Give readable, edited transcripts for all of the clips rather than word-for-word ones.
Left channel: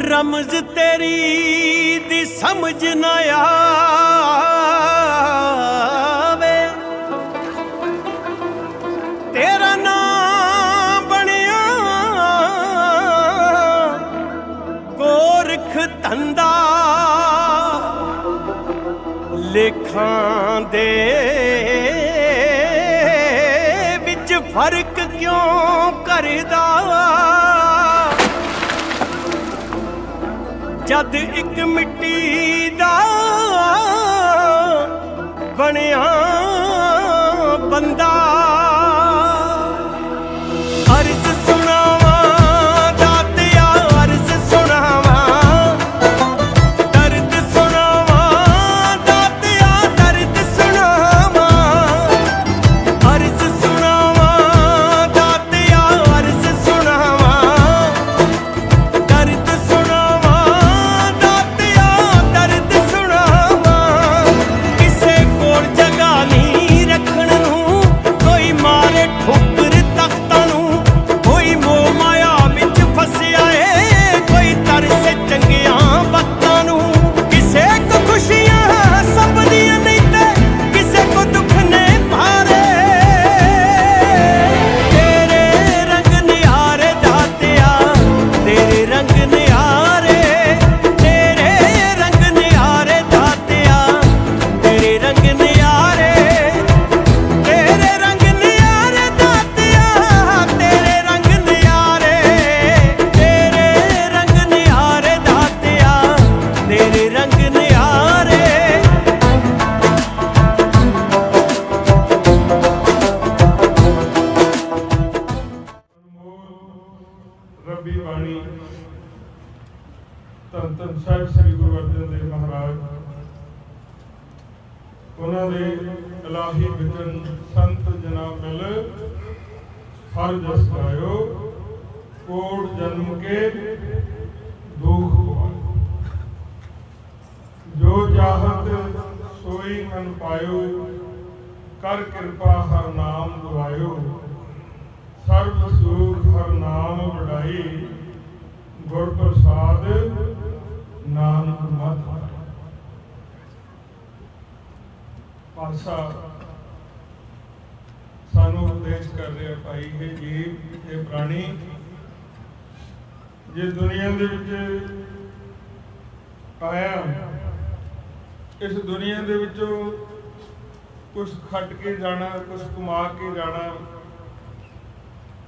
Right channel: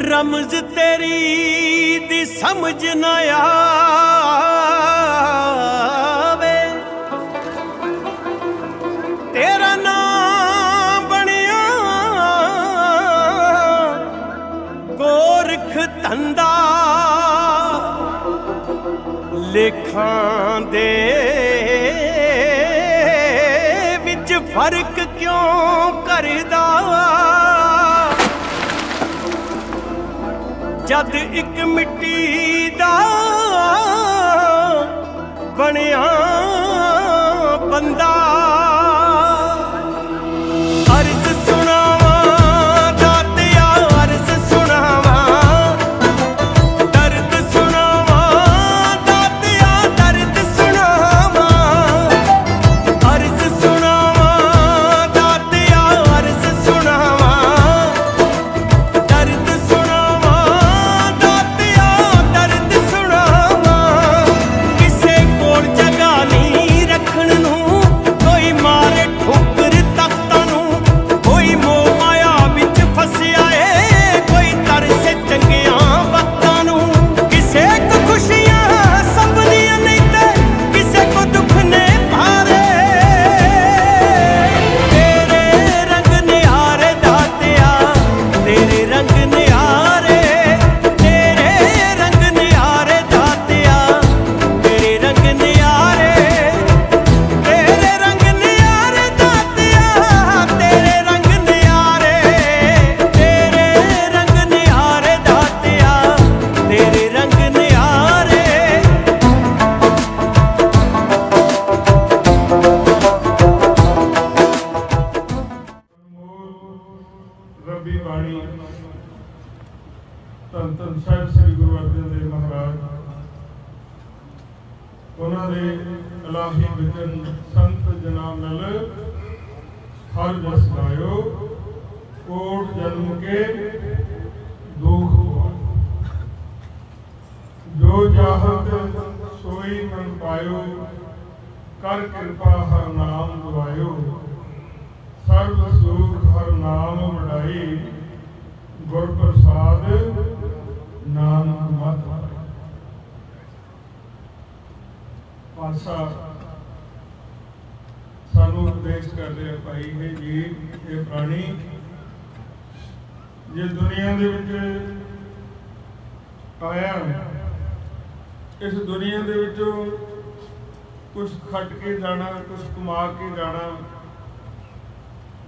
रमज तेरी दी समझ न आवे, तेरा नाम बनिया गोरख धंधा, लेखां दे विच फर्क क्यों करदा, जद एक मिट्टी दा बनिया बंदा। अर्ज सुनावा दातिया अर्ज सुनावा, दर्द सुनावा दातिया दर्द सुनावा, अर्ज सुनावा दातिया अर्ज सुनावा, दर्द सुनावा दातिया दर्द सुनावा। किसे कोल जगह नहीं रखण नूं, कोई मारे ठोकर तख्तां नूं, कोई मोह माया विच फसिया है, कोई तरसे चंगियां वक्तां नूं। किसे को खुशियां संभदियां नहीं ते किसे को दुख ने भारे, तेरे रंग निहारे दातिया तेरे रंग निहारे, तेरे रंग निहारे दातिया तेरे रंग निहारे, तेरे रंग निहारे दातिया तेरे रंग निहारे, तेरे रंग निहारे दातिया तेरे रंग निहारे। रब्बी बाणी धन धन साहिब श्री गुरु अर्जन देव महाराज, उन्होंने इलाही वचन संत जना मिल हर जस गायो, कोट जन्म के दुख गवायो, जो चाहत सोई मन पायो, कर कृपा हर नाम दुआयो, सर्व सुख हर नाम वडाई, गुर प्रसाद नानक मत पाए। पातशाह सानू उपदेश कर रहे भाई है जीव ये प्राणी, जे दुनिया दे विच आया, इस दुनिया दे विचों कुछ खट के जाना, कुछ कमा के जाना,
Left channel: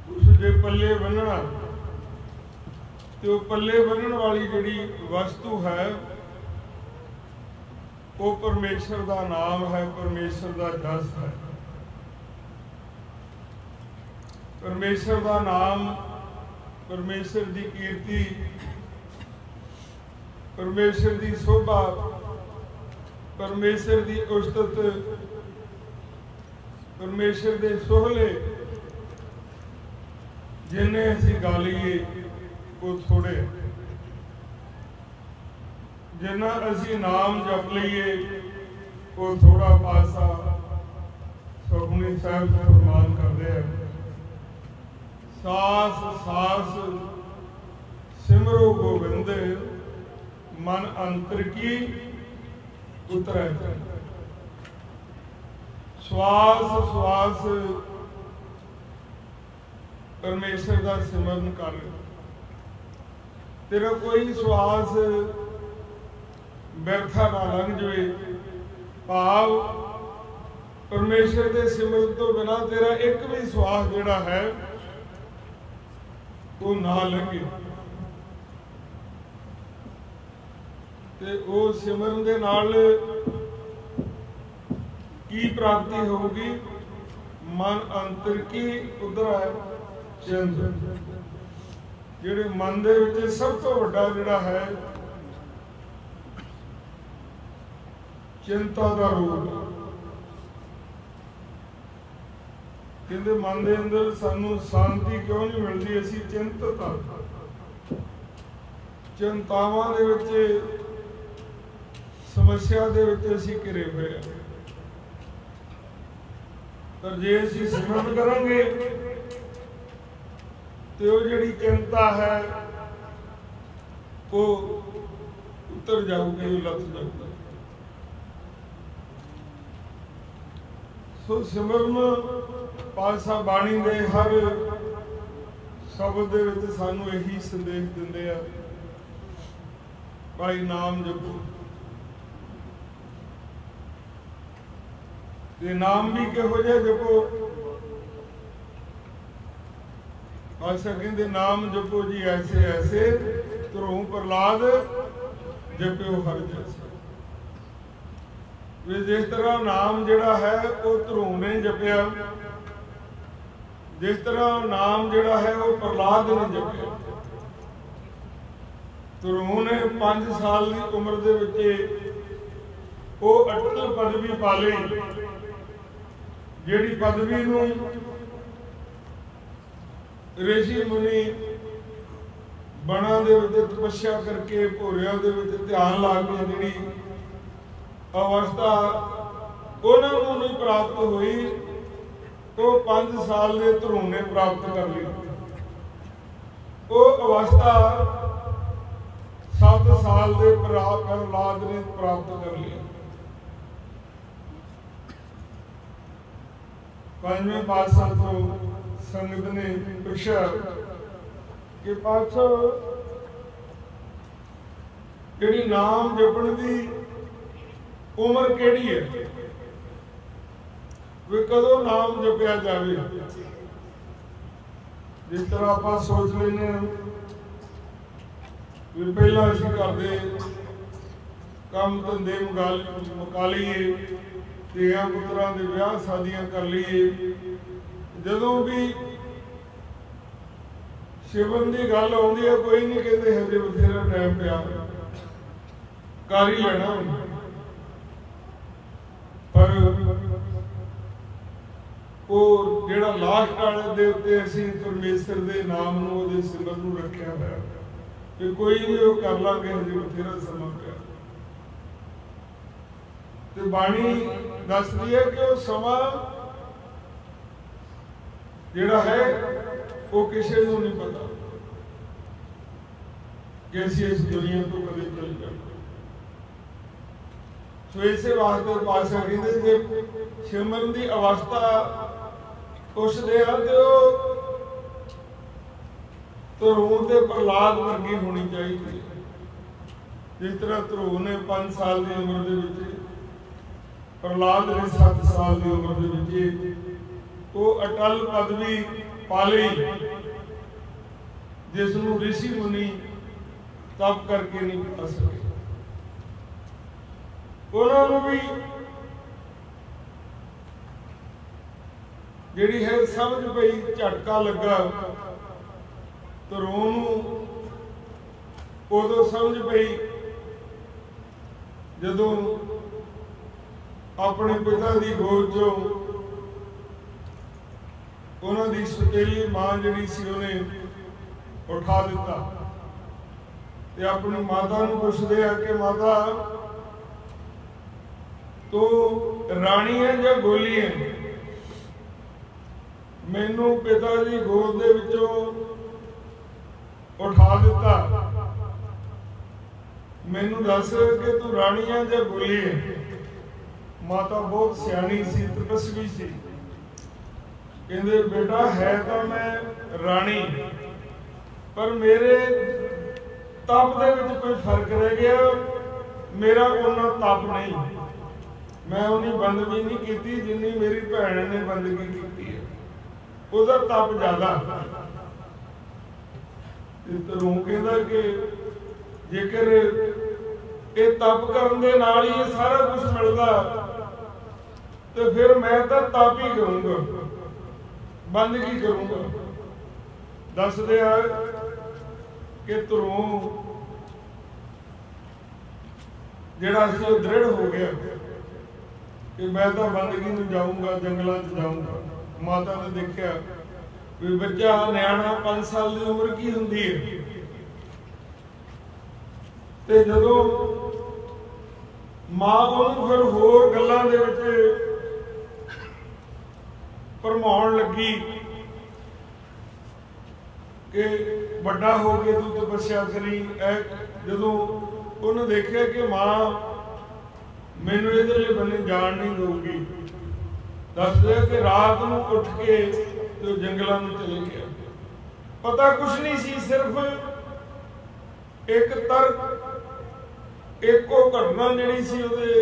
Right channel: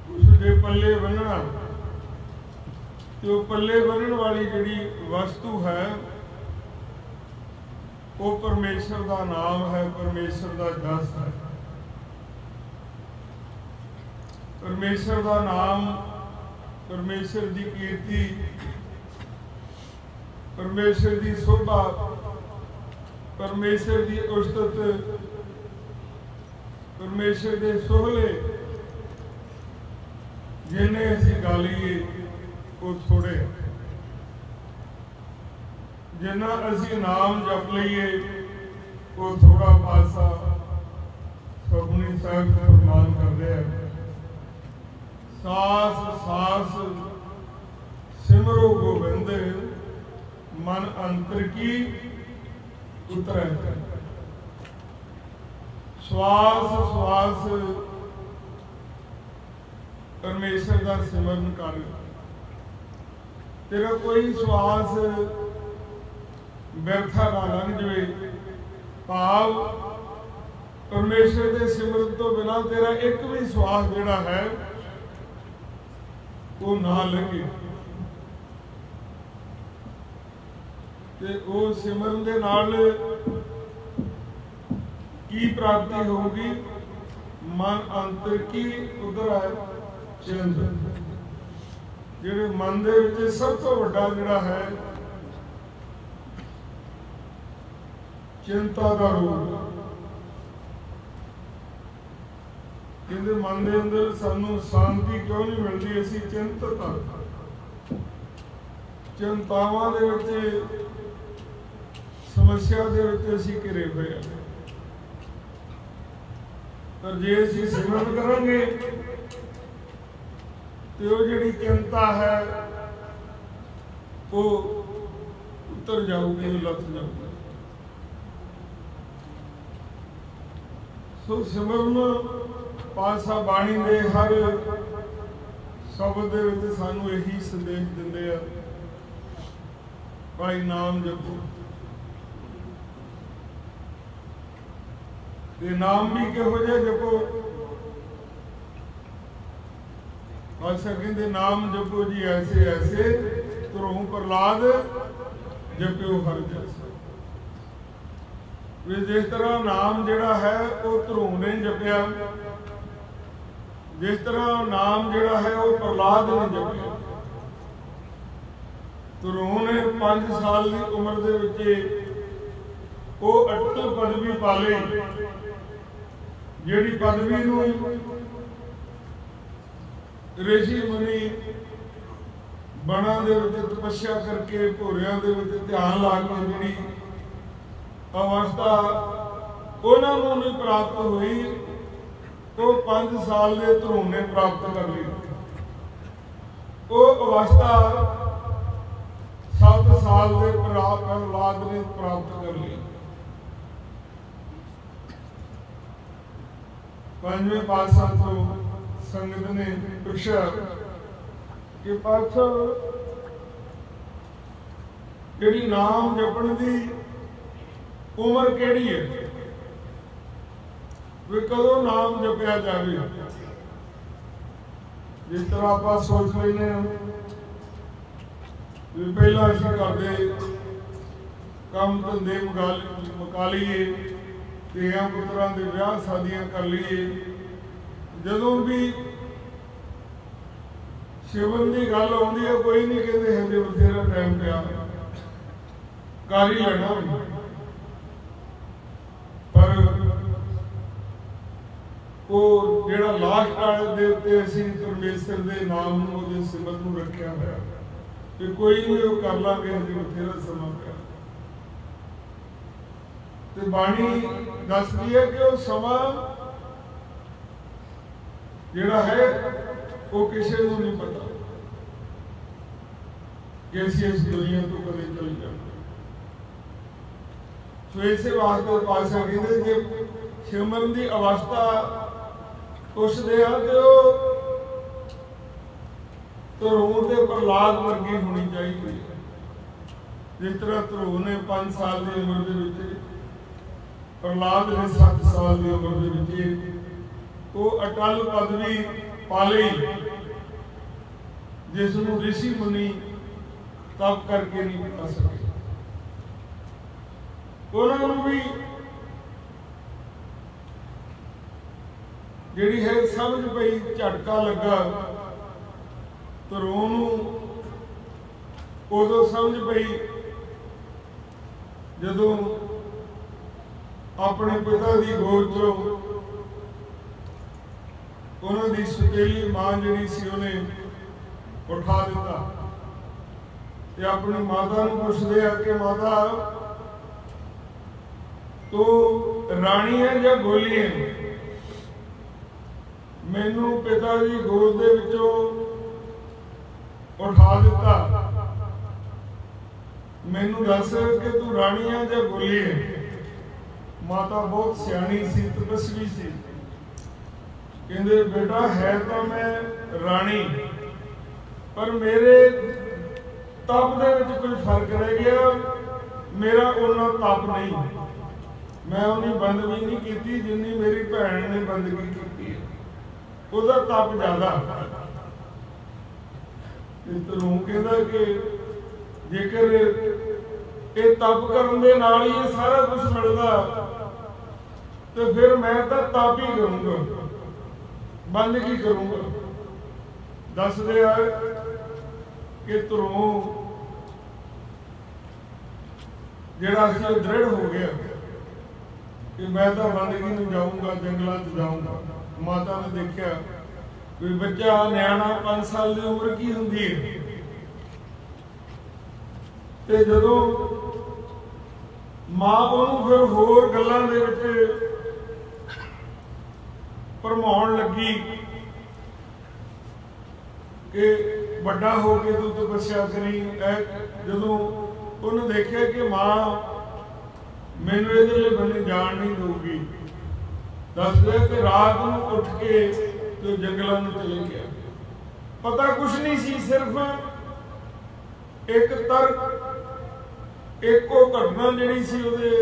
कुछ जे पल्ले बन्नना, तो पल्ले बन्नण वाली जिहड़ी वस्तु है वो परमेश्वर का नाम है, परमेश्वर का जस है। परमेश्वर का नाम, परमेश्वर की कीर्ति, परमेश्वर की शोभा, परमेश्वर की उस्तत, परमेश्वर के सोहले जिन्हें असीं गा लईए वो थोड़े, जिन्ना असीं नाम जप लईए वो थोड़ा। पातशाह सुखमनी साहिब फरमान करते हैं, सास सास सिमरो गोबिंद, मन अंतर की उतरै। श्वास श्वास परमेश्वर का सिमरन कर, तेरा कोई श्वास व्यर्था ना लंघ जाए। भाव परमेश्वर के सिमरन तो बिना तेरा एक भी श्वास जिहड़ा है वो ना लंघे, ते वो सिमरन दे नाल की प्राप्ति होगी। मन अंतर की उधर है चिंत, जिहड़े मन दे विच सब तो वड्डा जिहड़ा है चिंता का रोग। कहते मन के अंदर सानू शांति क्यों नहीं मिलती, असी चिंतित हाँ, चिंतावां दे विच समस्या दे विच असी घिरे हुए हैं। पर जे असी सिमरन करांगे ਤੇ ਉਹ ਜਿਹੜੀ ਚਿੰਤਾ ਹੈ ਉਹ ਉਤਰ ਜਾਊਗੀ, ਉਹ ਲੱਥ ਜਾਊਗੀ। ਸੋ ਸਿਮਰਨ ਪਾਤਸ਼ਾਹ ਬਾਣੀ ਦੇ ਹਰ ਸ਼ਬਦ ਦੇ ਵਿੱਚ ਸਾਨੂੰ ਇਹੀ ਸੰਦੇਸ਼ ਦਿੰਦੇ ਆ, ਭਾਈ ਨਾਮ ਜਪੋ। ਤੇ ਨਾਮ ਵੀ ਕਿਹੋ ਜਿਹਾ ਜਪੋ? ਪਾਤਸ਼ਾਹ ਕਹਿੰਦੇ ਨਾਮ ਜਪੋ ਜੀ ਐਸੇ ਐਸੇ ਧਰੋਂ ਪ੍ਰਹਲਾਦ ਜਪਿਓ ਹਰ ਜੈਸੇ। ਵੀ ਜਿਸ ਤਰ੍ਹਾਂ ਨਾਮ ਜਿਹੜਾ ਹੈ ਉਹ ਧਰੋਂ ਨੇ ਜਪਿਆ, ਜਿਸ ਤਰ੍ਹਾਂ ਨਾਮ ਜਿਹੜਾ ਹੈ ਉਹ ਪ੍ਰਹਲਾਦ ਨੇ ਜਪਿਆ। ਧਰੋਂ ਨੇ 5 ਸਾਲ ਦੀ ਉਮਰ ਦੇ ਵਿੱਚ ਉਹ ਅਟਲ ਪਦਵੀ ਪਾ ਲਈ, ਜਿਹੜੀ ਪਦਵੀ ਨੂੰ ਰਿਸ਼ੀ ਮੁਨੀ ਬਣਾ ਦੇ ਵਿੱਚ ਤਪੱਸਿਆ ਕਰਕੇ ਭੋਰਿਆਂ ਦੇ ਵਿੱਚ ਧਿਆਨ ਲਾ ਕੇ ਜਿਹੜੀ ਅਵਸਥਾ ਉਹਨਾਂ ਨੂੰ ਨਹੀਂ ਪ੍ਰਾਪਤ ਹੋਈ, ਉਹ 5 ਸਾਲ ਦੇ ਧਰੋਂ ਨੇ ਪ੍ਰਾਪਤ ਕਰ ਲਈ। ਉਹ ਅਵਸਥਾ 7 ਸਾਲ ਦੇ ਪ੍ਰਹਲਾਦ ਨੇ ਪ੍ਰਾਪਤ ਕਰ ਲਈ। 5ਵੇਂ ਪਾਤਸ਼ਾਹ ਤੋਂ ਸੰਗਤ ਨੇ ਪੁੱਛਿਆ ਕਿ ਪਾਤਸ਼ਾਹ ਜਿਹੜੀ ਨਾਮ ਜਪਣ ਦੀ ਉਮਰ ਕਿਹੜੀ ਹੈ, ਵੀ ਕਦੋਂ ਨਾਮ ਜਪਿਆ ਜਾਵੇ? ਜਿਸ ਤਰ੍ਹਾਂ ਆਪਾਂ ਸੋਚ ਲੈਂਦੇ ਹਾਂ ਵੀ ਪਹਿਲਾਂ ਅਸੀਂ ਕਰਦੇ ਕੰਮ ਧੰਦੇ ਮੁਕਾ ਲਈਏ, ਧੀਆਂ ਪੁੱਤਰਾਂ ਦੇ ਵਿਆਹ ਸ਼ਾਦੀਆਂ ਕਰ ਲਈਏ, ਜਦੋਂ ਵੀ ਸਿਮਰਨ ਦੀ ਗੱਲ ਆਉਂਦੀ ਹੈ ਕੋਈ ਨਹੀਂ ਕਹਿੰਦੇ ਹਜੇ ਬਥੇਰਾ ਟਾਈਮ ਪਿਆ, ਕਰ ਹੀ ਲੈਣਾ। ਪਰ ਉਹ ਜਿਹੜਾ ਲਾਸਟ ਵਾਲੇ ਦੇ ਉੱਤੇ ਅਸੀਂ ਪਰਮੇਸ਼ਰ ਦੇ ਨਾਮ ਨੂੰ, ਉਹਦੇ ਸਿਮਰਨ ਨੂੰ ਰੱਖਿਆ ਹੋਇਆ ਤੇ ਕੋਈ ਨਹੀਂ, ਉਹ ਕਰ ਲਾਂਗੇ, ਹਜੇ ਬਥੇਰਾ ਸਮਾਂ ਪਿਆ। ਤੇ ਬਾਣੀ ਦੱਸਦੀ ਹੈ ਕਿ ਉਹ ਸਮਾਂ ਜਿਹੜਾ ਹੈ ਉਹ ਕਿਸੇ ਨੂੰ ਨਹੀਂ ਪਤਾ ਕਿ ਅਸੀਂ ਇਸ ਦੁਨੀਆ ਤੋਂ ਕਦੇ ਚਲੇ ਜਾਵਾਂਗੇ। ਸੋ ਇਸੇ ਵਾਸਤੇ ਪਾਤਸ਼ਾਹ ਕਹਿੰਦੇ ਜੇ ਸਿਮਰਨ ਦੀ ਅਵਸਥਾ ਪੁੱਛਦੇ ਆ ਤੇ ਉਹ ਧਰੋਂ ਤੇ ਪ੍ਰਹਲਾਦ ਵਰਗੀ ਹੋਣੀ ਚਾਹੀਦੀ ਹੈ। ਜਿਸ ਤਰ੍ਹਾਂ ਧਰੋਂ ਨੇ 5 ਸਾਲ ਦੀ ਉਮਰ ਦੇ ਵਿੱਚ, ਪ੍ਰਹਲਾਦ ਨੇ 7 ਸਾਲ ਦੀ ਉਮਰ ਦੇ ਵਿੱਚ ਉਹ ਅਟਲ ਪਦਵੀ ਪਾ ਲਈ, ਜਿਸ ਨੂੰ ਰਿਸ਼ੀ ਮੁਨੀ ਤਪ ਕਰਕੇ ਨਹੀਂ ਪਾ ਸਕੇ। ਉਹਨਾਂ ਨੂੰ ਵੀ ਜਿਹੜੀ ਹੈ ਸਮਝ ਪਈ, ਝਟਕਾ ਲੱਗਾ ਧਰੋਂ ਨੂੰ। ਉਦੋਂ ਸਮਝ ਪਈ ਜਦੋਂ ਆਪਣੇ ਪਿਤਾ ਦੀ ਗੋਦ ਚੋਂ ਉਹਨਾਂ ਦੀ ਸੁਤੇਲੀ ਮਾਂ ਜਿਹੜੀ ਸੀ ਉਹਨੇ ਉਠਾ ਦਿੱਤਾ ਤੇ ਆਪਣੀ ਮਾਤਾ ਨੂੰ ਪੁੱਛਦੇ ਆ ਕਿ ਮਾਤਾ ਤੂੰ ਰਾਣੀ ਹੈ ਜਾਂ ਗੋਲੀ ਹੈ? ਮੈਨੂੰ ਪਿਤਾ ਦੀ ਗੋਦ ਦੇ ਵਿੱਚੋਂ ਉਠਾ ਦਿੱਤਾ, ਮੈਨੂੰ ਦੱਸ ਕਿ ਤੂੰ ਰਾਣੀ ਹੈ ਜਾਂ ਗੋਲੀ ਹੈ? ਮਾਤਾ ਬਹੁਤ ਸਿਆਣੀ ਸੀ, ਤਪਸਵੀ ਸੀ। ਕਹਿੰਦੇ ਬੇਟਾ ਹੈ ਤਾਂ ਮੈਂ ਰਾਣੀ, ਪਰ ਮੇਰੇ ਤਪ ਦੇ ਵਿੱਚ ਕੋਈ ਫਰਕ ਰਹਿ ਗਿਆ, ਮੇਰਾ ਉਹਨਾਂ ਤਪ ਨਹੀਂ, ਮੈਂ ਉਨੀ ਬੰਦਗੀ ਨਹੀਂ ਕੀਤੀ ਜਿੰਨੀ ਮੇਰੀ ਭੈਣ ਨੇ ਬੰਦਗੀ ਕੀਤੀ ਹੈ, ਉਹਦਾ ਤਪ ਜ਼ਿਆਦਾ। ਧਰੋਂ ਕਹਿੰਦਾ ਕਿ ਜੇਕਰ ਇਹ ਤਪ ਕਰਨ ਦੇ ਨਾਲ ਹੀ ਇਹ ਸਾਰਾ ਕੁਝ ਮਿਲਦਾ ਤੇ ਫਿਰ ਮੈਂ ਤਾਂ ਤਪ ਹੀ ਕਰੂੰਗਾ, ਬੰਦਗੀ ਕਰੂੰਗਾ। ਦੱਸਦੇ ਆ ਕਿ ਧਰੋਂ ਜਿਹੜਾ ਸੀ ਉਹ ਦ੍ਰਿੜ ਹੋ ਗਿਆ ਕਿ ਮੈਂ ਤਾਂ ਬੰਦਗੀ ਨੂੰ ਜਾਊਂਗਾ, ਜੰਗਲਾਂ 'ਚ ਜਾਊਂਗਾ। ਮਾਤਾ ਨੇ ਦੇਖਿਆ ਵੀ ਬੱਚਾ ਨਿਆਣਾ 5 ਸਾਲ ਦੀ ਉਮਰ ਕੀ ਹੁੰਦੀ ਹੈ, ਤੇ ਜਦੋਂ ਮਾਂ ਉਹਨੂੰ ਫਿਰ ਹੋਰ ਗੱਲਾਂ ਦੇ ਵਿੱਚ ਭਰਮਾਉਣ ਲੱਗੀ कि ਵੱਡਾ हो के तू तपस्या करी। ਜਦੋਂ ਉਹਨੇ ਦੇਖਿਆ कि मां मैनू इधरले बन्ने जान नहीं दूगी, दसदे कि रात ਨੂੰ ਉੱਠ के तो जंगलों में चले गया। पता कुछ नहीं सी, सिर्फ एक तर्क, एक वो घटना जिहड़ी सी ਉਹਦੇ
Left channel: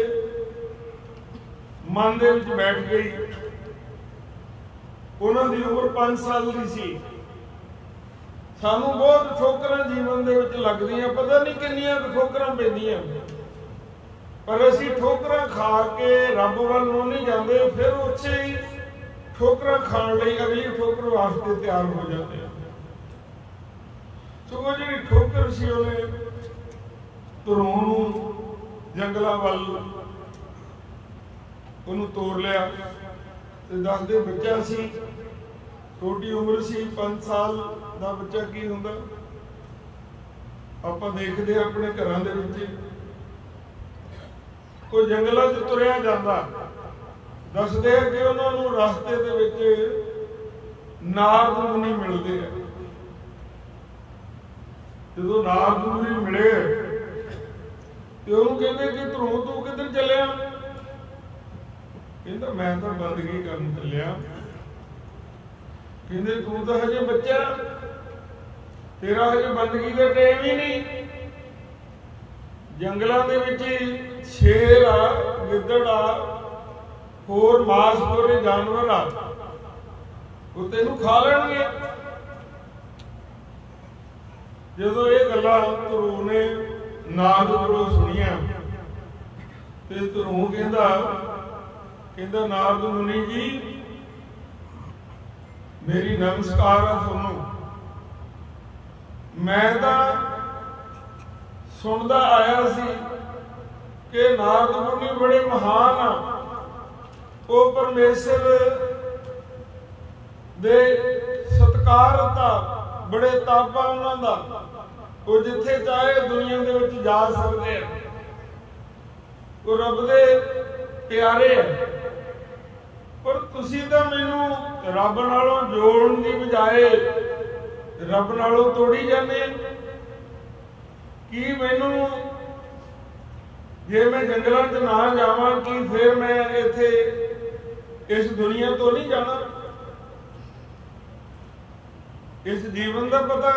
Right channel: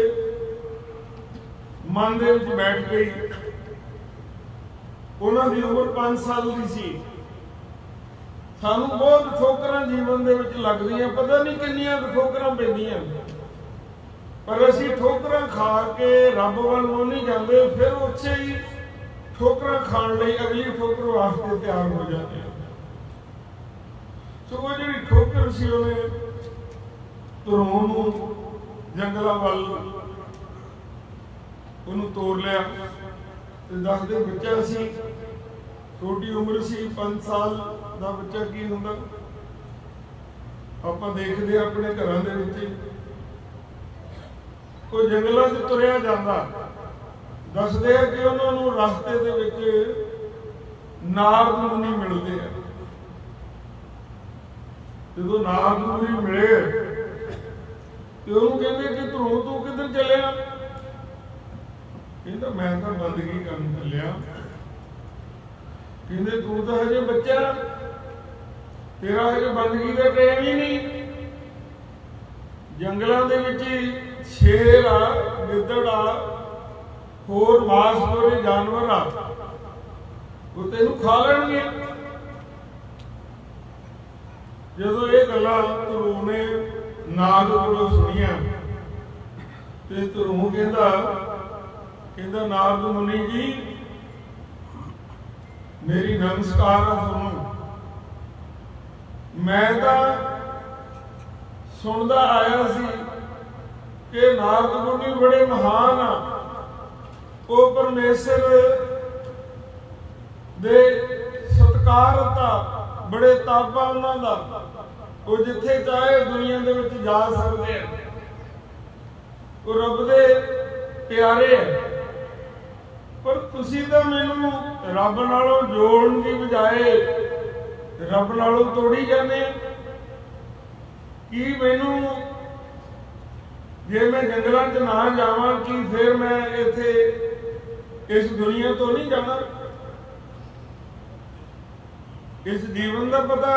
मन दे विच बैठ गई। ਉਹਨਾਂ ਦੀ उम्र 5 साल की सी। सानू बहुत ठोकरां जीवन दे विच लगदियां, पता नहीं किन्नियां ठोकरां पैंदियां, पर असीं ठोकरां खा के रब वल नूं नहीं जांदे, फिर उत्थे ही ठोकरां खाण लई अगली ठोकर वास्ते तैयार हो जाते हैं। तो वो जिहड़ी ठोकर सी उहने ਧਰੋਂ ਨੂੰ जंगलां वल ਉਹਨੂੰ ਤੋੜ ਲਿਆ। ਤੇ ਦੱਸਦੇ ਬੱਚਾ ਸੀ, ਛੋਟੀ ਉਮਰ ਸੀ, 5 ਸਾਲ ਦਾ ਬੱਚਾ ਕੀ ਹੁੰਦਾ ਆਪਾਂ ਦੇਖਦੇ ਆ ਆਪਣੇ ਘਰਾਂ ਦੇ ਵਿੱਚ। ਉਹ ਜੰਗਲਾਂ 'ਚ ਤੁਰਿਆ ਜਾਂਦਾ। ਦੱਸਦੇ ਆ ਕਿ ਉਹਨਾਂ ਨੂੰ ਰਸਤੇ ਦੇ ਵਿੱਚ ਨਾਰਦ ਮੁਨੀ ਮਿਲਦੇ ਆ। ਜਦੋਂ ਨਾਰਦ ਮੁਨੀ ਮਿਲੇ ਤੇ ਉਹਨੂੰ ਕਹਿੰਦੇ ਕਿ ਧਰੋਂ ਤੂੰ ਕਿੱਧਰ ਚੱਲਿਆ? ਕਹਿੰਦਾ ਮੈਂ ਤਾਂ ਬੰਦਗੀ ਕਰਨ ਚੱਲਿਆ। ਕਹਿੰਦੇ ਤੂੰ ਤਾਂ ਹਜੇ ਬੱਚਾ, तेरा हजे बंदगी का टाइम ही नहीं। जंगलों के विच शेर आ, गिद्दड़ आ, होर मांसखोरे जानवर आ, वो तेनू खा लैणगे। जदों ये गल्लां धरू ने नारद कोलों सुनिया ते धरू कहंदा नारद मुनि जी मेरी नमस्कार आ तुहानू। मैं तो सुनता आया सी कि नारद मुनि बड़े महान आ, वो परमेश्वर दे सत्कारत आ, बड़े तापा उन्हां दा, वो जिथे चाहे दुनिया दे विच जा सकते हैं, वो रब दे प्यारे है। पर तुसी तां मैनू रब नालों जोड़न दी बजाए रब नालों तोड़ी जाने। कि मैनू जे मैं जंगलों च ना जावां कि फिर मैं इत्थे इस दुनिया तो नहीं जाना? इस जीवन का पता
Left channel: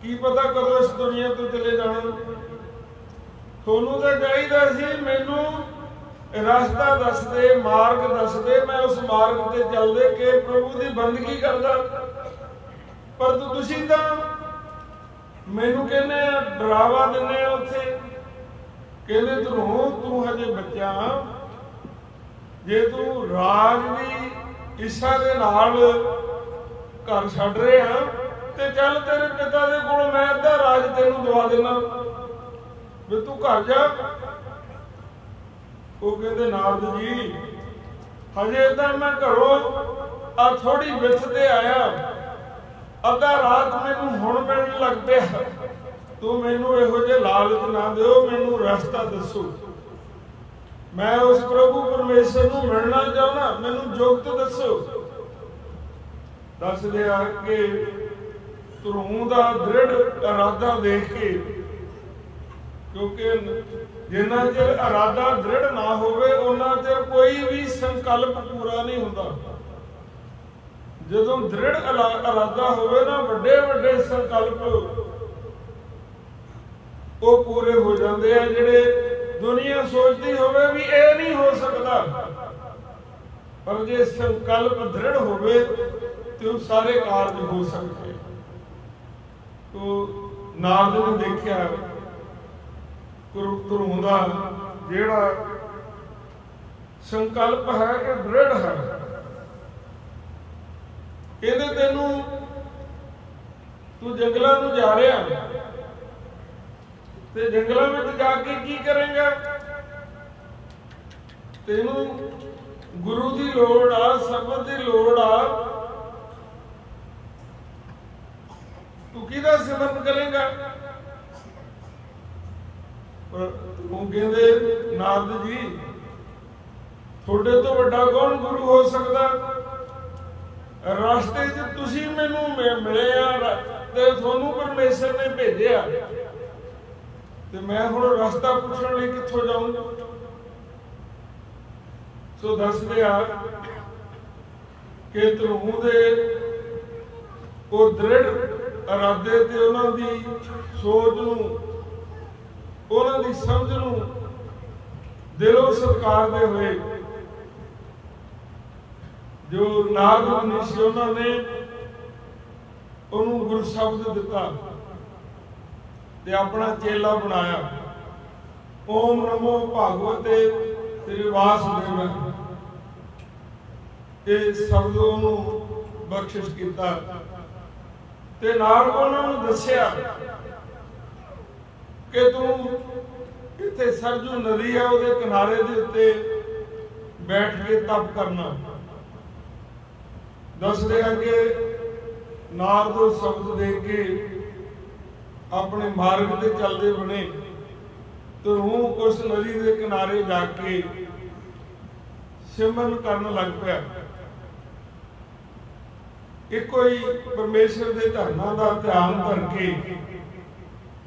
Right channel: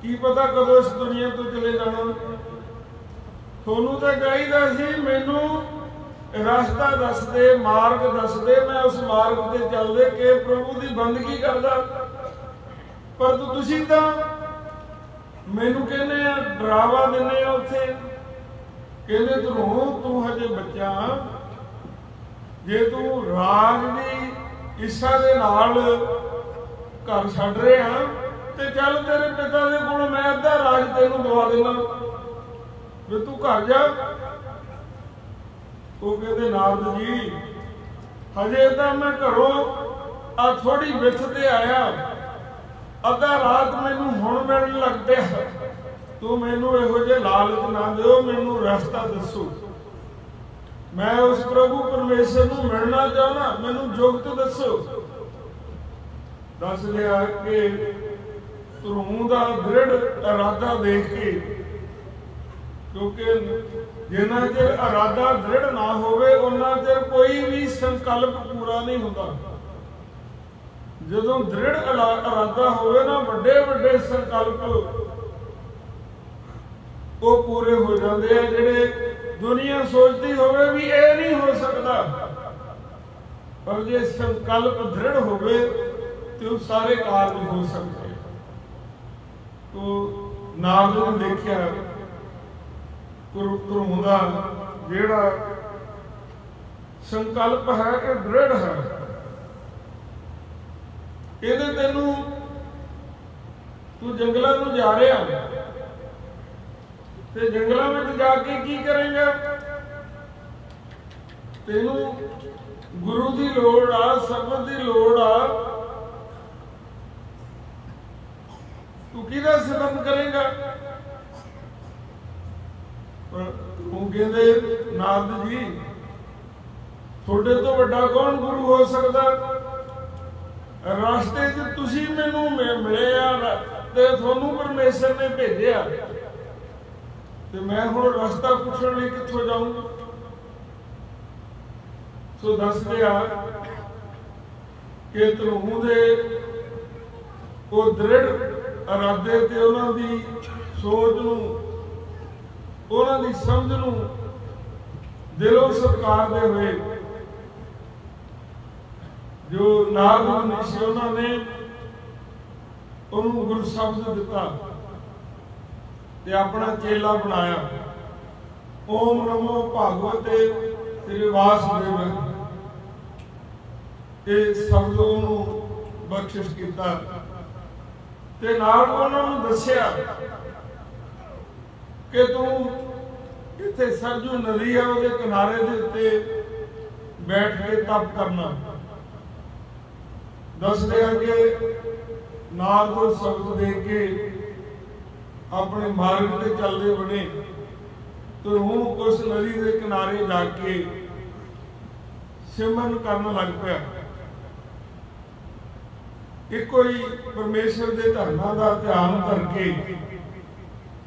की पता कदों इस दुनिया तो चले जाना। थोनू तो चाहिदा सी मैनू रास्ता दस दे, मार्ग दस दे, मैं उस मार्ग ते चलदे के प्रभु की बंदगी करदा। पर तुसी तां मैनू कहने डरावा दिने उत्थे। कहंदे धरों तू हजे बच्चा, जे तू राज की इच्छा दे नाल घर छड्ड रहा ते चल तेरे पिता दे कोलों मैं अद्धा राज तेनू दवा देना, वे तू घर जा। वो कहंदे नारद जी हजे तां मैं घरों आ थोड़ी विथ ते आया, अद्धा रात मैनू हुण मिलण लग पिया। तू मैनू इहो जिहा लालच ना दिओ, मैनू रास्ता दसो। मैं उस प्रभु परमेश्वर नू मिलना चाहुंदा, मैनू जुगत दसो। दस दिया कि धरों दा दृढ़ इरादा देख के, क्योंकि जिन्ना चिर इरादा दृढ़ ना होवे उन्ना चिर कोई भी संकल्प पूरा नहीं हुंदा। जदों दृढ़ इरादा होवे ना, वड्डे वड्डे संकल्प वो पूरे हो जाते हैं, जिहड़े दुनिया सोचती होवे भी ये नहीं हो सकता। पर जे संकल्प दृढ़ होवे तो सारे कार्य हो सकते हैं। तो नारद ने देखिया धरों दा जिहड़ा संकल्प है ये दृढ़ है। कहते तेनू तू जंगलों में जा रहा ते जंगलों में जाके की करेंगे? तेनू गुरु की लोड़ आ, शब्द की लोड़ आ, तू किहदा सिमरन करेगा? पर तू कहंदे नारद जी थोड़े तो वड्डा कौन गुरु हो सकता? ਰਸਤੇ 'ਚ ਤੁਸੀਂ ਮੈਨੂੰ ਮਿਲੇ ਆ ਤੇ ਤੁਹਾਨੂੰ ਪਰਮੇਸ਼ਰ ਨੇ ਭੇਜਿਆ, ਤੇ ਮੈਂ ਹੁਣ ਰਸਤਾ ਪੁੱਛਣ ਲਈ ਕਿੱਥੋਂ ਜਾਊਂ? ਸੋ ਦੱਸਦੇ ਆ ਕਿ ਧਰੂ ਦੇ ਉਹ ਦ੍ਰਿੜ ਇਰਾਦੇ ਤੇ ਉਹਨਾਂ ਦੀ ਸੋਚ ਨੂੰ, ਉਹਨਾਂ ਦੀ ਸਮਝ ਨੂੰ ਦਿਲੋਂ ਸਤਿਕਾਰਦੇ ਹੋਏ ਜੋ ਨਾਰਦ ਮੁਨੀ ਸੀ ਉਹਨਾਂ ਨੇ ਉਹਨੂੰ ਗੁਰੂ ਸ਼ਬਦ ਦਿੱਤਾ ਤੇ ਆਪਣਾ ਚੇਲਾ ਬਣਾਇਆ। ਓਮ ਨਮੋ ਭਗਵਤੇ ਸ੍ਰੀ ਵਾਸੁਦੇਵ, ਇਹ ਸ਼ਬਦ ਉਹਨੂੰ ਬਖਸ਼ਿਸ਼ ਕੀਤਾ ਤੇ ਨਾਲ ਉਹਨਾਂ ਨੂੰ ਦੱਸਿਆ ਕਿ ਤੂੰ ਇੱਥੇ ਸਰਜੂ ਨਦੀ ਆ, ਉਹਦੇ ਕਿਨਾਰੇ ਦੇ ਉੱਤੇ ਬੈਠ ਕੇ ਤਪ ਕਰਨਾ। ਦੱਸਦੇ ਆ ਕਿ ਨਾਰਦ ਉਹ ਸ਼ਬਦ ਦੇ ਕੇ ਆਪਣੇ ਮਾਰਗ ਤੇ ਚੱਲਦੇ ਬਣੇ। ਧਰੂ ਉਸ ਨਦੀ ਦੇ ਕਿਨਾਰੇ ਜਾ ਕੇ ਸਿਮਰਨ ਕਰਨ ਲੱਗ ਪਿਆ। ਇੱਕੋ ਹੀ ਪਰਮੇਸ਼ਰ ਦੇ ਧਰਮਾਂ ਦਾ ਧਿਆਨ ਕਰਕੇ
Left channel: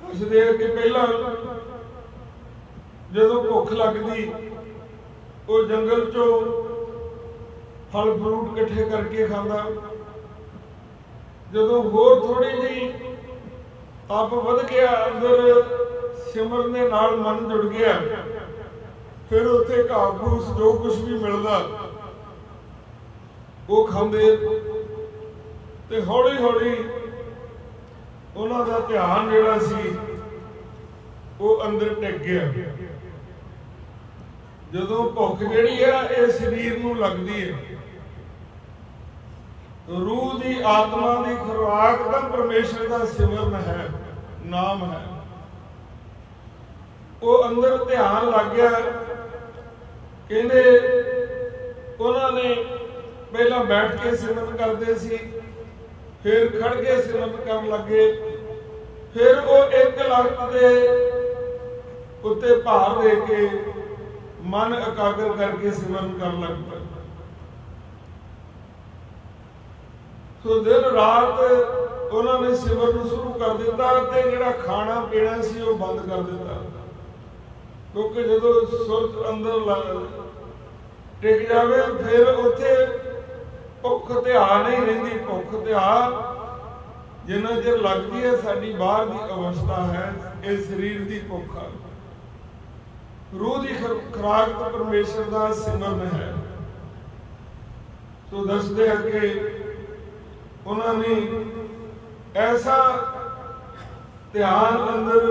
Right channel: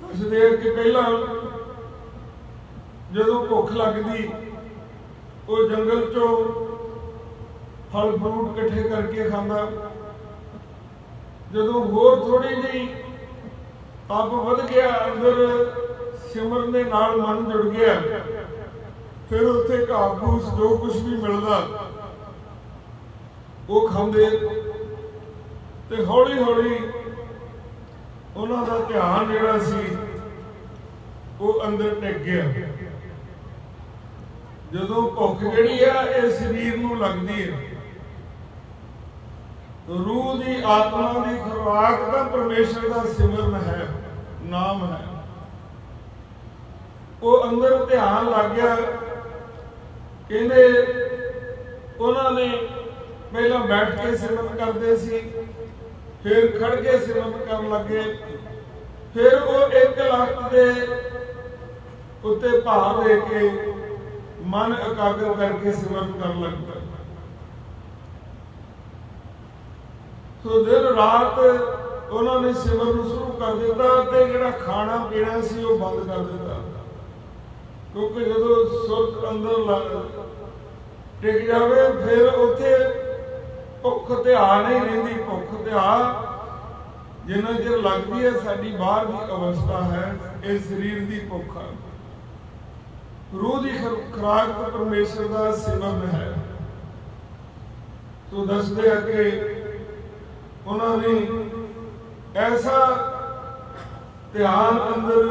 ਦੱਸਦੇ ਆ ਕਿ ਪਹਿਲਾਂ ਜਦੋਂ ਭੁੱਖ ਲੱਗਦੀ ਉਹ ਜੰਗਲ ਚੋਂ ਫਲ ਫਰੂਟ ਇਕੱਠੇ ਕਰਕੇ ਖਾਂਦਾ। ਜਦੋਂ ਹੋਰ ਥੋੜੀ ਜਿਹੀ ਤਪ ਵਧ ਗਿਆ, ਅੰਦਰ ਸਿਮਰਨ ਦੇ ਨਾਲ ਮਨ ਜੁੜ ਗਿਆ, ਫਿਰ ਉੱਥੇ ਘਾਹ ਫੂਸ ਜੋ ਕੁਝ ਵੀ ਮਿਲਦਾ ਉਹ ਖਾਂਦੇ ਤੇ ਹੌਲੀ ਹੌਲੀ ਉਹਨਾਂ ਦਾ ਧਿਆਨ ਜਿਹੜਾ ਸੀ ਉਹ ਅੰਦਰ ਟਿਕ ਗਿਆ। ਜਦੋਂ ਭੁੱਖ ਜਿਹੜੀ ਆ ਇਹ ਸਰੀਰ ਨੂੰ ਲੱਗਦੀ ਹੈ, ਰੂਹ ਦੀ ਆਤਮਾ ਦੀ ਖੁਰਾਕ ਤਾਂ ਪਰਮੇਸ਼ਰ ਦਾ ਸਿਮਰਨ ਹੈ, ਨਾਮ ਹੈ। ਉਹ ਅੰਦਰ ਧਿਆਨ ਲੱਗ ਗਿਆ। ਕਹਿੰਦੇ ਉਹਨਾਂ ਨੇ ਪਹਿਲਾਂ ਬੈਠ ਕੇ ਸਿਮਰਨ ਕਰਦੇ ਸੀ, ਫਿਰ ਖੜ ਕੇ ਸਿਮਰਨ ਕਰਨ ਲੱਗੇ, ਫਿਰ ਉਹ ਇੱਕ ਲੱਤ ਦੇ ਉੱਤੇ ਭਾਰ ਦੇ ਕੇ ਮਨ ਇਕਾਗਰ ਕਰਕੇ ਸਿਮਰਨ ਕਰਨ ਲੱਗ ਪਏ। ਸੋ ਦਿਨ ਰਾਤ ਉਹਨਾਂ ਨੇ ਸਿਮਰਨ ਸ਼ੁਰੂ ਕਰ ਦਿੱਤਾ ਤੇ ਜਿਹੜਾ ਖਾਣਾ ਪੀਣਾ ਸੀ ਉਹ ਬੰਦ ਕਰ ਦਿੱਤਾ, ਕਿਉਂਕਿ ਜਦੋਂ ਸੁਰਤ ਅੰਦਰ ਟਿਕ ਜਾਵੇ ਫਿਰ ਉੱਥੇ ਭੁੱਖ ਧਿਆ ਨਹੀਂ ਰਹਿੰਦੀ। ਭੁੱਖ ਧਿਆ ਜਿੰਨਾ ਚਿਰ ਲੱਗਦੀ ਹੈ ਸਾਡੀ ਬਾਹਰ ਦੀ ਅਵਸਥਾ ਹੈ, ਇਹ ਸਰੀਰ ਦੀ ਭੁੱਖ ਹੈ। ਰੂਹ ਦੀ ਖੁਰਾਕ ਤਾਂ ਪਰਮੇਸ਼ਰ ਦਾ ਸਿਮਰਨ ਹੈ। ਸੋ ਦੱਸਦੇ ਆ ਕਿ ਉਹਨਾਂ ਨੇ ਐਸਾ ਧਿਆਨ ਅੰਦਰ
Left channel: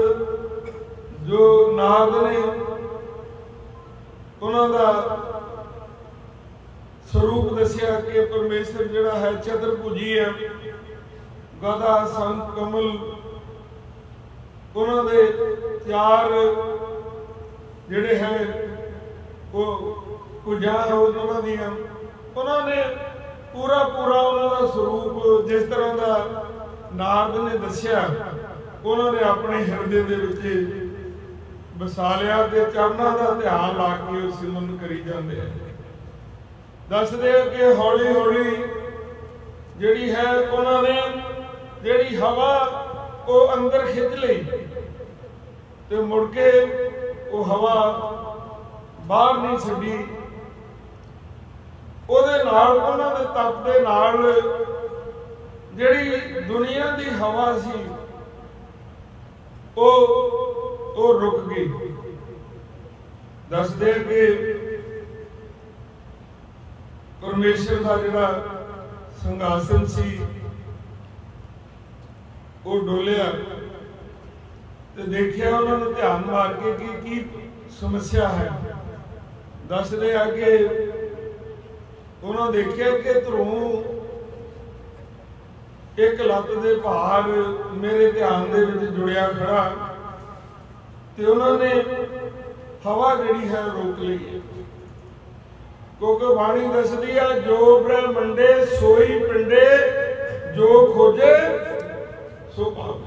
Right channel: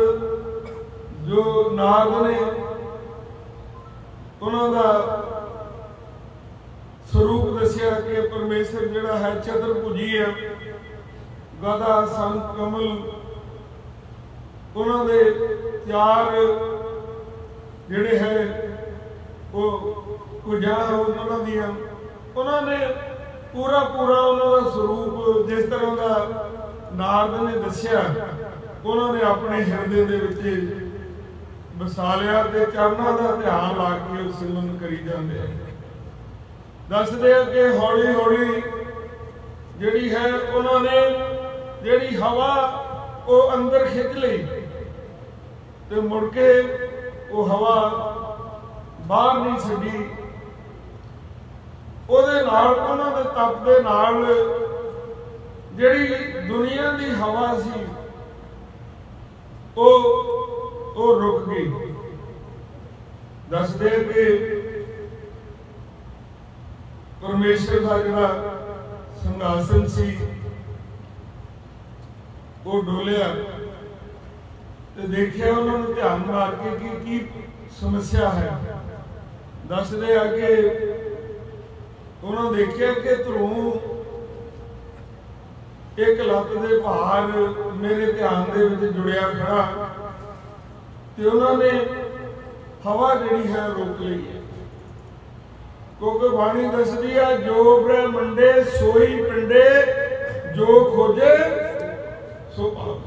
ਜੋ ਨਾਰਦ ਨੇ ਉਹਨਾਂ ਦਾ ਸਰੂਪ ਦੱਸਿਆ ਕਿ ਪਰਮੇਸ਼ਰ ਜਿਹੜਾ ਹੈ ਚਤੁਰਭੁਜੀ ਹੈ, ਗਦਾ ਸੰਖ ਕਮਲ, ਉਹਨਾਂ ਦੇ ਚਾਰ ਜਿਹੜੇ ਹੈ ਉਹ ਭੁਜਾਂ ਉਹਨਾਂ ਦੀਆਂ, ਉਹਨਾਂ ਨੇ ਪੂਰਾ ਉਹਨਾਂ ਦਾ ਸਰੂਪ ਜਿਸ ਤਰ੍ਹਾਂ ਦਾ ਨਾਰਦ ਨੇ ਦੱਸਿਆ ਉਹਨਾਂ ਨੇ ਆਪਣੇ ਹਿਰਦੇ ਦੇ ਵਿੱਚ ਵਸਾ ਲਿਆ ਤੇ ਚਰਨਾਂ ਦਾ ਧਿਆਨ ਲਾ ਕੇ ਉਹ ਸਿਮਰਨ ਕਰੀ ਜਾਂਦੇ ਆ। ਦੱਸਦੇ ਆ ਕਿ ਹੌਲੀ ਹੌਲੀ ਜਿਹੜੀ ਹੈ ਉਹਨਾਂ ਨੇ ਜਿਹੜੀ ਹਵਾ ਉਹ ਅੰਦਰ ਖਿੱਚ ਲਈ ਤੇ ਮੁੜ ਕੇ ਉਹ ਹਵਾ ਬਾਹਰ ਨਹੀਂ ਛੱਡੀ। ਉਹਦੇ ਨਾਲ ਉਹਨਾਂ ਦੇ ਤਪ ਦੇ ਨਾਲ ਜਿਹੜੀ ਦੁਨੀਆ ਦੀ ਹਵਾ ਸੀ ਉਹ ਰੁਕ ਗਈ। ਦੱਸਦੇ ਕਿ ਪਰਮੇਸ਼ਰ ਦਾ ਜਿਹੜਾ ਸਿੰਘਾਸਨ ਸੀ ਉਹ ਡੋਲਿਆ ਤੇ ਦੇਖਿਆ ਉਹਨਾਂ ਨੂੰ ਧਿਆਨ ਮਾਰ ਕੇ ਕਿ ਕੀ ਸਮੱਸਿਆ ਹੈ। ਦੱਸਦੇ ਆ ਕਿ ਉਹਨਾਂ ਦੇਖਿਆ ਕਿ ਧਰੂ ਇੱਕ ਲੱਤ ਦੇ ਭਾਰ ਮੇਰੇ ਧਿਆਨ ਦੇ ਵਿੱਚ ਜੁੜਿਆ ਖੜਾ ਤੇ ਉਹਨਾਂ ਨੇ ਹਵਾ ਜਿਹੜੀ ਹੈ ਰੋਕ ਲਈ ਹੈ, ਕਿਉਂਕਿ ਬਾਣੀ ਦੱਸਦੀ ਆ ਜੋ ਬ੍ਰਹਮੰਡੇ ਸੋਈ ਪਿੰਡੇ, ਜੋ ਖੋਜੇ ਸੋ ਪਾਵੇ।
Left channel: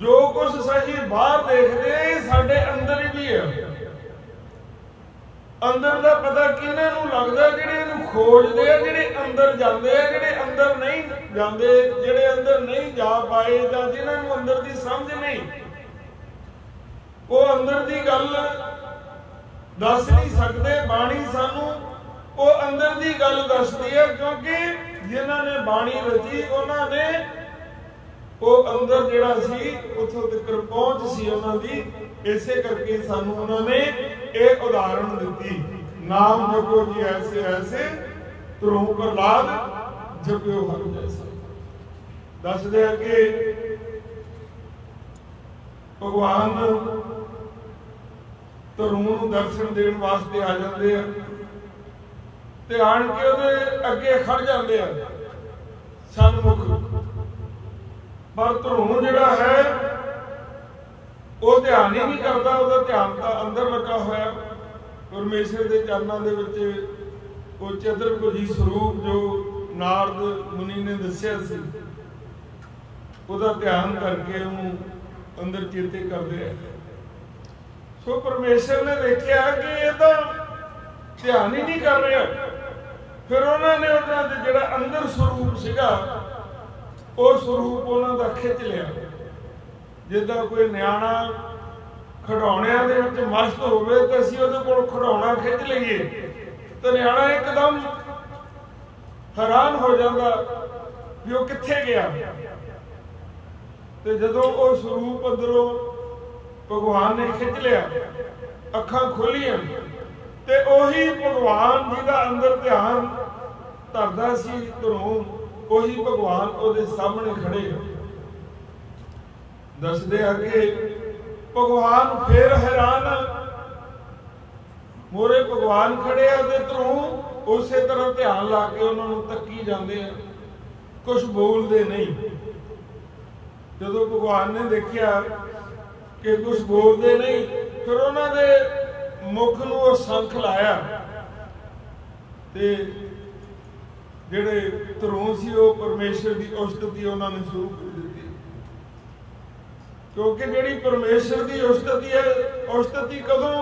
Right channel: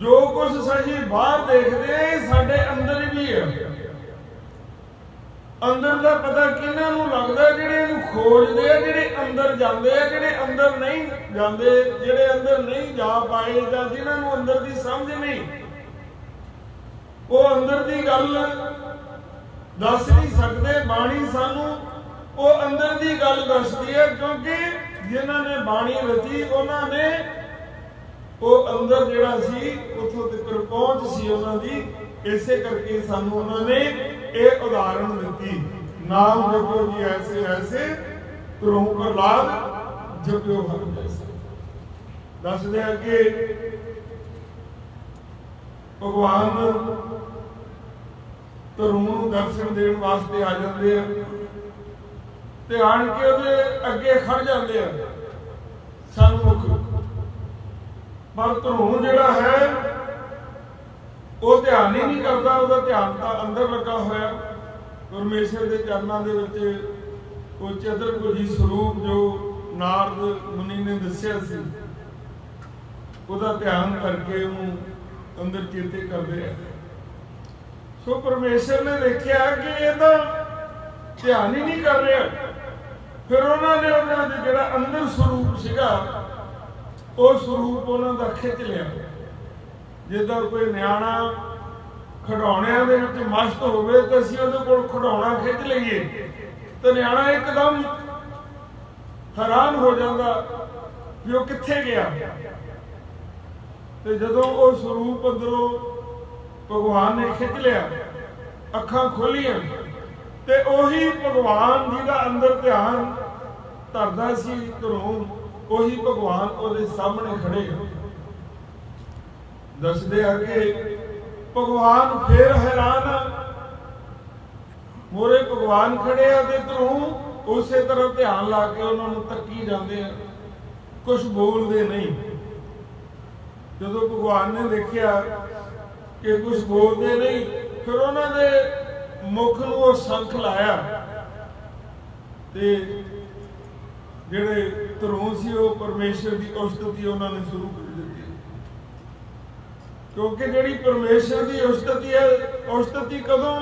ਜੋ ਕੁਝ ਅਸੀਂ ਬਾਹਰ ਦੇਖਦੇ ਸਾਡੇ ਅੰਦਰ ਹੀ ਵੀ ਹੈ। अंदर का पता किन्हां नूं लगदा, जिहड़े इहनूं खोजदे आ, जिहड़े अंदर जांदे आ, जिहड़े अंदर नहीं जांदे, जिहड़े अंदर नहीं जा पाए जां जिन्हां नूं अंदर दी समझ नहीं, वो अंदर दी गल दस नहीं सकते। बाणी सानू वो अंदर दी गल दसदी है, क्योंकि जिन्हां ने बाणी रची उन्होंने वो अंदर जिहड़ा सी उत्थों तक पहुंच सी उन्हां दी, इसे करके सानू उन्होंने ये उदाहरण दी, नाम जपो जी ऐसे ऐसे ध्रुव प्रहलाद जपियो हर जैसे। दसदे कि भगवान ध्रुव नूं दर्शन देण वास्ते आ जाते हैं, ते आण के उहदे अगे खड़ जाते हैं सन्मुख, पर ध्रुव जिहड़ा है वो ध्यान ही नहीं करता, उसका ध्यान तो अंदर लगा होया परमेश्वर के चरणों के विच। वो चतुर्भुजी स्वरूप जो नारद मुनि ने दस्या सी, उसका ध्यान करके उन्होंने अंदर चेते करते हैं। सो परमेश्वर ने देखा कि ये तो ध्यान ही नहीं कर रहा, फिर उन्होंने उन्होंने जिहड़ा अंदर स्वरूप सीगा वो स्वरूप उन्हों का खिंच लिया। जिदा कोई न्याणा खिडौणिਆਂ ਦੇ ਵਿੱਚ मस्त ਹੋਵੇ तो ਅਸੀਂ ਉਹਦੇ ਕੋਲ खिडौणा खिंच ਲਈਏ तो न्याणा एकदम हैरान हो जाता भी वो कित्थे गया। तो जदों वो स्वरूप अंदरों भगवान ने खिंच लिया, अखां खोलियां, ते ओही भगवान जिहदा अंदर ध्यान धरदा सी ध्रुव, ओही भगवान ਉਹਦੇ सामने खड़े। दसदे आ कि भगवान फिर हैरान, मोरे भगवान खड़े आ ते ध्रुव उस तरह ध्यान ला के उन्होंने तकी जाते हैं, कुछ बोलते नहीं। जदों भगवान ने देखा कि कुछ बोलते नहीं, फिर उन्होंने मुख नूं संख लाया, ते जिहड़े ध्रुव सी वो परमेश्वर की उस्तुति उन्होंने शुरू कर दी। क्योंकि जिहड़ी परमेश्वर की उस्तुति है, उस्तुति कदों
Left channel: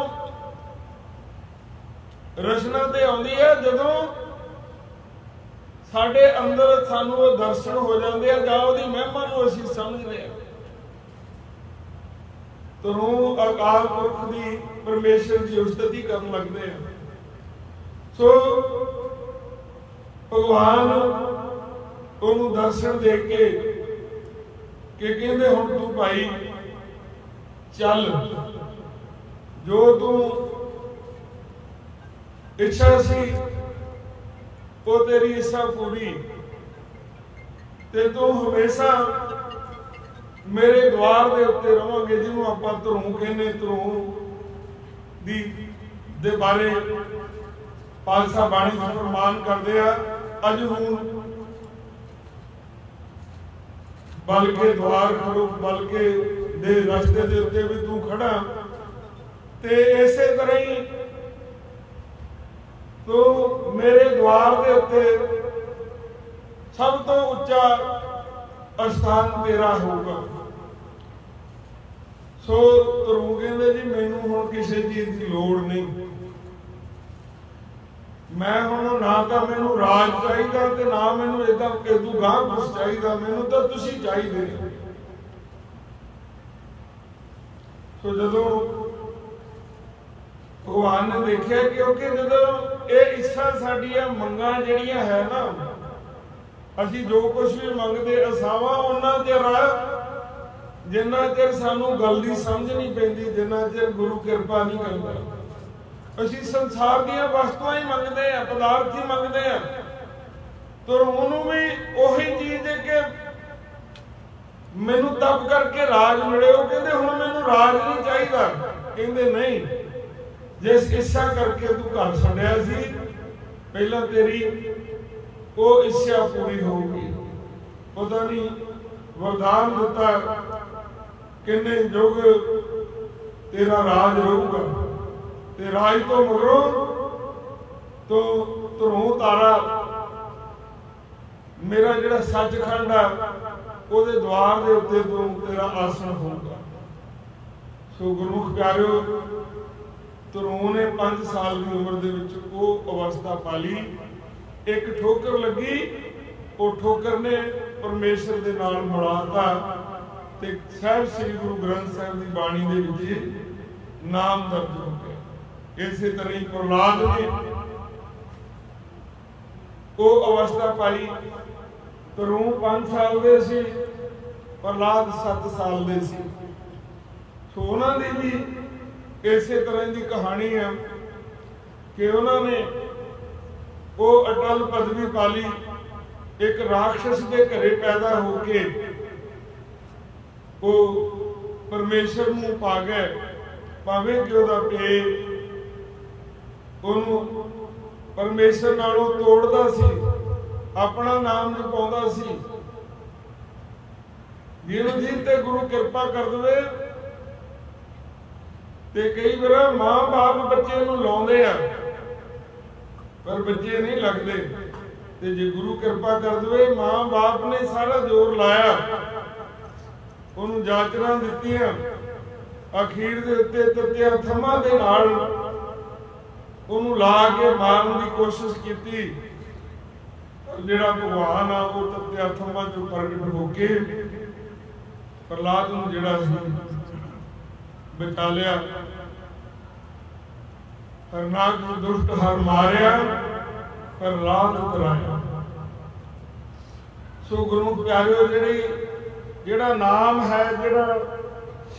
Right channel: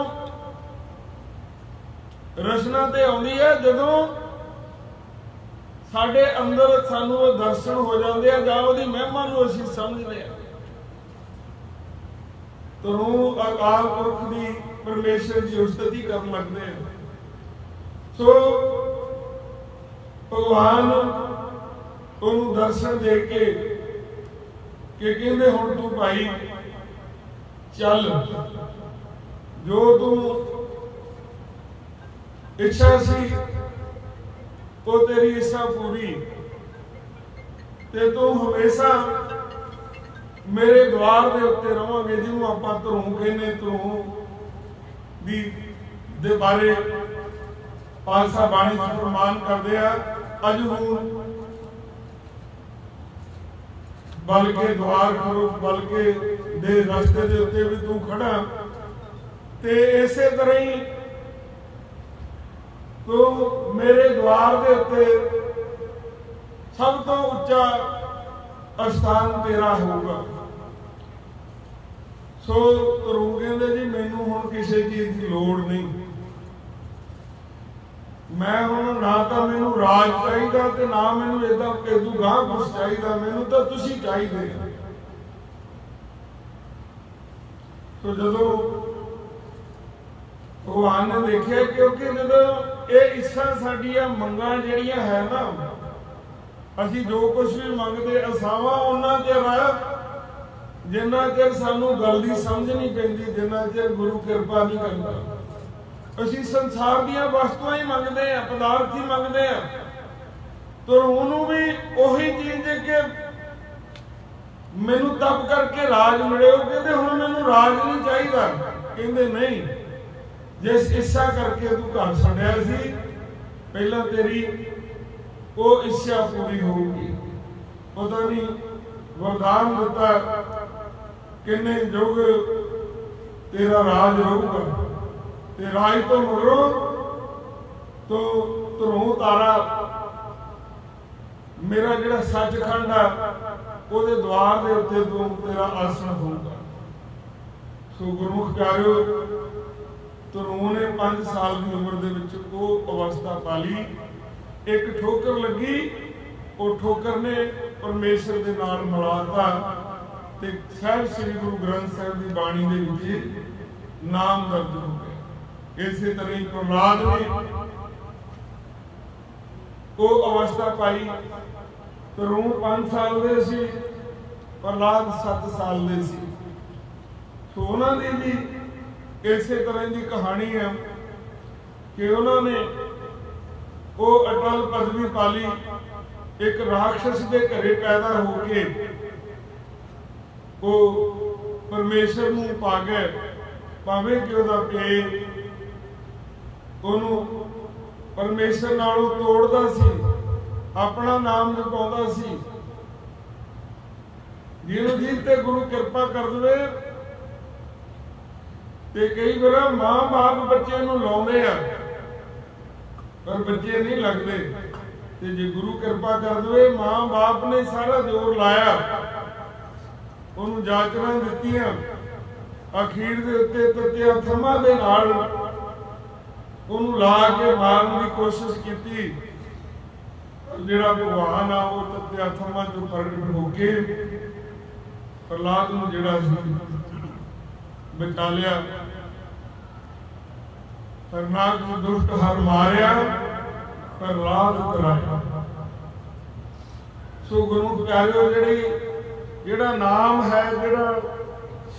रचना ते आउंदी है जदों साडे अंदर सानू वो दर्शन हो जाते हैं, जां उहदी महिमा नूं असीं समझ लिया। तो अकाल पुरख की परमेश्वर की उस्तुति करन लगदे हैं। सो भगवान उहनूं दर्शन दे के कि कहंदे हुण तू भाई चल, जो तू इच्छा सी वो तेरी इच्छा पूरी, ते तू हमेशा मेरे द्वार दे उत्ते रहोगे, जिन्हों आपां ध्रुव कहने। ध्रुव दी दे बारे पातशाह बाणी फरमान करदे आ, अज हूं बल्कि द्वार खड़ो, बल्कि दे रस्ते दे उत्ते भी तू खड़ा, ते इसे तरह ही तो मेरे द्वार दे उत्ते सब तो उच्चा स्थान तेरा होगा। सो ध्रुव कहंदे जी मैनू हुण किसी चीज की लोड़ नहीं, मैं हुण ना तो मैनू राज चाहिए ते ना मैनू इदा इदू गांह कुछ चाहिए, मैनू तो तुसी चाहिए। सो जदों भगवान ने देखा, क्योंकि जदों ये इच्छा साडी मंगां जिहड़ियां है ना, असीं जो कुछ भी मंगते असावां उन्ना चिर जिन्ना चिर सानू गल दी समझ नहीं पैंदी, जिन्ना चिर गुरु कृपा नहीं करता। असीं संसार दीयां वस्तुआं ही मंगते हैं, पदार्थ ही मंगते हैं। तो उन्होंने भी उही चीज कि मैनू तप करके राज मिले, वो कहते हुण मैनू राज नहीं चाहिए, कहते नहीं, जिस इच्छा करके तू घर छड्डिया सी पहला तेरी वो इच्छा पूरी होगी। पता नहीं वरदान दिता किन्ने युग तेरा राज रहूगा, ते राज तो मगरों तो ध्रुव तारा मेरा जिहड़ा सचखंड है ਉਹਦੇ द्वार के उत्ते तो तेरा आसन होगा। सो गुरमुख प्यारिओ ਧਰੂ ਨੇ 5 ਸਾਲ ਦੀ ਉਮਰ ਦੇ ਵਿੱਚ ਉਹ ਅਵਸਥਾ ਪਾਲੀ। ਇੱਕ ਠੋਕਰ ਲੱਗੀ, ਉਹ ਠੋਕਰ ਨੇ ਪਰਮੇਸ਼ਰ ਦੇ ਨਾਲ ਮਿਲਾਤਾ ਤੇ ਸਾਹਿਬ ਸ੍ਰੀ ਗੁਰੂ ਗ੍ਰੰਥ ਸਾਹਿਬ ਦੀ ਬਾਣੀ ਦੇ ਵਿੱਚ ਨਾਮ ਦਰਜ ਹੋ ਗਿਆ। ਇਸੇ ਤਰ੍ਹਾਂ ਹੀ ਪ੍ਰਹਲਾਦ ਨੇ ਉਹ ਅਵਸਥਾ ਪਾਈ। ਧਰੂ 5 ਸਾਲ ਦੇ ਸੀ, ਪ੍ਰਹਲਾਦ 7 ਸਾਲ ਦੇ ਸੀ। ਸੋ ਉਹਨਾਂ ਦੀ ਵੀ ਇਸੇ ਤਰ੍ਹਾਂ ਦੀ ਕਹਾਣੀ ਹੈ ਕਿ ਉਹਨਾਂ ਨੇ ਉਹ ਅਟਲ ਪਦਵੀ ਪਾਲੀ। ਇੱਕ ਰਾਖਸ਼ ਦੇ ਘਰੇ ਪੈਦਾ ਹੋ ਕੇ ਉਹ ਪਰਮੇਸ਼ਰ ਨੂੰ ਪਾ ਗਏ, ਭਾਵੇਂ ਕਿ ਉਹਦਾ ਪੇ ਉਹਨੂੰ ਪਰਮੇਸ਼ਰ ਨਾਲੋਂ ਤੋੜਦਾ ਸੀ, ਆਪਣਾ ਨਾਮ ਜਪਾਉਂਦਾ ਸੀ। ਜਿਹਨੂੰ ਜੀ ਤੇ ਗੁਰੂ ਕਿਰਪਾ ਕਰ ਦੇਵੇ ਤੇ ਕਈ ਵਾਰ ਮਾਂ ਬਾਪ ਬੱਚੇ ਨੂੰ ਲਾਉਂਦੇ ਆ ਪਰ ਬੱਚੇ ਨਹੀਂ ਲੱਗਦੇ, ਤੇ ਜੇ ਗੁਰੂ ਕਿਰਪਾ ਕਰ ਦੇਵੇ ਮਾਂ ਬਾਪ ਨੇ ਸਾਰਾ ਜ਼ੋਰ ਲਾਇਆ, ਉਹਨੂੰ ਜਾਚਰਾਂ ਦਿੱਤੀਆਂ, ਅਖੀਰ ਦੇ ਉੱਤੇ ਤੱਤਿਆਂ ਥੰਮਾਂ ਦੇ ਨਾਲ ਉਹਨੂੰ ਲਾ ਕੇ ਮਾਰਨ ਦੀ ਕੋਸ਼ਿਸ਼ ਕੀਤੀ। ਜਿਹੜਾ ਭਗਵਾਨ ਆ ਉਹ ਤੱਤਿਆਂ ਥੰਮਾਂ ਚੋਂ ਪ੍ਰਗਟ ਹੋ ਕੇ ਪ੍ਰਹਲਾਦ ਨੂੰ ਜਿਹੜਾ ਸੀ ਬਚਾ ਲਿਆ। ਹਰਨਾਕ ਨੂੰ ਦੁਸ਼ਟ ਹਰ ਮਾਰਿਆ, ਪ੍ਰਹਲਾਦ ਤਰਾਇਆ। ਸੋ ਗੁਰੂ ਪਿਆਰਿਓ, ਜਿਹੜਾ ਨਾਮ ਹੈ, ਜਿਹੜਾ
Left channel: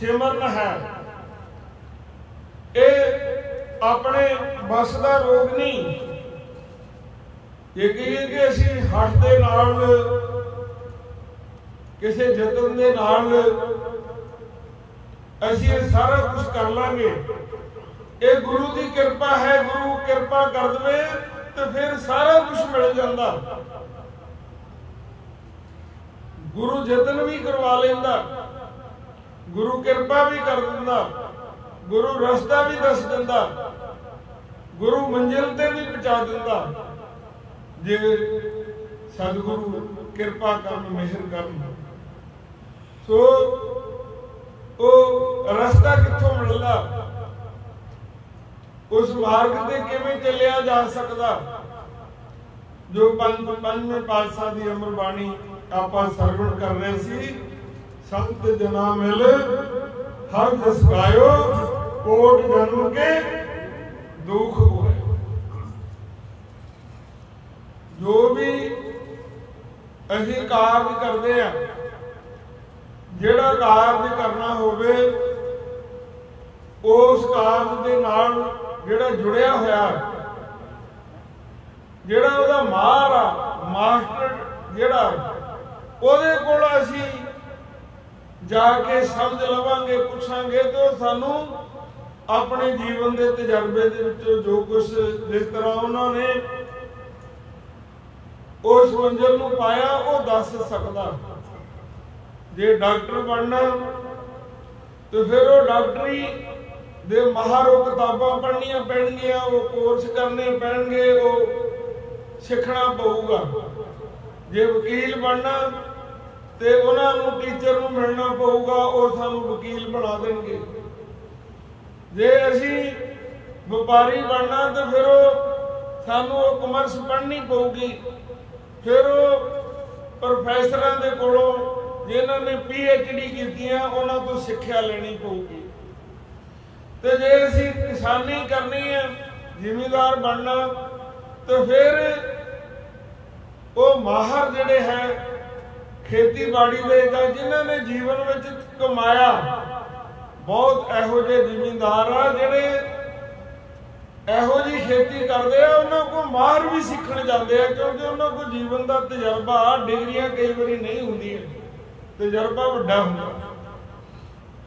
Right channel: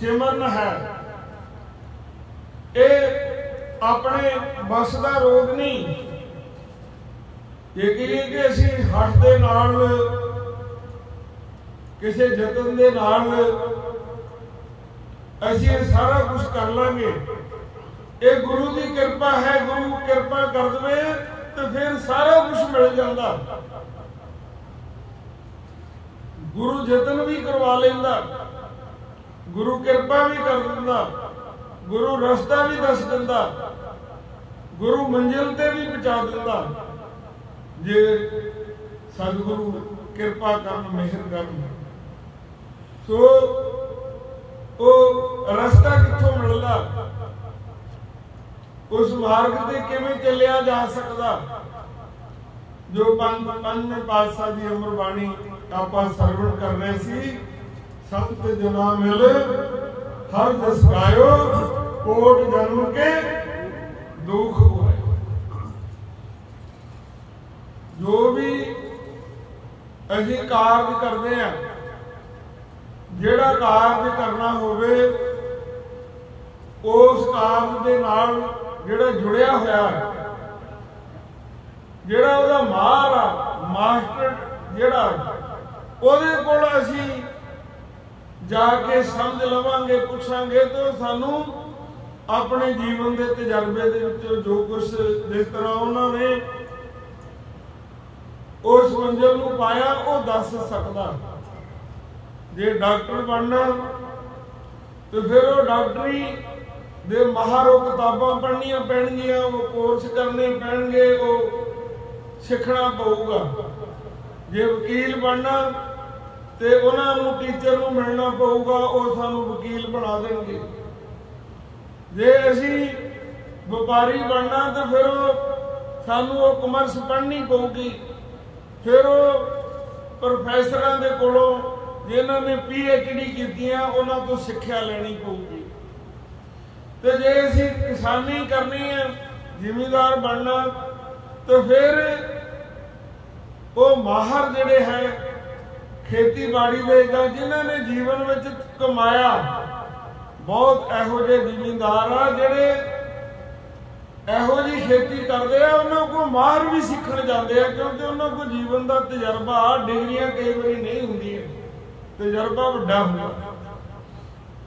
ਸਿਮਰਨ ਹੈ, ਇਹ ਆਪਣੇ ਬਸ ਦਾ ਰੋਗ ਨਹੀਂ। ਇਹ ਕਹੀਏ ਕਿ ਅਸੀਂ ਹੱਠ ਦੇ ਨਾਲ, ਕਿਸੇ ਯਤਨ ਦੇ ਨਾਲ ਅਸੀਂ ਇਹ ਸਾਰਾ ਕੁਝ ਕਰ ਲਾਂਗੇ, ਇਹ ਗੁਰੂ ਦੀ ਕਿਰਪਾ ਹੈ। ਗੁਰੂ ਕਿਰਪਾ ਕਰ ਦੇਵੇ ਤੇ ਫਿਰ ਸਾਰਾ ਕੁਝ ਮਿਲ ਜਾਂਦਾ। ਗੁਰੂ ਯਤਨ ਵੀ ਕਰਵਾ ਲੈਂਦਾ, ਗੁਰੂ ਕਿਰਪਾ ਵੀ ਕਰ ਦਿੰਦਾ, ਗੁਰੂ ਰਸਤਾ ਵੀ ਦੱਸ ਦਿੰਦਾ, ਗੁਰੂ ਮੰਜ਼ਿਲ ਤੇ ਵੀ ਪਹੁੰਚਾ ਦਿੰਦਾ, ਜੇ ਸਤਿਗੁਰੂ ਕਿਰਪਾ ਕਰਨ, ਮਿਹਰ ਕਰਨ। ਸੋ ਉਹ ਰਸਤਾ ਕਿੱਥੋਂ ਮਿਲਦਾ, ਉਸ ਮਾਰਗ ਤੇ ਕਿਵੇਂ ਚੱਲਿਆ ਜਾ ਸਕਦਾ, ਜੋ ਪੰਜਵੇਂ ਪਾਤਸ਼ਾਹ ਦੀ ਅਮਰ ਬਾਣੀ ਆਪਾਂ ਸਰਵਣ ਕਰ ਰਹੇ ਸੀ। ਸੰਤ ਜਨਾ ਮਿਲ ਹਰ ਦਸ ਗਾਇਓ, ਕੋਟ ਜਨਮ ਕੇ ਦੁੱਖ ਹੋਏ। ਜੋ ਵੀ ਅਸੀਂ ਕਾਰਜ ਕਰਦੇ ਆ, ਜਿਹੜਾ ਕਾਰਜ ਕਰਨਾ ਹੋਵੇ, ਉਸ ਕਾਰਜ ਦੇ ਨਾਲ ਜਿਹੜਾ ਜੁੜਿਆ ਹੋਇਆ, ਜਿਹੜਾ ਉਹਦਾ ਮਾਹਰ ਆ, ਮਾਸਟਰ ਜਿਹੜਾ, ਉਹਦੇ ਕੋਲ ਅਸੀਂ ਜਾ ਕੇ ਸਮਝ ਲਵਾਂਗੇ, ਪੁੱਛਾਂਗੇ, ਤੇ ਉਹ ਸਾਨੂੰ ਆਪਣੇ ਜੀਵਨ ਦੇ ਤਜਰਬੇ ਦੇ ਵਿੱਚੋਂ ਜੋ ਕੁਝ, ਜਿਸ ਤਰ੍ਹਾਂ ਉਹਨਾਂ ਨੇ ਉਸ ਮੰਜ਼ਿਲ ਨੂੰ ਪਾਇਆ, ਉਹ ਦੱਸ ਸਕਦਾ। ਜੇ ਡਾਕਟਰ ਬਣਨਾ ਤੇ ਫਿਰ ਉਹ ਡਾਕਟਰੀ ਦੇ ਮਾਹਰ, ਉਹ ਕਿਤਾਬਾਂ ਪੜ੍ਹਨੀਆਂ ਪੈਣਗੀਆਂ, ਉਹ ਕੋਰਸ ਕਰਨੇ ਪੈਣਗੇ, ਉਹ ਸਿੱਖਣਾ ਪਊਗਾ। ਜੇ ਵਕੀਲ ਬਣਨਾ ਤੇ ਉਹਨਾਂ ਨੂੰ ਟੀਚਰ ਨੂੰ ਮਿਲਣਾ ਪਊਗਾ, ਉਹ ਸਾਨੂੰ ਵਕੀਲ ਬਣਾ ਦੇਣਗੇ। ਜੇ ਅਸੀਂ ਵਪਾਰੀ ਬਣਨਾ ਤੇ ਫਿਰ ਸਾਨੂੰ ਉਹ ਕਮਰਸ ਪੜ੍ਹਨੀ ਪਊਗੀ। ਫਿਰ ਉਹ ਪ੍ਰੋਫੈਸਰਾਂ ਦੇ ਕੋਲੋਂ, ਜਿਨ੍ਹਾਂ ਨੇ PhD ਕੀਤੀਆਂ, ਉਹਨਾਂ ਤੋਂ ਸਿੱਖਿਆ ਲੈਣੀ ਪਊਗੀ। ਤੇ ਜੇ ਅਸੀਂ ਕਿਸਾਨੀ ਕਰਨੀ ਹੈ, ਜ਼ਿਮੀਂਦਾਰ ਬਣਨਾ, ਤੇ ਫਿਰ ਉਹ ਮਾਹਰ ਜਿਹੜੇ ਹੈ ਖੇਤੀਬਾੜੀ ਦੇ, ਜਾਂ ਜਿਨ੍ਹਾਂ ਨੇ ਜੀਵਨ ਵਿੱਚ ਕਮਾਇਆ, ਬਹੁਤ ਇਹੋ ਜਿਹੇ ਜ਼ਿਮੀਂਦਾਰ ਆ ਜਿਹੜੇ ਇਹੋ ਜਿਹੀ ਖੇਤੀ ਕਰਦੇ ਆ, ਉਹਨਾਂ ਕੋਲ ਮਾਹਰ ਵੀ ਸਿੱਖਣ ਜਾਂਦੇ ਆ, ਕਿਉਂਕਿ ਉਹਨਾਂ ਕੋਲ ਜੀਵਨ ਦਾ ਤਜਰਬਾ, ਡਿਗਰੀਆਂ ਕਈ ਵਾਰੀ ਨਹੀਂ ਹੁੰਦੀਆਂ, ਤਜਰਬਾ ਵੱਡਾ ਹੁੰਦਾ।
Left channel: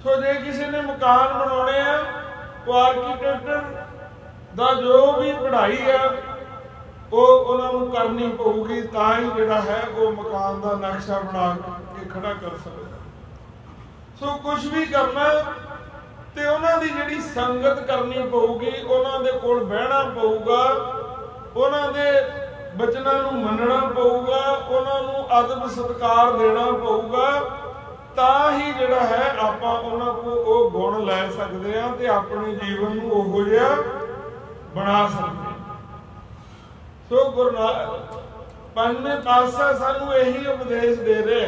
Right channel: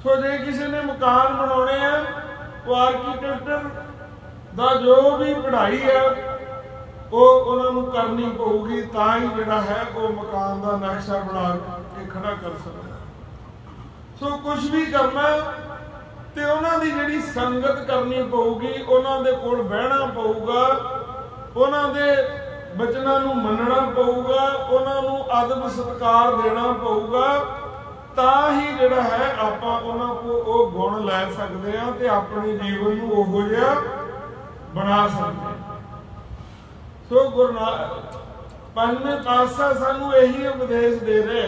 ਸੋ ਜੇ ਕਿਸੇ ਨੇ ਮਕਾਨ ਬਣਾਉਣੇ ਆ, ਉਹ ਆਰਕੀਟੈਕਚਰ ਦਾ ਜੋ ਵੀ ਪੜ੍ਹਾਈ ਆ, ਉਹ ਉਹਨਾਂ ਨੂੰ ਕਰਨੀ ਪਊਗੀ, ਤਾਂ ਹੀ ਜਿਹੜਾ ਹੈ ਉਹ ਮਕਾਨ ਦਾ ਨਕਸ਼ਾ ਬਣਾ ਕੇ ਖੜਾ ਕਰ ਸਕਦਾ। ਸੋ ਕੁਝ ਵੀ ਕਰਨਾ ਤੇ ਉਹਨਾਂ ਦੀ ਜਿਹੜੀ ਸੰਗਤ ਕਰਨੀ ਪਊਗੀ, ਉਹਨਾਂ ਦੇ ਕੋਲ ਬਹਿਣਾ ਪਊਗਾ, ਉਹਨਾਂ ਦੇ ਬਚਨਾਂ ਨੂੰ ਮੰਨਣਾ ਪਊਗਾ, ਉਹਨਾਂ ਨੂੰ ਅਦਬ ਸਤਿਕਾਰ ਦੇਣਾ ਪਊਗਾ, ਤਾਂ ਹੀ ਜਿਹੜਾ ਹੈ ਆਪਾਂ ਉਹਨਾਂ ਕੋ ਉਹ ਗੁਣ ਲੈ ਸਕਦੇ ਆ ਤੇ ਆਪਣੇ ਜੀਵਨ ਨੂੰ ਉਹੋ ਜਿਹਾ ਬਣਾ ਸਕਦੇ। ਸੋ ਪੰਜਵੇਂ ਪਾਤਸ਼ਾਹ ਸਾਨੂੰ ਇਹੀ ਉਪਦੇਸ਼ ਦੇ ਰਹੇ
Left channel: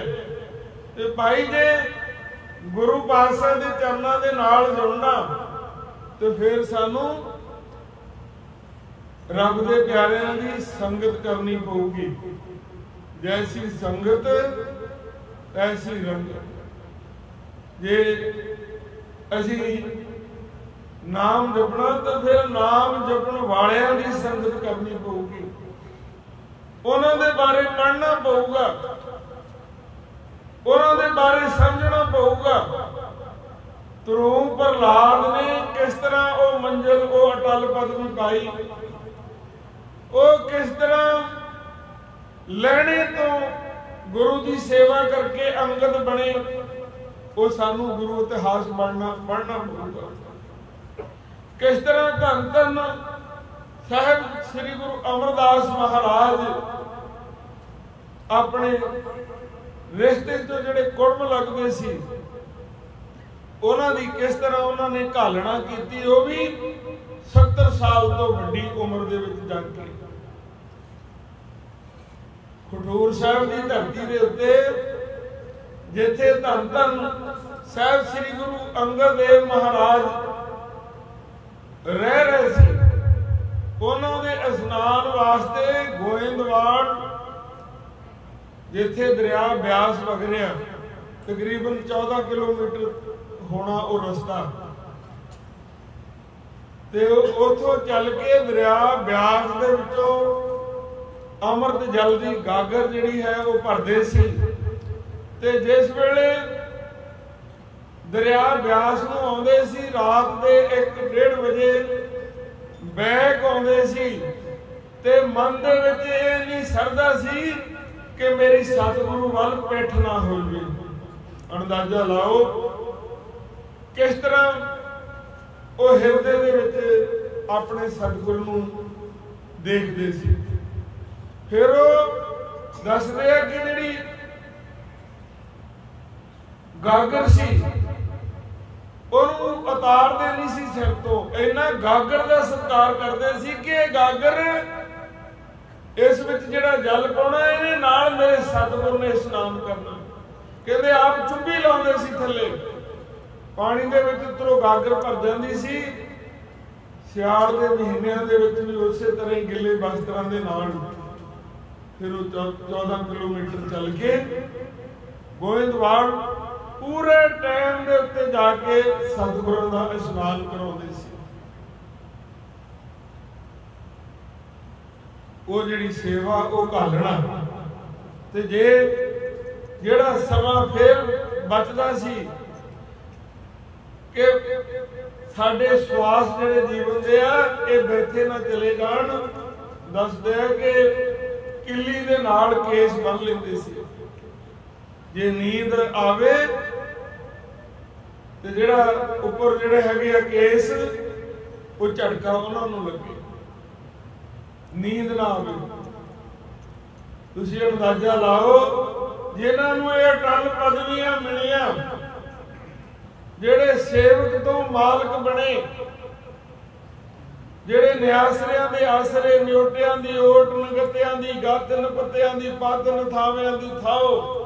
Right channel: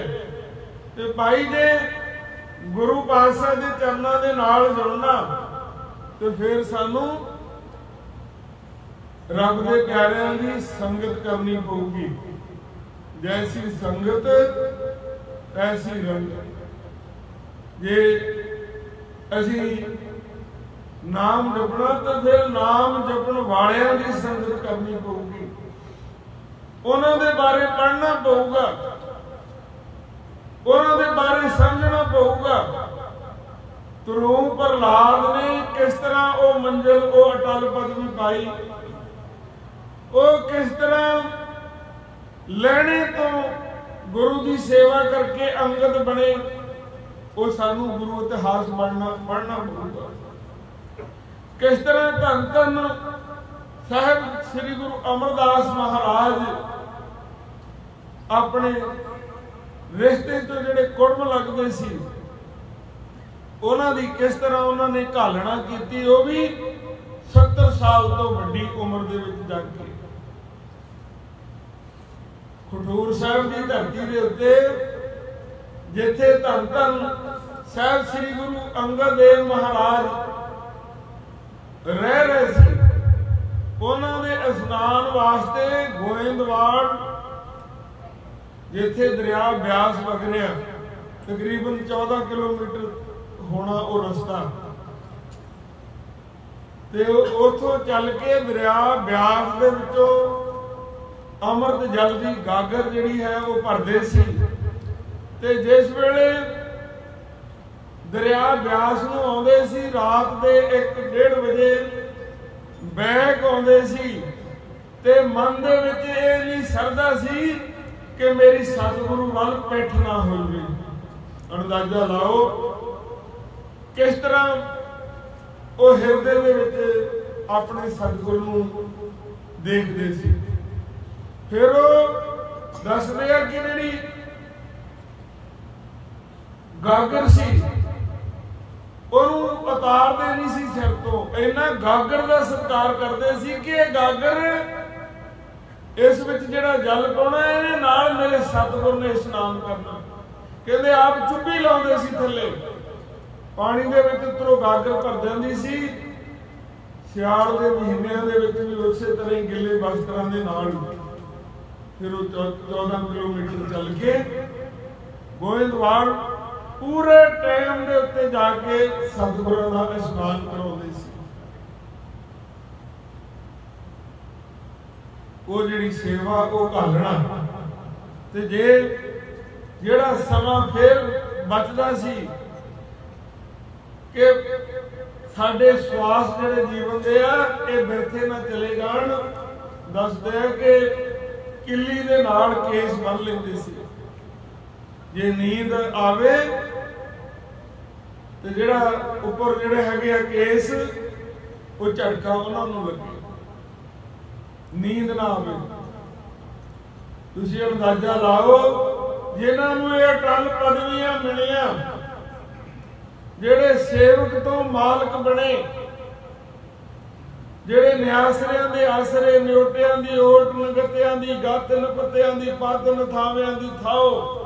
ਤੇ ਭਾਈ ਜੇ ਗੁਰੂ ਪਾਤਸ਼ਾਹ ਦੇ ਚਰਨਾਂ ਦੇ ਨਾਲ ਜੁੜਨਾ ਤੇ ਫਿਰ ਸਾਨੂੰ ਰੱਬ ਦੇ ਪਿਆਰਿਆਂ ਦੀ ਸੰਗਤ ਕਰਨੀ ਪਊਗੀ। ਜੈਸੀ ਸੰਗਤ ਤੈਸੀ ਰੰਗਤ। ਜੇ ਅਸੀਂ ਨਾਮ ਜਪਣਾ ਤੇ ਫਿਰ ਨਾਮ ਜਪਣ ਵਾਲਿਆਂ ਦੀ ਸੰਗਤ ਕਰਨੀ ਪਊਗੀ। ਉਹਨਾਂ ਦੇ ਬਾਰੇ ਪੜ੍ਹਨਾ ਪਊਗਾ, ਉਹਨਾਂ ਦੇ ਬਾਰੇ ਸਮਝਣਾ ਪਊਗਾ। ਧਰੂਮ ਪ੍ਰਹਲਾਦ ਨੇ ਕਿਸ ਤਰ੍ਹਾਂ ਉਹ ਮੰਜ਼ਿਲ, ਉਹ ਅਟਲ ਪਦਵੀ ਪਾਈ, ਉਹ ਕਿਸ ਤਰ੍ਹਾਂ ਲੈਣੇ ਤੋਂ ਗੁਰੂ ਦੀ ਸੇਵਾ ਕਰਕੇ ਅੰਗਦ ਬਣੇ, ਉਹ ਸਾਨੂੰ ਗੁਰੂ ਇਤਿਹਾਸ ਪੜ੍ਹਨਾ ਪਊਗਾ। ਕਿਸ ਤਰ੍ਹਾਂ ਧੰਨ ਧੰਨ ਸਾਹਿਬ ਸ੍ਰੀ ਗੁਰੂ ਅਮਰਦਾਸ ਮਹਾਰਾਜ ਆਪਣੇ ਰਿਸ਼ਤੇ ਤੋਂ ਜਿਹੜੇ ਕੁੜਮ ਲੱਗਦੇ ਸੀ, ਉਹਨਾਂ ਦੀ ਕਿਸ ਤਰ੍ਹਾਂ ਉਹਨਾਂ ਨੇ ਘਾਲਣਾ ਕੀਤੀ, ਉਹ ਵੀ 70 ਸਾਲ ਤੋਂ ਵੱਡੀ ਉਮਰ ਦੇ ਵਿੱਚ ਜਾ ਕੇ ਖਡੂਰ ਸਾਹਿਬ ਦੀ ਧਰਤੀ ਦੇ ਉੱਤੇ, ਜਿੱਥੇ ਧੰਨ ਧੰਨ ਸਾਹਿਬ ਸ੍ਰੀ ਗੁਰੂ ਅੰਗਦ ਦੇਵ ਮਹਾਰਾਜ ਰਹਿ ਰਹੇ ਸੀ, ਉਹਨਾਂ ਦੇ ਇਸ਼ਨਾਨ ਵਾਸਤੇ ਗੋਇੰਦਵਾਲ, ਜਿੱਥੇ ਦਰਿਆ ਬਿਆਸ ਵਗ ਰਿਹਾ, ਤਕਰੀਬਨ 14 ਕਿਲੋਮੀਟਰ ਹੋਣਾ ਉਹ ਰਸਤਾ, ਤੇ ਉੱਥੋਂ ਚੱਲ ਕੇ ਦਰਿਆ ਬਿਆਸ ਦੇ ਵਿੱਚੋਂ ਅੰਮ੍ਰਿਤ ਜਲ ਦੀ ਗਾਗਰ ਜਿਹੜੀ ਹੈ ਉਹ ਭਰਦੇ ਸੀ। ਤੇ ਜਿਸ ਵੇਲੇ ਦਰਿਆ ਬਿਆਸ ਨੂੰ ਆਉਂਦੇ ਸੀ, ਰਾਤ ਦੇ 1-1:30 ਵਜੇ ਬੈਗ ਆਉਂਦੇ ਸੀ, ਤੇ ਮਨ ਦੇ ਵਿੱਚ ਇਹ ਨਹੀਂ ਸਰਦਾ ਸੀ ਕਿ ਮੇਰੀ ਸਤਿਗੁਰੂ ਵੱਲ ਪਿੱਠ ਨਾ ਹੋ ਜਾਵੇ। ਅੰਦਾਜ਼ਾ ਲਾਓ ਕਿਸ ਤਰ੍ਹਾਂ ਉਹ ਹਿਰਦੇ ਦੇ ਵਿੱਚ ਆਪਣੇ ਸਤਿਗੁਰੂ ਨੂੰ ਦੇਖਦੇ ਸੀ। ਫਿਰ ਉਹ ਦੱਸਦੇ ਆ ਕਿ ਜਿਹੜੀ ਗਾਗਰ ਸੀ ਉਹਨੂੰ ਉਤਾਰਦੇ ਨਹੀਂ ਸੀ ਸਿਰ ਤੋਂ, ਇੰਨਾ ਗਾਗਰ ਦਾ ਸਤਿਕਾਰ ਕਰਦੇ ਸੀ ਕਿ ਇਹ ਗਾਗਰ, ਇਸ ਵਿੱਚ ਜਿਹੜਾ ਜਲ ਪਾਉਣਾ ਇਹਨੇ ਨਾਲ ਮੇਰੇ ਸਤਿਗੁਰ ਨੇ ਇਸ਼ਨਾਨ ਕਰਨਾ। ਕਹਿੰਦੇ ਆਪ ਚੁੱਭੀ ਲਾਉਂਦੇ ਸੀ ਥੱਲੇ ਪਾਣੀ ਦੇ ਵਿੱਚ, ਉੱਤਰੋਂ ਗਾਗਰ ਭਰ ਜਾਂਦੀ ਸੀ। ਸਿਆਲ ਦੇ ਮਹੀਨਿਆਂ ਦੇ ਵਿੱਚ ਵੀ ਉਸੇ ਤਰ੍ਹਾਂ ਹੀ ਗਿੱਲੇ ਵਸਤਰਾਂ ਦੇ ਨਾਲ ਫਿਰ ਉਹ 14 ਕਿਲੋਮੀਟਰ ਚੱਲ ਕੇ ਗੋਇੰਦਵਾਲ ਪੂਰੇ ਟਾਈਮ ਦੇ ਉੱਤੇ ਜਾ ਕੇ ਸਤਿਗੁਰਾਂ ਦਾ ਇਸ਼ਨਾਨ ਕਰਾਉਂਦੇ ਸੀ। ਉਹ ਜਿਹੜੀ ਸੇਵਾ ਉਹ ਘਾਲਣਾ, ਤੇ ਜਿਹੜਾ ਸਮਾਂ ਫਿਰ ਬਚਦਾ ਸੀ ਕਿ ਸਾਡੇ ਸਵਾਸ ਜਿਹੜੇ ਜੀਵਨ ਦੇ ਆ ਇਹ ਬਿਰਥੇ ਨਾ ਚਲੇ ਜਾਣ, ਦੱਸਦੇ ਆ ਕਿ ਕਿੱਲੀ ਦੇ ਨਾਲ ਕੇਸ ਬੰਨ ਲੈਂਦੇ ਸੀ। ਜੇ ਨੀਂਦ ਆਵੇ ਤੇ ਜਿਹੜਾ ਉੱਪਰ ਜਿਹੜੇ ਹੈਗੇ ਆ ਕੇਸ, ਉਹ ਝਟਕਾ ਉਹਨਾਂ ਨੂੰ ਲੱਗੇ, ਨੀਂਦ ਨਾ ਆਵੇ। ਤੁਸੀਂ ਅੰਦਾਜ਼ਾ ਲਾਓ ਜਿਨ੍ਹਾਂ ਨੂੰ ਇਹ ਅਟਲ ਪਦਵੀਆਂ ਮਿਲੀਆਂ, ਜਿਹੜੇ ਸੇਵਕ ਤੋਂ ਮਾਲਕ ਬਣੇ, ਜਿਹੜੇ ਨਿਆਸਰਿਆਂ ਦੇ ਆਸਰੇ, ਨਿਓਟਿਆਂ ਦੀ ਓਟ, ਨਗਤਿਆਂ ਦੀ ਗੱਤ, ਨਪੱਤਿਆਂ ਦੀ ਪੱਦ, ਨਥਾਵਿਆਂ ਦੀ ਥਾਓ,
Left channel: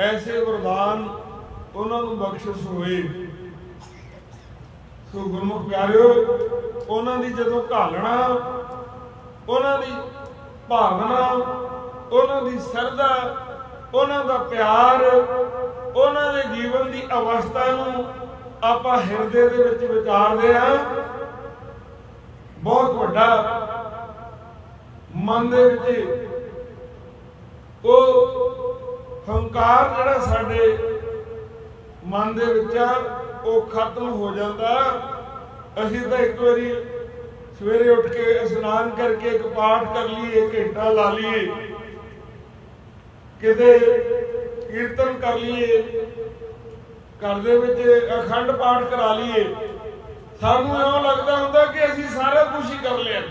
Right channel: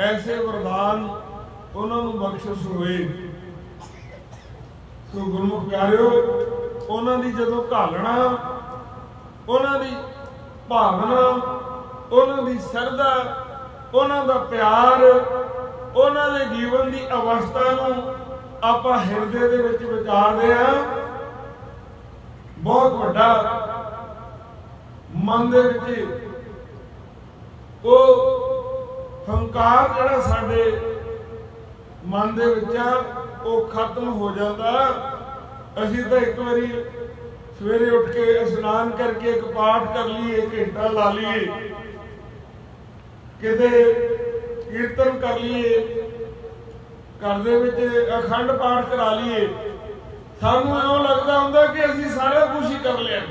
ਐਸੇ ਵਰਦਾਨ ਉਹਨਾਂ ਨੂੰ ਬਖਸ਼ਿਸ਼ ਹੋਏ। ਸੋ ਗੁਰਮੁਖ ਪਿਆਰਿਓ, ਉਹਨਾਂ ਦੀ ਜਦੋਂ ਘਾਲਣਾ, ਉਹਨਾਂ ਦੀ ਭਾਵਨਾ, ਉਹਨਾਂ ਦੀ ਸਰਧਾ, ਉਹਨਾਂ ਦਾ ਪਿਆਰ, ਉਹਨਾਂ ਦੇ ਜੀਵਨ ਦੀ ਅਵਸਥਾ ਨੂੰ ਆਪਾਂ ਹਿਰਦੇ ਦੇ ਵਿੱਚ ਵਿਚਾਰਦੇ ਹਾਂ, ਬਹੁਤ ਵੱਡਾ ਮਨ ਦੇ ਵਿੱਚ ਉਹ ਹੰਕਾਰ ਜਿਹੜਾ ਸਾਡੇ ਮਨ ਦੇ ਵਿੱਚ ਆ ਉਹ ਖਤਮ ਹੋ ਜਾਂਦਾ। ਅਸੀਂ ਤਾਂ ਇੱਕ ਵਾਰੀ ਸਵੇਰੇ ਉੱਠ ਕੇ ਇਸ਼ਨਾਨ ਕਰਕੇ ਇੱਕ ਪਾਠ ਕਰ ਲਈਏ, ਘੰਟਾ ਲਾ ਲਈਏ, ਕਿਤੇ ਕੀਰਤਨ ਕਰ ਲਈਏ, ਘਰ ਦੇ ਵਿੱਚ ਅਖੰਡ ਪਾਠ ਕਰਾ ਲਈਏ, ਸਾਨੂੰ ਇਉਂ ਲੱਗਦਾ ਹੁੰਦਾ ਕਿ ਅਸੀਂ ਸਾਰਾ ਕੁਝ ਹੀ ਕਰ ਲਿਆ,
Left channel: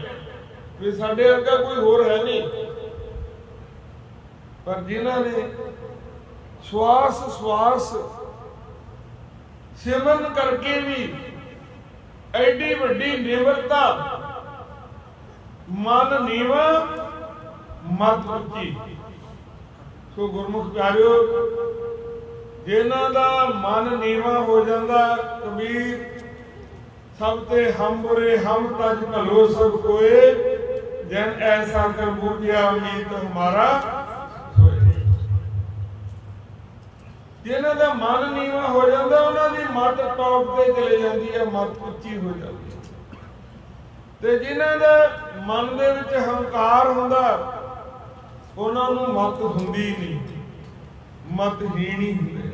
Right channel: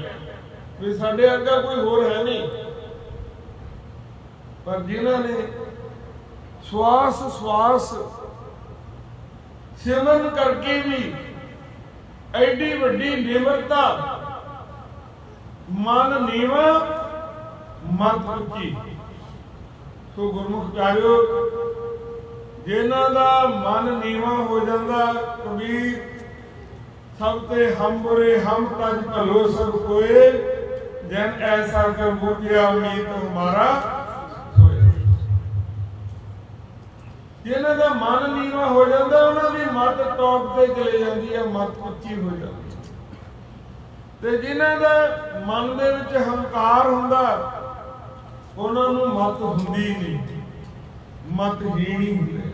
ਵੀ ਸਾਡੇ ਅੱਗਾ ਕੋਈ ਹੋਰ ਹੈ ਨਹੀਂ। ਪਰ ਜਿਨ੍ਹਾਂ ਨੇ श्वास श्वास सिमरन करके भी एडी वड्डी निमरता, मन नीवा मत उच्ची। सो गुरमुख प्यारिओ, जिन्हां दा मन नीवा हो जाता, कबीर सब ते हम बुरे हम तज भलो सब कोए, जैन ऐसा कर बूझिया मीत हमारा। जिन्हां दा मन नीवा हो जाता, उन्हां दी मत टॉप ते चले जाती है, मत उच्ची हो जाती है। ते जिन्हां दा मन दे विच हंकार हुंदा, उन्हां नूं मत हुंदी नहीं, मतहीन ही हुंदे।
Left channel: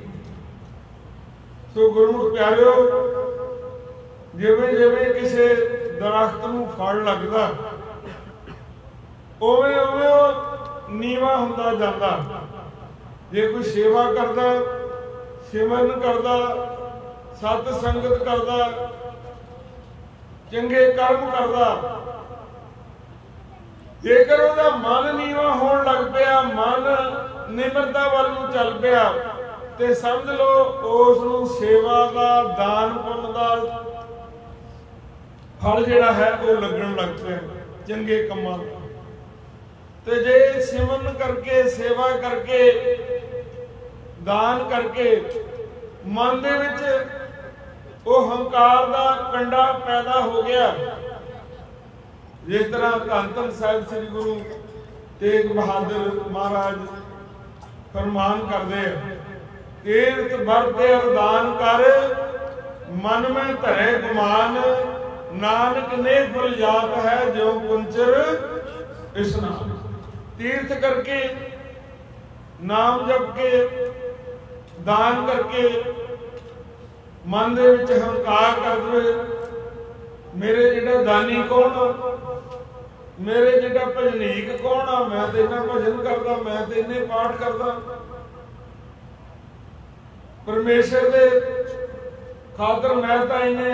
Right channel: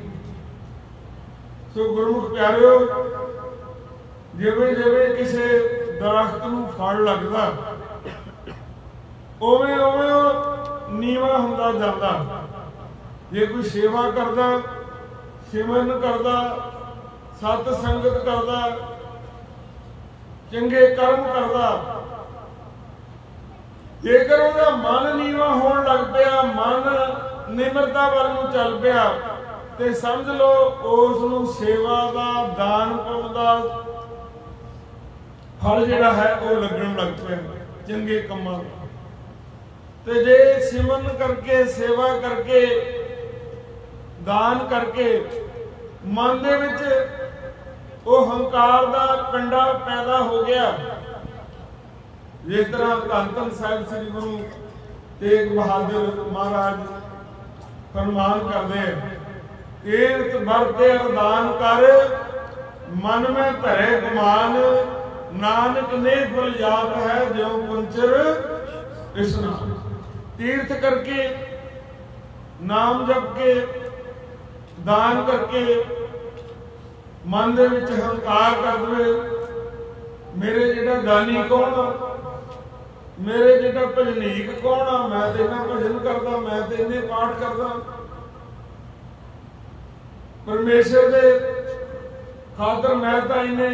सो गुरमुख प्यारिओ, जिवें जिवें किसी दरख्त नूं फल लगदा, उवें उवें नीवा हुंदा जांदा। जे कोई सेवा करदा, सिमरन करदा, सत संगत करदा, चंगे कर्म करदा, जेकर उहदा मन नीवा होण लग पिया, मन निमरता वल नूं चल पिया, ते समझ लो उस नूं सेवा दा, दान पुण्य दा फल जिहड़ा है वो लगन लग पिया, चंगे कम्मां दा। ते जे सिमरन करके, सेवा करके, दान करके मन दे विच वो हंकार दा कंडा पैदा हो गया, जिस तरह धन धन साहिब श्री गुरु तेग बहादुर महाराज फरमान करते हैं, तीर्थ भरते अरदान कर, मन में धरे गुमान, नानक ने फल जात है जो कुंचर स्नान। तीर्थ करके, नाम जप के, दान करके, मन दे विच हंकार कर दे, मेरे जिहड़ा दानी कौन आ, मेरे जिहड़ा भजनीक कौन आ, मैं तो इन्ना भजन करदा, मैं तो इन्ने पाठ करदा, परमेश्वर दे खातर मैं तो इन्ने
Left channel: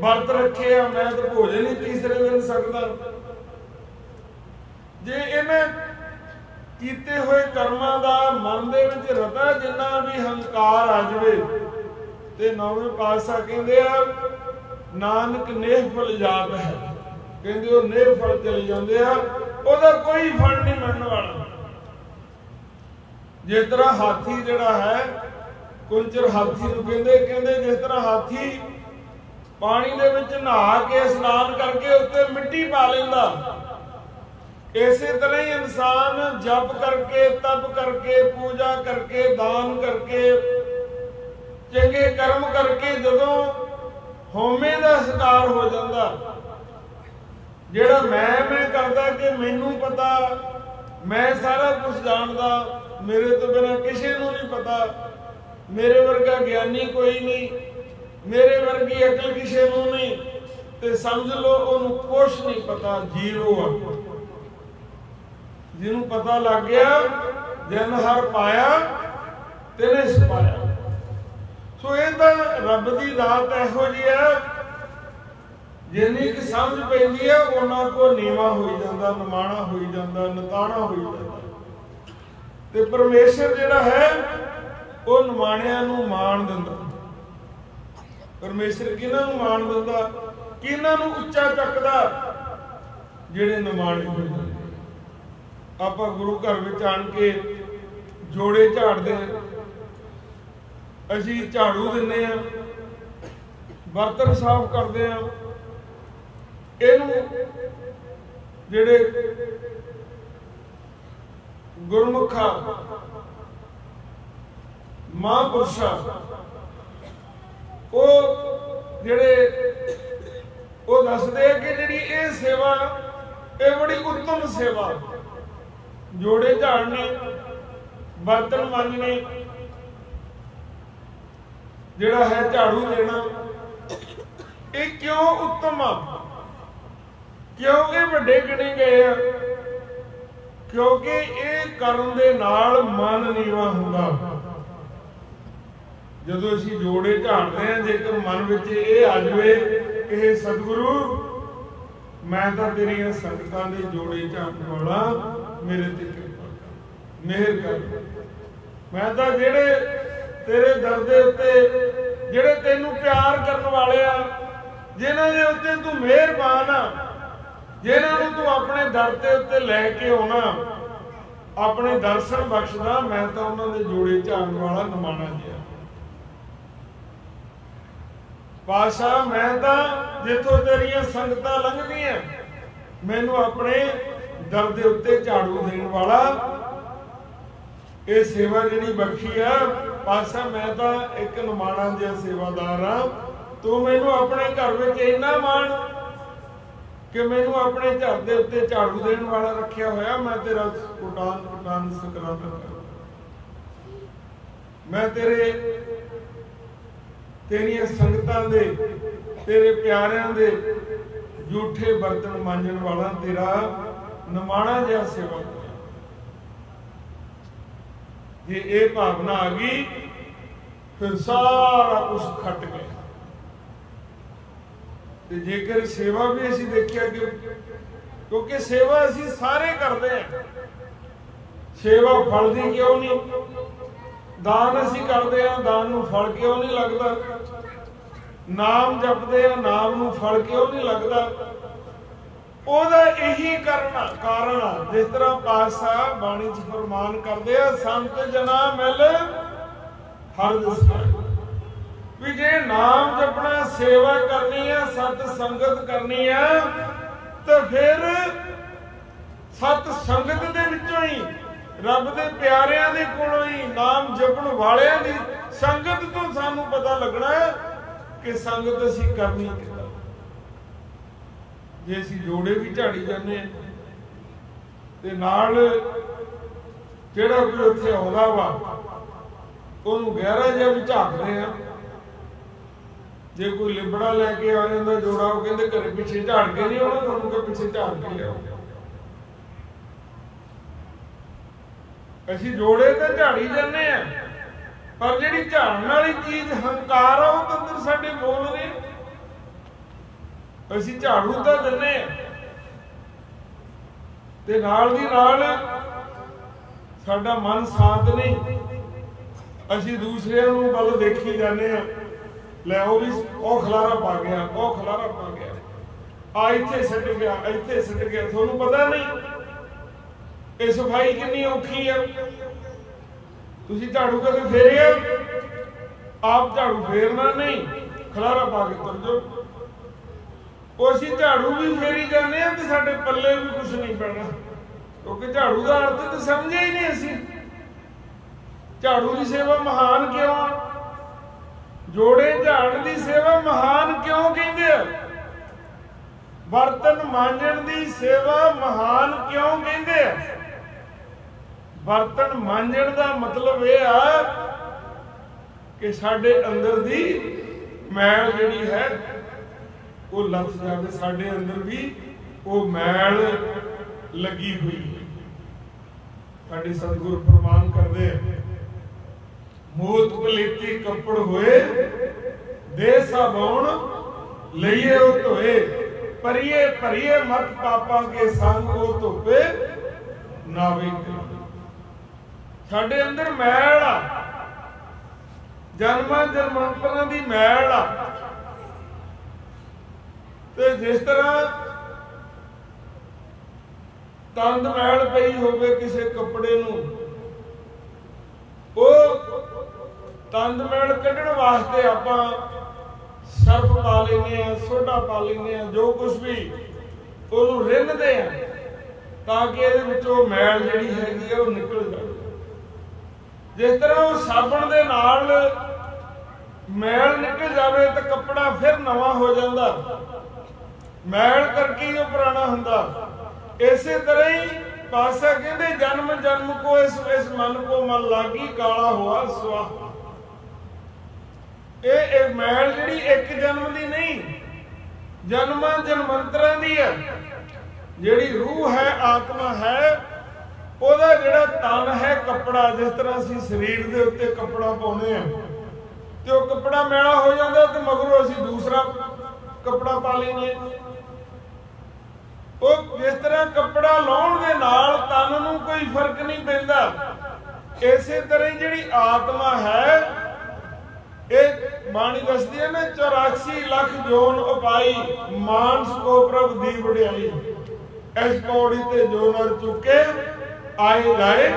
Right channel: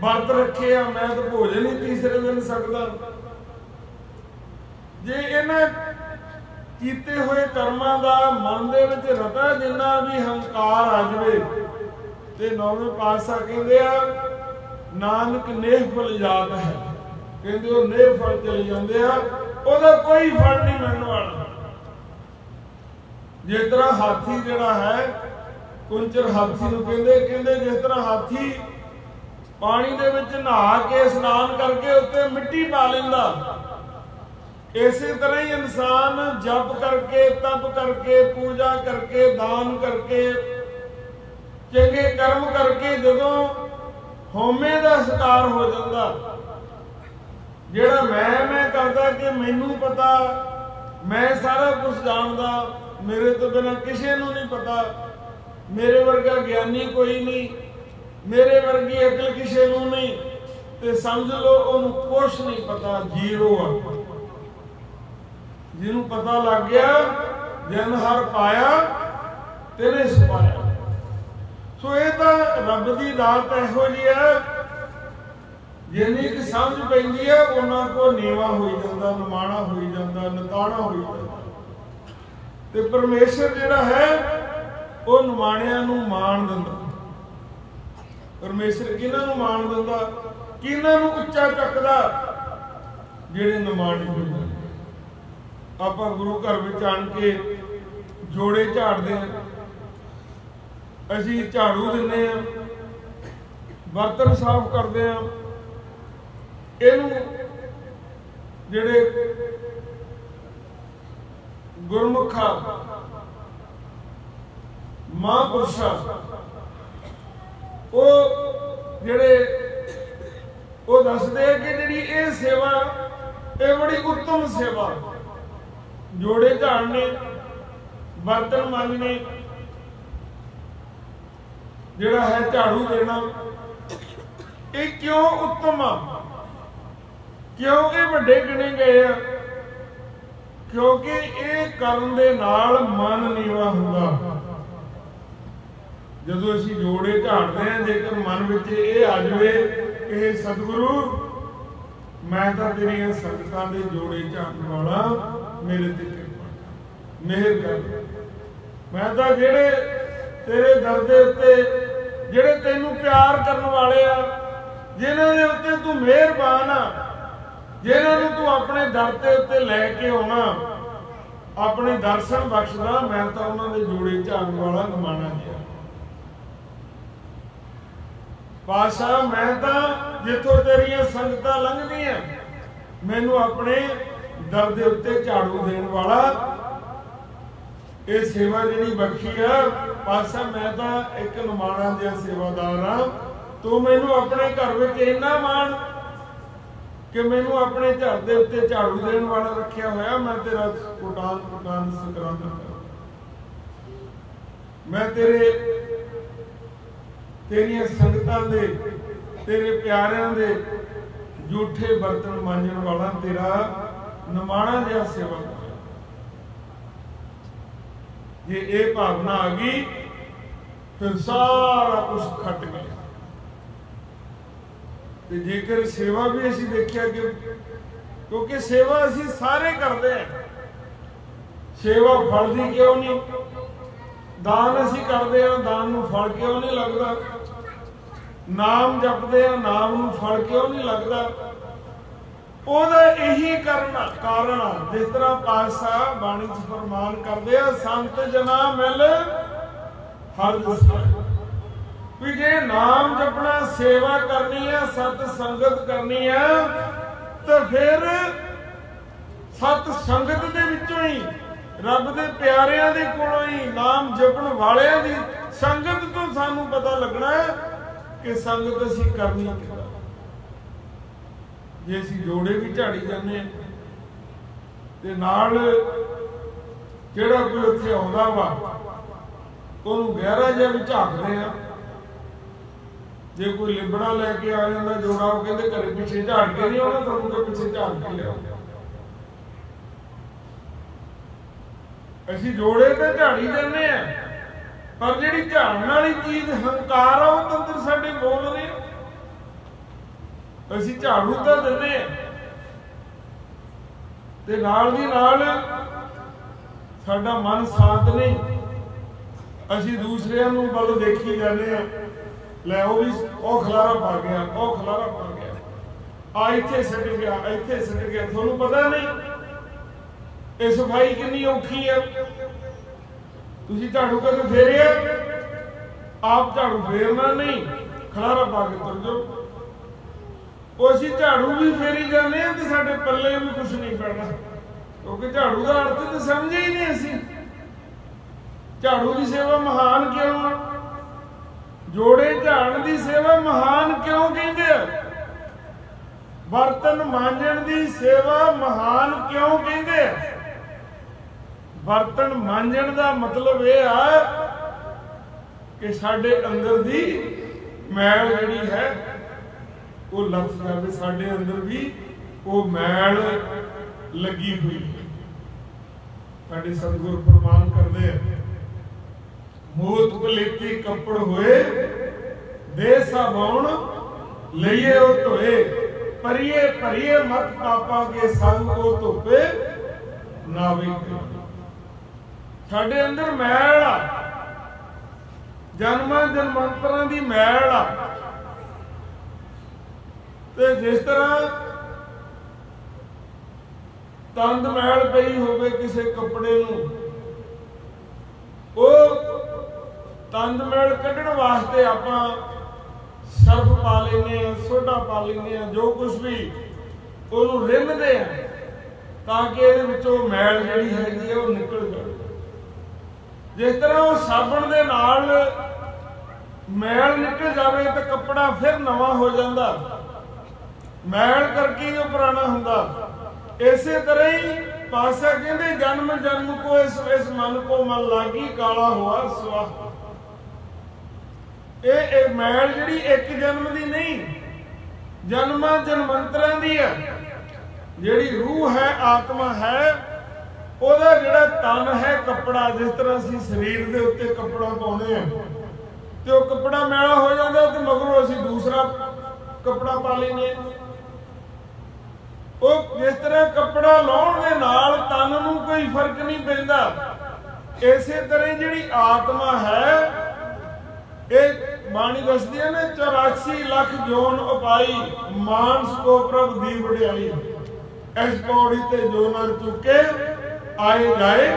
वर्त रखे आ, मैं तो भोजन ही तीसरे दिन सकदा। जे इन्हें कीते हुए कर्मां दा मन दे विच रता जिन्ना भी हंकार आ जावे, ते नौवें पातशाह कहंदे आ, नानक नेह फल जात है, कहंदे वो नेह फल चले जांदे आ, ओहदा कोई फल नहीं मिलण वाला। जिस तरह हाथी जिहड़ा है, कुंचर हाथी नूं कहंदे जिस तरह हाथी पानी दे विच नहा के स्नान करके उत्ते मिट्टी पा लैंदा, इसे तरह ही इंसान जप करके, तप करके, पूजा करके, दान करके, चंगे कर्म करके जदों होमे दा शिकार हो जाता, जिहड़ा मैं करदा कि मैनू पता, मैं सारा कुछ जानदा, मेरे तो बिना किसी नूं नहीं पता, मेरे वर्गा ज्ञानी कोई नहीं, मेरे वर्गी अकल किसी नूं नहीं, ते समझ लो उहनूं कुछ नहीं पता, जीरो आ। जिन्हों पता लग गया, जन हर पाया तिने सपाया। सो ये तो रब की दात इहो जी है, जिन्नी कि समझ पैंदी है उन्ना को नीवा हो जाता, नमाणा हो जाता, नताणा हो जाता। ते परमेश्वर जिहड़ा है वो नमाणियां नूं माण दिंदा। परमेश्वर किन्हां नूं माण दिंदा, किन्हां नूं उच्चा चकदा, जिहड़े नमाणे हो जाते। आपां गुरु घर विच आण के जोड़े झाड़ते हैं, असीं झाड़ू दिंदे हैं, बर्तन साफ करते हैं, इहनूं जिहड़े गुरमुखा महापुरुषा वो जिहड़े वो दसदे कि जिहड़ी ये सेवा ये बड़ी उत्तम सेवा, जोड़े झाड़ने, बर्तन मांजने, जिहड़ा है झाड़ू देना, ये क्यों उत्तम आ, क्यों ये वड्डे गिने गए आ? क्योंकि ये करन दे नाल मन नीवा हुंदा। जदों असीं जोड़े झाड़ते हैं, जेकर मन विच ये आ जाए कि सतगुरु मैं तो तेरियां संगतां दे जोड़े झाड़न वाला, मेरे ते कृपा कर, मेहर कर, मैं तो जेड़े तेरे दर दे उत्ते जेड़े तेनू प्यार करन वाले आ, जिन्हां दे उत्ते तू मेहरबान आ, जिन्हां नू तू अपने दर दे उत्ते लैके आउणा, अपने दर्शन बख्शदा, मैं तो उन्हां दे जोड़े झाड़न वाला नमाणा जिहा। पातशाह मैं तो जिथों तेरियां संगतां लंघदियां मैनू अपने दर दे उत्ते झाड़ू देण वाला ये सेवा जिहड़ी बख्शी है पातशाह, मैं तो एक नमाणा जिहा सेवादार हाँ। तू मैनू अपने घर विच इन्ना मान कि मैनू अपने घर दे उत्ते झाड़ू देण वाला रखिया होया। मैं तेरा कुटान कुटान सकरांत कर, मैं तेरियां संगतां दे तेरे प्यारियां दे झूठे बर्तन मांजण वाला तेरा नमाणा जिहा सेवादार। जे ये भावना आ गई फिर सारा कुछ खट गया। ते जेकर सेवा भी असीं देखिया कि क्योंकि सेवा असीं सारे करते हैं, सेवा फलदी क्यों नहीं? दान असीं करते हैं, दान नूं फल क्यों नहीं लगता? नाम जपते हैं, नाम नूं फल क्यों नहीं लगता? ਉਹਦਾ ਇਹੀ ਕਾਰਨ ਆ, ਜਿਸ ਤਰ੍ਹਾਂ ਪਾਤਸ਼ਾਹ ਬਾਣੀ 'ਚ ਫਰਮਾਨ ਕਰਦੇ ਆ, ਸੰਤ ਜਨਾ ਮਿਲ ਹਰ ਦਿਸਦਾ। ਵੀ ਜੇ ਨਾਮ ਜਪਣਾ, ਸੇਵਾ ਕਰਨੀ ਆ, ਸਤ ਸੰਗਤ ਕਰਨੀ ਆ, ਤਾਂ ਫਿਰ ਸਤ ਸੰਗਤ ਦੇ ਵਿੱਚੋਂ ਹੀ, ਰੱਬ ਦੇ ਪਿਆਰਿਆਂ ਦੇ ਕੋਲੋਂ ਹੀ, ਨਾਮ ਜਪਣ ਵਾਲਿਆਂ ਦੀ ਸੰਗਤ ਤੋਂ ਸਾਨੂੰ ਪਤਾ ਲੱਗਣਾ ਕਿ ਸੰਗਤ ਅਸੀਂ ਕਰਨੀ ਕਿੱਦਾਂ। जे असीं जोड़े भी झाड़ी जाने ते नाल जिहड़ा कोई उत्थे आउंदा वा उहनूं गहरा जिहा भी झाकदे आ। जे कोई लिबड़ा लैके आ जांदा जोड़ा, वो कहंदे घरे पिछे झाड़ के नहीं आउणा, तुहानूं कि पिछे झाड़ के लिआओ। असीं जोड़े ते झाड़ी जाने आ, पर जिहड़ी झाड़न वाली चीज़ हंकार आ, वो अंदर साडे बोल रहे आ। ਅਸੀਂ ਝਾੜੂ ਤਾਂ ਦਿੰਨੇ ਤੇ ਨਾਲ ਦੀ ਨਾਲ ਸਾਡਾ ਮਨ ਸ਼ਾਂਤ ਨਹੀਂ, ਅਸੀਂ ਦੂਸਰਿਆਂ ਨੂੰ ਵੱਲ ਦੇਖੀ ਜਾਂਦੇ ਆ, ਲੈ ਉਹ ਵੀ ਉਹ ਖਲਾਰਾ ਪਾ ਗਿਆ, ਉਹ ਖਲਾਰਾ ਪਾ ਗਿਆ, ਆ ਇੱਥੇ ਸਿੱਟ ਗਿਆ, ਇੱਥੇ ਸਿੱਟ ਗਿਆ। ਤੁਹਾਨੂੰ ਪਤਾ ਨਹੀਂ ਇਹ ਸਫਾਈ ਕਿੰਨੀ ਔਖੀ ਆ। ਤੁਸੀਂ ਝਾੜੂ ਕਦੇ ਫੇਰਿਆ? ਆਪ ਝਾੜੂ ਫੇਰਨਾ ਨਹੀਂ, ਖਲਾਰਾ ਪਾ ਕੇ ਤੁਰ ਜਾਓ। ਉਹ ਅਸੀਂ ਝਾੜੂ ਵੀ ਫੇਰੀ ਜਾਂਦੇ ਆ ਤੇ ਸਾਡੇ ਪੱਲੇ ਵੀ ਕੁਛ ਨਹੀਂ ਪੈਣਾ, ਕਿਉਂਕਿ ਝਾੜੂ ਦਾ ਅਰਥ ਤਾਂ ਸਮਝਿਆ ਹੀ ਨਹੀਂ ਅਸੀਂ। ਝਾੜੂ ਦੀ ਸੇਵਾ ਮਹਾਨ ਕਿਉਂ ਆ? ਜੋੜੇ ਝਾੜਨ ਦੀ ਸੇਵਾ ਮਹਾਨ ਕਿਉਂ ਕਹਿੰਦੇ ਆ? ਬਰਤਨ ਮਾਂਜਣ ਦੀ ਸੇਵਾ ਮਹਾਨ ਕਿਉਂ ਕਹਿੰਦੇ ਆ? ਬਰਤਨ ਮਾਂਜਣ ਦਾ ਮਤਲਬ ਇਹ ਆ ਕਿ ਸਾਡੇ ਅੰਦਰ ਦੀ ਮੈਲ ਜਿਹੜੀ ਹੈ ਉਹ ਲੱਥ ਜਾਵੇ, ਸਾਡੇ ਅੰਦਰ ਵੀ ਉਹ ਮੈਲ ਲੱਗੀ ਹੋਈ ਹੈ। ਸਾਡੇ ਸਤਿਗੁਰ ਫਰਮਾਨ ਕਰਦੇ ਆ, ਮੂਤ ਪਲੇਤੀ ਕੱਪੜ ਹੋਏ, ਦੇ ਸਾਬਉਣ ਲਈਏ ਉਹ ਧੋਏ, ਪਰੀਏ ਭਰੀਏ ਮਤ ਪਾਪਾਂ ਕੇ ਸੰਗ ਉਹ ਧੋਪੇ ਨਾਵੇ। ਸਾਡੇ ਅੰਦਰ ਮੈਲ ਆ, ਜਨਮਾਂ ਜਨਮਾਂਤਰਾਂ ਦੀ ਮੈਲ ਆ। ਤੇ ਜਿਸ ਤਰ੍ਹਾਂ ਤੰਦ ਮੈਲ ਪਈ ਹੋਵੇ ਕਿਸੇ ਕੱਪੜੇ ਨੂੰ, ਉਹ ਤੰਦ ਮੈਲ ਕੱਢਣ ਵਾਸਤੇ ਆਪਾਂ ਸਰਫ ਪਾ ਲੈਂਦੇ ਆ, ਸੋਡਾ ਪਾ ਲੈਂਦੇ ਆ, ਜੋ ਕੁਝ ਵੀ ਉਹਨੂੰ ਰਿੰਨ੍ਹਦੇ ਆ ਤਾਂ ਕਿ ਇਹਦੇ ਵਿੱਚੋਂ ਮੈਲ ਜਿਹੜੀ ਹੈਗੀ ਆ ਉਹ ਨਿਕਲ ਜਾਵੇ। ਜਿਸ ਤਰ੍ਹਾਂ ਉਹ ਸਾਬਣ ਦੇ ਨਾਲ ਮੈਲ ਨਿਕਲ ਜਾਵੇ ਤਾਂ ਕੱਪੜਾ ਫਿਰ ਨਵਾਂ ਹੋ ਜਾਂਦਾ, ਮੈਲ ਕਰਕੇ ਹੀ ਉਹ ਪੁਰਾਣਾ ਹੁੰਦਾ। ਇਸੇ ਤਰ੍ਹਾਂ ਹੀ ਪਾਤਸ਼ਾਹ ਕਹਿੰਦੇ, ਜਨਮ ਜਨਮ ਕੋ ਇਸ ਮਨ ਕੋ ਮਨ ਲਾਗੀ, ਕਾਲਾ ਹੋਆ ਸੁਆਹ। ਇਹ ਮੈਲ ਜਿਹੜੀ ਇੱਕ ਜਨਮ ਦੀ ਨਹੀਂ, ਜਨਮਾਂ ਜਨਮੰਤਰਾਂ ਦੀ ਹੈ। ਜਿਹੜੀ ਰੂਹ ਹੈ, ਆਤਮਾ ਹੈ, ਉਹਦਾ ਜਿਹੜਾ ਤਨ ਹੈ ਕੱਪੜਾ, ਜਿਸ ਤਰ੍ਹਾਂ ਅਸੀਂ ਸਰੀਰ ਦੇ ਉੱਤੇ ਕੱਪੜਾ ਪਾਉਂਦੇ ਆ ਤੇ ਉਹ ਕੱਪੜਾ ਮੈਲਾ ਹੋ ਜਾਂਦਾ ਤੇ ਮਗਰੋਂ ਅਸੀਂ ਦੂਸਰਾ ਕੱਪੜਾ ਪਾ ਲੈਂਦੇ ਆ। ਉਹ ਜਿਸ ਤਰ੍ਹਾਂ ਕੱਪੜਾ ਲਾਉਣ ਦੇ ਨਾਲ ਤਨ ਨੂੰ ਕੋਈ ਫਰਕ ਨਹੀਂ ਪੈਂਦਾ, इसे तरह जिहड़ी आत्मा है एक बाणी दसदी है ना 84 लाख जोन उपाई मानस को प्रभ दी वडियाई इस पौड़ी ते जो नर चुके आए जाए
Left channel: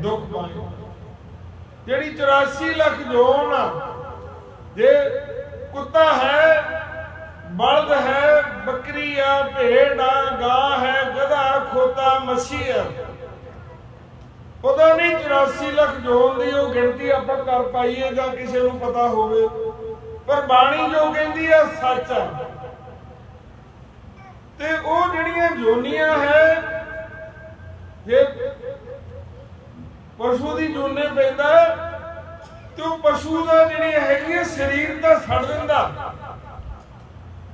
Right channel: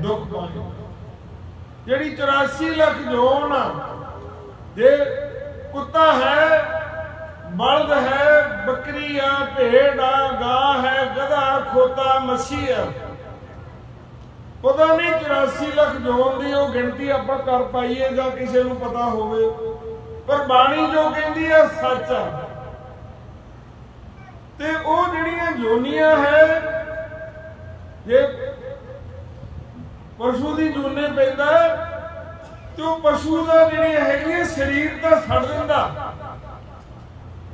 दुख पाए। जिहड़ी 84 लाख जोन जे कुत्ता है बलद है बकरी आ भेड़ आ गां है गधा खोता मच्छी है पता नहीं 84 लाख जोन की वो गिनती आप कर पाइए जां किसी नूं पता होवे पर बाणी जो कहती है सच आ ते वो जिहड़ियां जोनियां है जे पशु की जूने पैदा तो पशु का जिहड़ियां हैगियां शरीर तो छड़ दिंदा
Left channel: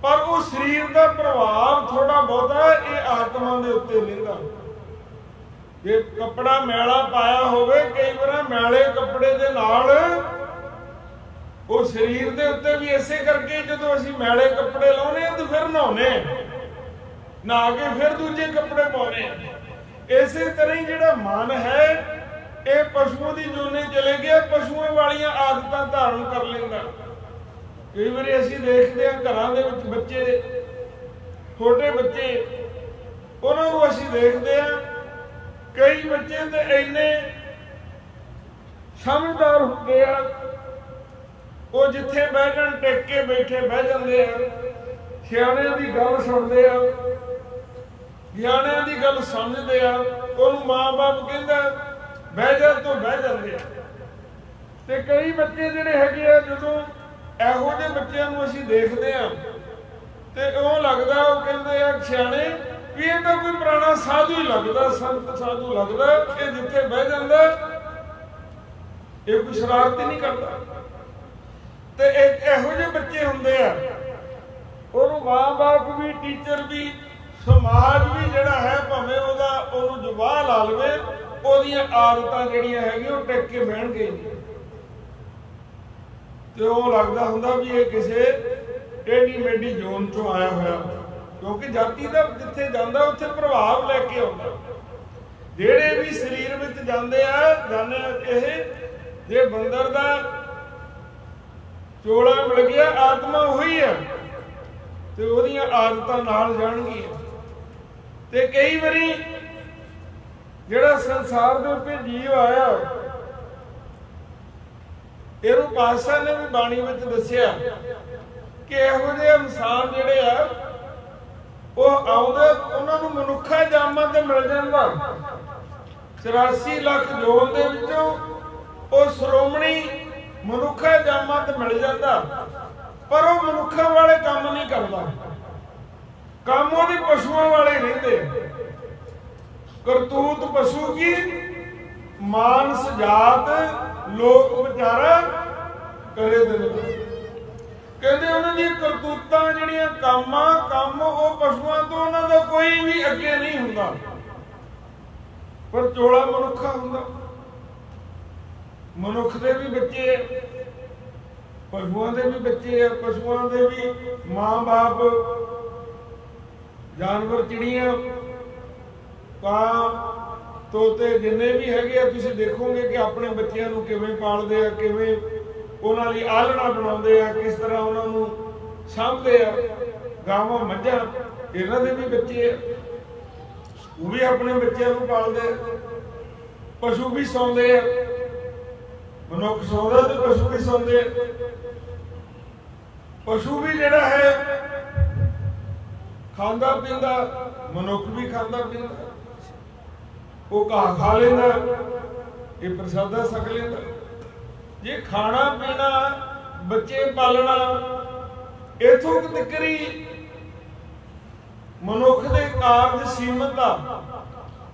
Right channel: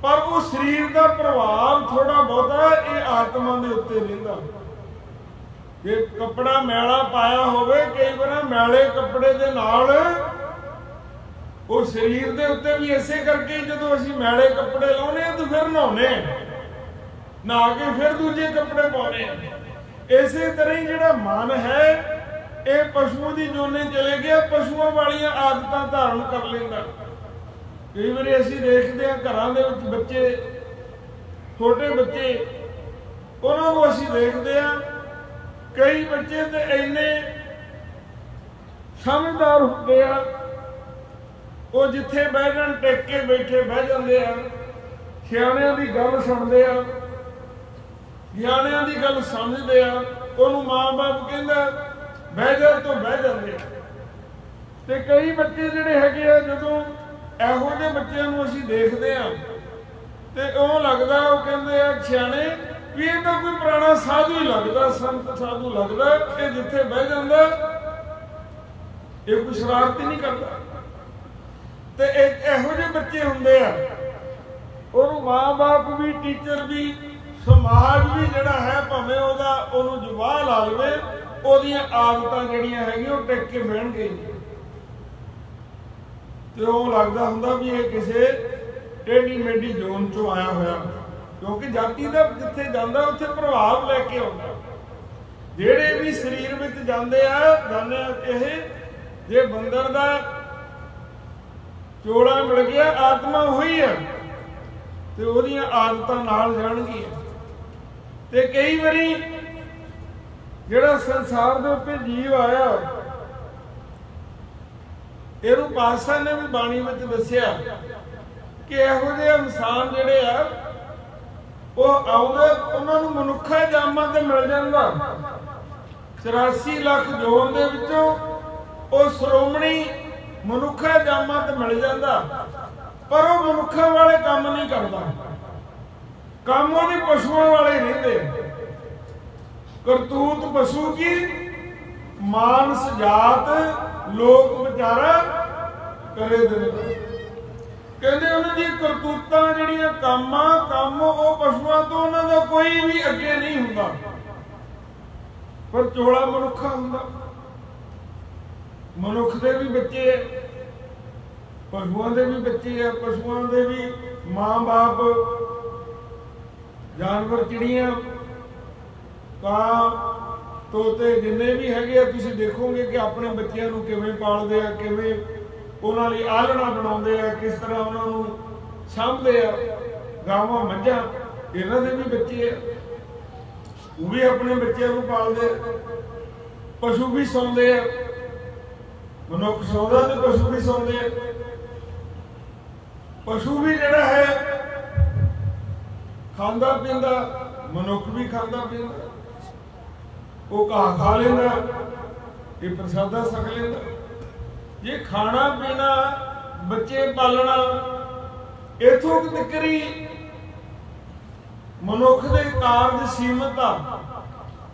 पर वो शरीर का प्रभाव थोड़ा बहुता ये आत्मा के उत्ते रहिंदा। जे कपड़ा मैला पाया होवे कई बार मैले कपड़े दे नाल वो शरीर दे उत्ते भी इसे करके जदों असीं मैले कपड़े लाउने तो फिर नहाउने नहा के फिर दूजे कपड़े पाउने। इसे तरह ही जिहड़ा मन है ये पशुओं की जोने चले गया पशुओं वालियां आदतां धारण कर लैंदा। कई बार असीं देखदे हां घरां दे विच बच्चे छोटे बच्चे उन्हां नूं असीं देखदे हां कई बच्चे तो इन्ने समझदार होंदे आ वो जिथे बह जाण टेक के बैठे बह जांदे आ सियाणियां दी गल सुणदे आ ज्ञानियां दी गल समझदे आ उहनूं मां बाप कहंदा बह जा तो बह जांदे आ। ते कई बच्चे जिहड़े हैगे आ जदों इहो ਜਿਹੇ ਬੱਚਿਆਂ ਨੂੰ ਅਸੀਂ ਦੇਖਦੇ ਆ ਤੇ ਉਹ ਲੱਗਦਾ ਉਹ ਕਹਿੰਦੇ ਆ ਸਿਆਣੇ भी ये तो कोई पुराना साधु ही लगता संत साधु लगता ये जिथे बह जाता ये कोई शरारत ही नहीं करता। तो एक इहो ਜਿਹੇ बच्चे होंगे उन्होंने माँ बाप भी टीचर भी समाज भी जिहड़ा है भावें ओहदा ओहनूं जुबाह ला लवे ओहदियां आदतां जिहड़ियां हैगियां ओह टिक के बहणगे नहीं तो ओह लगदा हुंदा भी ये किसे टेढ़ी मेढ़ी जोन चों आया होया क्योंकि जाति का जिथे जाता उत्थे प्रभाव लैके आउंदा। जेड़े भी शरीर में जाते जाने जे बंदर दा चोला मिल गया आत्मा उही है ते ओहदियां आदतां नाल जाणगियां। ते कई बारी जिहड़ा संसार दे उत्ते जीव आया इहनूं पातशाह ने भी बाणी विच दस्सिया कि इहो जिहे इंसान जिहड़े आ ਉਹ ਆਉਂਦੇ ਉਹਨਾਂ ਨੂੰ ਮਨੁੱਖਾ ਜਾਮਾਂ ਤੇ ਮਿਲ ਜਾਂਦਾ 84 ਲੱਖ ਜੋਨ ਦੇ ਵਿੱਚੋਂ ਉਹ ਸ਼੍ਰੋਮਣੀ ਮਨੁੱਖਾ ਜਾਮਾਂ ਤੇ ਮਿਲ ਜਾਂਦਾ ਪਰ ਉਹ ਮਨੁੱਖਾਂ ਵਾਲੇ ਕੰਮ ਨਹੀਂ ਕਰਦਾ ਕੰਮ ਉਹਦੇ ਪਸ਼ੂਆਂ ਵਾਲੇ ਰਹਿੰਦੇ ਕਰਤੂਤ ਪਸ਼ੂ ਕੀ ਮਾਨਸ ਜਾਤ ਲੋਕ ਵਿਚਾਰਾ ਕਰੇ ਦਿਨ कहते उन्होंने करतूतां जिहड़ियां काम वो पशुआं तो उन्होंने कोई भी अगे नहीं हुंदा पर चोला मनुखा हुंदा। मनुख दे भी बच्चे है पशुआं दे भी बच्चे है पशुआं दे भी मां बाप जानवर चिड़ियां कां तोते जिन्ने भी हैगे तुसीं देखोगे कि अपने बच्चों नूं किवें पालदे आ किवें उन्हां लई आलणा बनाउंदे आ किस तरह उन्हां नूं साਂਭਦੇ आ गावां मੱਝਾਂ इन्हां दे भी बच्चे आ वो भी अपने बच्चों नूं पालदे आ पशु भी सौंदे आ मनुख सौंदा ते पशु भी सौंदे आ। पशु भी जिहड़ा है खांदा पींदा मनुख भी खांदा पींदा वो घाह खा लेंदा ये प्रसादा छक लेंदा। जे खाना पीना बच्चे पालना इथों तकरी मनुख दे कारज सीमित आ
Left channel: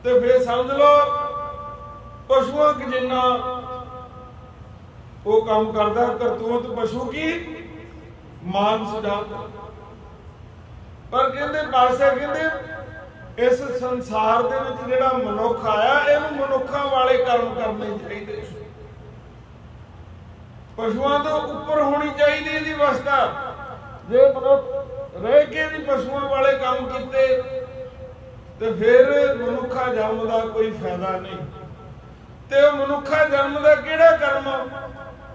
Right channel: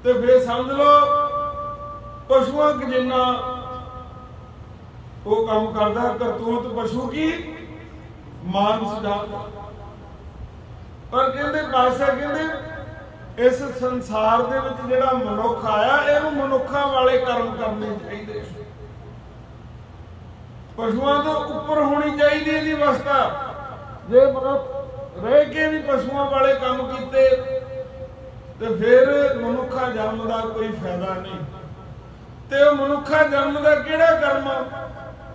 ते फिर समझ लो पशुआं क जिन्ना वो काम करदा करतूत पशु की मानस जात। पर कहंदे पातशाह कहंदे इस संसार दे विच जिहड़ा मनुख आया इहनूं मनुखां वाले कर्म करने चाहिए पशुआं तो उपर होनी चाहिए इहदी अवस्था। जे मनुख रह के भी पशुआं वाले काम कीते तो फिर मनुखा जन्म का कोई फायदा नहीं। ਤੇ ਉਹ ਮਨੁੱਖਾ ਜਨਮ ਦਾ ਕਿਹੜਾ ਕਰਮ?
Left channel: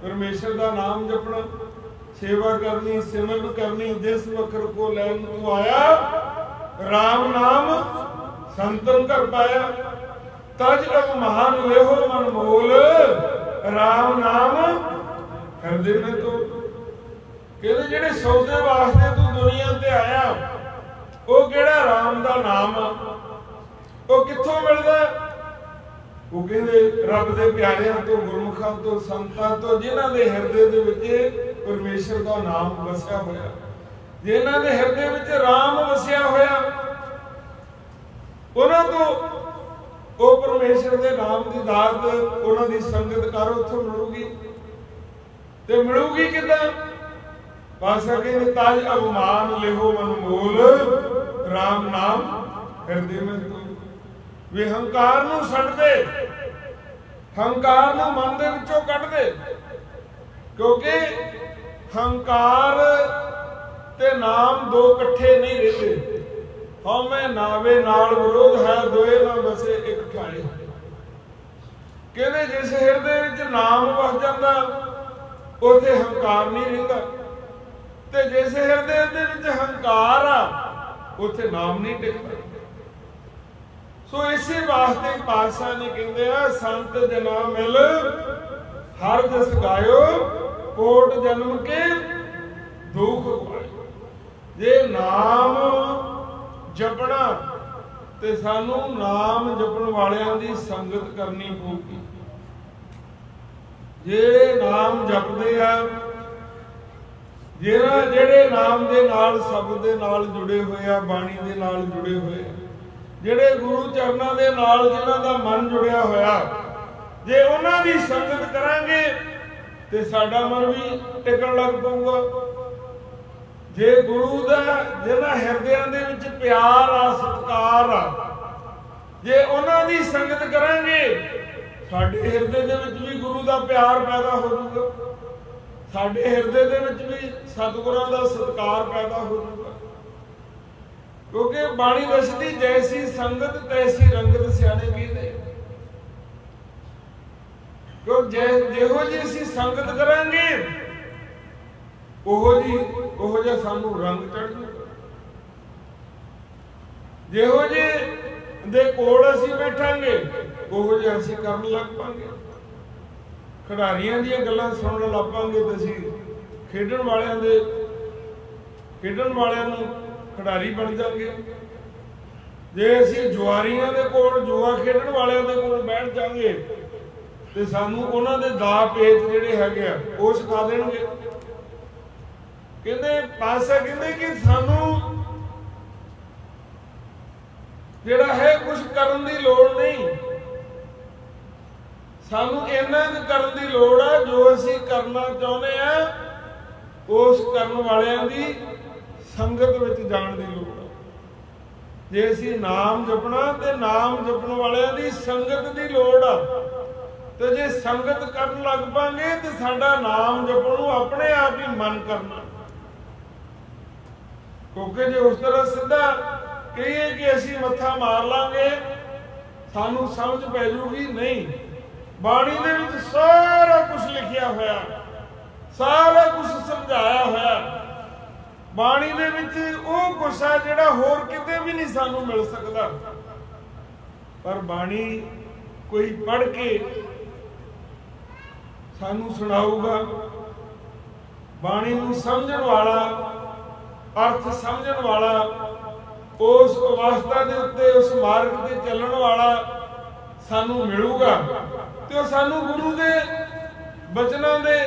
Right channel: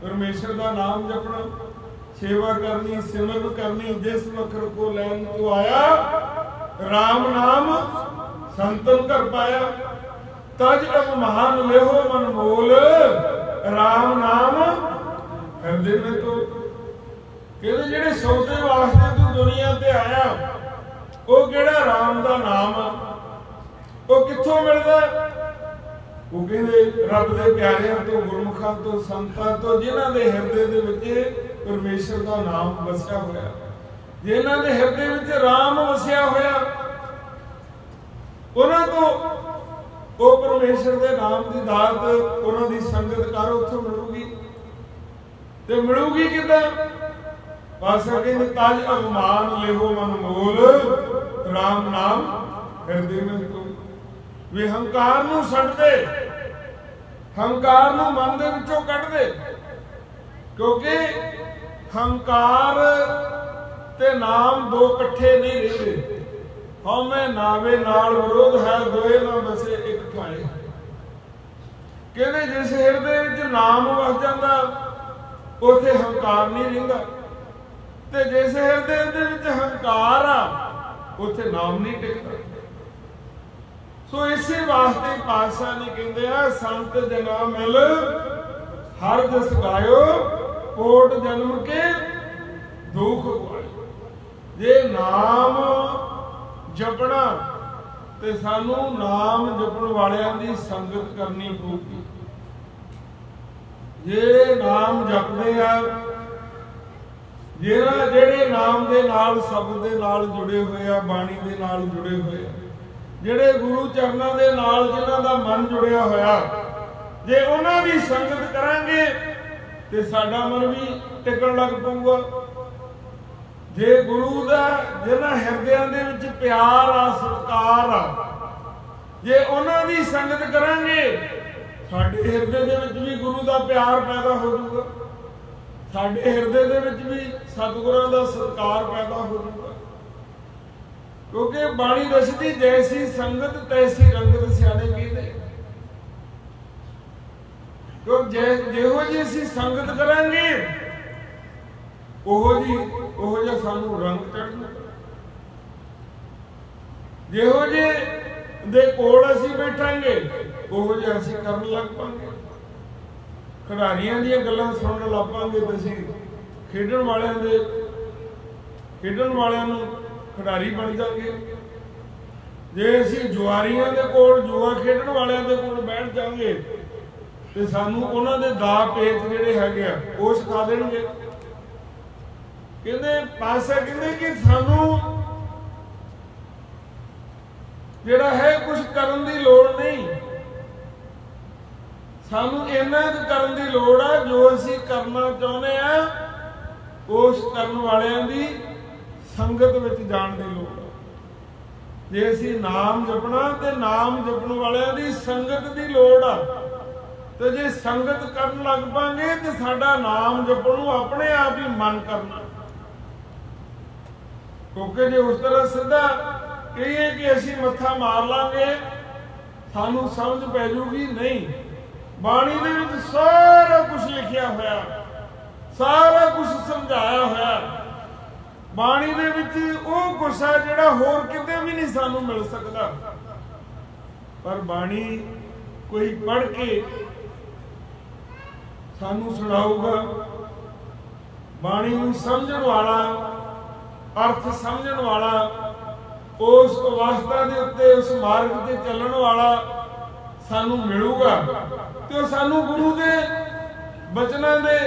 ਪਰਮੇਸ਼ਰ ਦਾ ਨਾਮ ਜਪਣਾ, ਸੇਵਾ ਕਰਨੀ, ਸਿਮਰਨ ਕਰਨੀ। ਜਿਸ ਵਖਰ ਕੋ ਲੈਣ ਤੂੰ ਆਇਆ, ਰਾਮ ਨਾਮ ਸੰਤਨ ਕਰ ਪਾਇਆ। ਤਜ ਅਬ ਮਹਾਨ ਲਿਹੋ ਮਨ ਮੋਲ, ਰਾਮ ਨਾਮ ਹਿਰਦੇ में तो। ਕਹਿੰਦੇ ਜਿਹੜੇ ਸੌਦੇ ਵਾਸਤੇ ਤੂੰ ਦੁਨੀਆ ਤੇ ਆਇਆ, ਉਹ ਕਿਹੜਾ? ਰਾਮ ਦਾ ਨਾਮ ਆ। ਉਹ ਕਿੱਥੋਂ ਮਿਲਦਾ? ਉਹ ਕਹਿੰਦੇ ਰੱਬ ਦੇ ਪਿਆਰਿਆਂ ਤੋਂ, ਗੁਰਮੁਖਾਂ ਤੋਂ, ਸੰਤਾਂ ਤੋਂ, ਜਿਨ੍ਹਾਂ ਦੇ ਹਿਰਦੇ ਦੇ ਵਿੱਚ ਪਰਮੇਸ਼ਰ ਦਾ ਨਾਮ ਵਸਿਆ ਹੋਇਆ, ਜਿਨ੍ਹਾਂ ਦੇ ਹਿਰਦੇ ਵਿੱਚ ਰਾਮ ਵਸਿਆ ਹੋਇਆ, ਉਹਨਾਂ ਤੋਂ ਉਹ ਪਰਮੇਸ਼ਰ ਦੇ ਨਾਮ ਦੀ ਦਾਤ, ਉਹਨਾਂ ਦੀ ਸੰਗਤ ਕਰ, ਉੱਥੋਂ ਮਿਲੂਗੀ। ਤੇ ਮਿਲੂਗੀ ਕਿੱਦਾਂ? ਪਾਤਸ਼ਾਹ ਕਹਿੰਦੇ ਤਾਜ ਅਭਿਮਾਨ ਲਿਹੋ ਮਨ ਮੋਲ, ਰਾਮ ਨਾਮ ਹਿਰਦੇ में तो। ਵੀ ਹੰਕਾਰ ਨੂੰ ਛੱਡ ਦੇ, ਹੰਕਾਰ ਨੂੰ ਮਨ ਦੇ ਵਿੱਚੋਂ ਕੱਢ ਦੇ। ਕਿਉਂਕਿ ਹੰਕਾਰ ਤੇ ਨਾਮ ਦੋ ਇਕੱਠੇ ਨਹੀਂ ਰਹਿੰਦੇ। ਹਉਮੈ ਨਾਵੇ ਨਾਲ ਵਿਰੋਧ ਹੈ, ਦੋਏ ਨਾ ਬਸੇ ਇੱਕ ਠਾਏ। ਕਹਿੰਦੇ ਜਿਸ ਹਿਰਦੇ ਵਿੱਚ ਨਾਮ ਵਸ ਜਾਂਦਾ, ਉੱਥੇ ਹੰਕਾਰ ਨਹੀਂ ਰਹਿੰਦਾ, ਤੇ ਜਿਸ ਹਿਰਦੇ ਦੇ ਵਿੱਚ ਹੰਕਾਰ ਆ, ਉੱਥੇ ਨਾਮ ਨਹੀਂ ਟਿਕਦਾ। ਸੋ ਇਸੇ ਵਾਸਤੇ ਪਾਤਸ਼ਾਹ ਨੇ ਕਹਿੰਦੇ ਆ, ਸੰਤ ਜਨਾ ਮਿਲ ਹਰ ਜਸ ਗਾਇਓ, ਕੋਟ ਜਨਮ ਕੇ ਦੁਖ ਗਵਾਇਓ। ਜੇ ਨਾਮ ਜਪਣਾ ਤੇ ਸਾਨੂੰ ਨਾਮ ਜਪਣ ਵਾਲਿਆਂ ਦੀ ਸੰਗਤ ਕਰਨੀ ਪਊਗੀ। ਜਿਹੜੇ ਨਾਮ ਜਪਦੇ ਆ, ਜਿਹੜੇ ਨਾਮ ਦੇ ਨਾਲ, ਸ਼ਬਦ ਦੇ ਨਾਲ ਜੁੜੇ ਹੋਏ ਆ, ਬਾਣੀ ਦੇ ਨਾਲ ਜੁੜੇ ਹੋਏ ਆ, ਜਿਹੜੇ ਗੁਰੂ ਚਰਨਾਂ ਦੇ ਨਾਲ ਜਿਨ੍ਹਾਂ ਦਾ ਮਨ ਜੁੜਿਆ ਹੋਇਆ, ਜੇ ਉਹਨਾਂ ਦੀ ਸੰਗਤ ਕਰਾਂਗੇ ਤੇ ਸਾਡਾ ਮਨ ਵੀ ਟਿਕਣ ਲੱਗ ਪਊਗਾ। ਜੇ ਗੁਰੂ ਦਾ ਜਿਹਨਾਂ ਹਿਰਦਿਆਂ ਦੇ ਵਿੱਚ ਪਿਆਰ ਆ, ਸਤਿਕਾਰ ਆ, ਜੇ ਉਹਨਾਂ ਦੀ ਸੰਗਤ ਕਰਾਂਗੇ, ਸਾਡੇ ਹਿਰਦੇ ਦੇ ਵਿੱਚ ਵੀ ਗੁਰੂ ਦਾ ਪਿਆਰ ਪੈਦਾ ਹੋ ਜਾਊਗਾ, ਸਾਡੇ ਹਿਰਦੇ ਦੇ ਵਿੱਚ ਵੀ ਸਤਿਗੁਰਾਂ ਦਾ ਸਤਿਕਾਰ ਪੈਦਾ ਹੋ ਜਾਊਗਾ। ਕਿਉਂਕਿ ਬਾਣੀ ਦੱਸਦੀ, ਜੈਸੀ ਸੰਗਤ ਤੈਸੀ ਰੰਗਤ, ਸਿਆਣੇ ਕਹਿੰਦੇ। ਕਿਉਂ ਜਿਹੋ ਜਿਹੀ ਅਸੀਂ ਸੰਗਤ ਕਰਾਂਗੇ, ਉਹੋ ਜਿਹਾ ਸਾਨੂੰ ਰੰਗ ਚੜ੍ਹ ਜੂਗਾ। ਜਿਹੋ ਜਿਹੇ ਦੇ ਕੋਲ ਅਸੀਂ ਬੈਠਾਂਗੇ, ਉਹੋ ਜਿਹਾ ਅਸੀਂ ਕਰਨ ਲੱਗ ਪਾਂਗੇ। ਖਿਡਾਰੀਆਂ ਦੀਆਂ ਗੱਲਾਂ ਸੁਣਨ ਲੱਗ ਪਾਂਗੇ ਤੇ ਅਸੀਂ ਖੇਡਣ ਵਾਲਿਆਂ ਨੂੰ ਖਿਡਾਰੀ ਬਣ ਜਾਵਾਂਗੇ। ਜੇ ਅਸੀਂ ਜੁਆਰੀਆਂ ਦੇ ਕੋਲ, ਜੂਆ ਖੇਡਣ ਵਾਲਿਆਂ ਦੇ ਕੋਲ ਬੈਠ ਜਾਵਾਂਗੇ ਤੇ ਸਾਨੂੰ ਉਹਨਾਂ ਦੇ ਦਾ ਪੇਚ ਜਿਹੜੇ ਹੈਗੇ ਆ, ਉਹ ਸਿਖਾ ਦੇਣਗੇ। ਕਹਿੰਦੇ ਪਾਤਸ਼ਾਹ ਕਹਿੰਦੇ ਕਿ ਸਾਨੂੰ ਜਿਹੜਾ ਹੈ ਕੁਝ ਕਰਨ ਦੀ ਲੋੜ ਨਹੀਂ, ਸਾਨੂੰ ਇੰਨਾ ਕੁ ਕਰਨ ਦੀ ਲੋੜ ਆ ਜੋ ਅਸੀਂ ਕਰਨਾ ਚਾਹੁੰਦੇ ਆ, ਉਸ ਕਰਨ ਵਾਲਿਆਂ ਦੀ ਸੰਗਤ ਵਿੱਚ ਜਾਣ ਦੀ ਲੋੜ ਆ। ਜੇ ਅਸੀਂ ਨਾਮ ਜਪਣਾ ਤੇ ਨਾਮ ਜਪਣ ਵਾਲਿਆਂ ਦੀ ਸੰਗਤ ਦੀ ਲੋੜ ਆ। ਤੇ ਜੇ ਸੰਗਤ ਕਰਨ ਲੱਗ ਪਾਂਗੇ ਤੇ ਸਾਡਾ ਨਾਮ ਜਪਣ ਨੂੰ ਆਪਣੇ ਆਪ ਹੀ ਮਨ ਕਰਨਾ। ਕਿਉਂਕਿ ਜੇ ਉਸ ਤਰ੍ਹਾਂ ਸਿੱਧਾ ਕਹੀਏ ਕਿ ਅਸੀਂ ਮੱਥਾ ਮਾਰ ਲਾਂਗੇ, ਸਾਨੂੰ ਸਮਝ ਪੈ ਜੂਗੀ ਨਹੀਂ। ਬਾਣੀ ਦੇ ਵਿੱਚ ਸਾਰਾ ਕੁਝ ਲਿਖਿਆ ਹੋਇਆ, ਸਾਰਾ ਕੁਝ ਸਮਝਾਇਆ ਹੋਇਆ। ਬਾਣੀ ਦੇ ਵਿੱਚ ਉਹ ਕੁਛ ਹੈ ਜਿਹੜਾ ਹੋਰ ਕਿਤੇ ਵੀ ਨਹੀਂ ਸਾਨੂੰ ਮਿਲ ਸਕਦਾ। ਪਰ ਬਾਣੀ ਕੋਈ ਪੜ੍ਹ ਕੇ ਸਾਨੂੰ ਸੁਣਾਊਗਾ, ਬਾਣੀ ਨੂੰ ਸਮਝਣ ਵਾਲਾ, ਅਰਥ ਸਮਝਣ ਵਾਲਾ, ਉਸ ਅਵਸਥਾ ਦੇ ਉੱਤੇ, ਉਸ ਮਾਰਗ ਤੇ ਚੱਲਣ ਵਾਲਾ ਸਾਨੂੰ ਮਿਲੂਗਾ। ਤੇ ਉਹ ਸਾਨੂੰ ਗੁਰੂ ਦੇ ਬਚਨਾਂ ਦੇ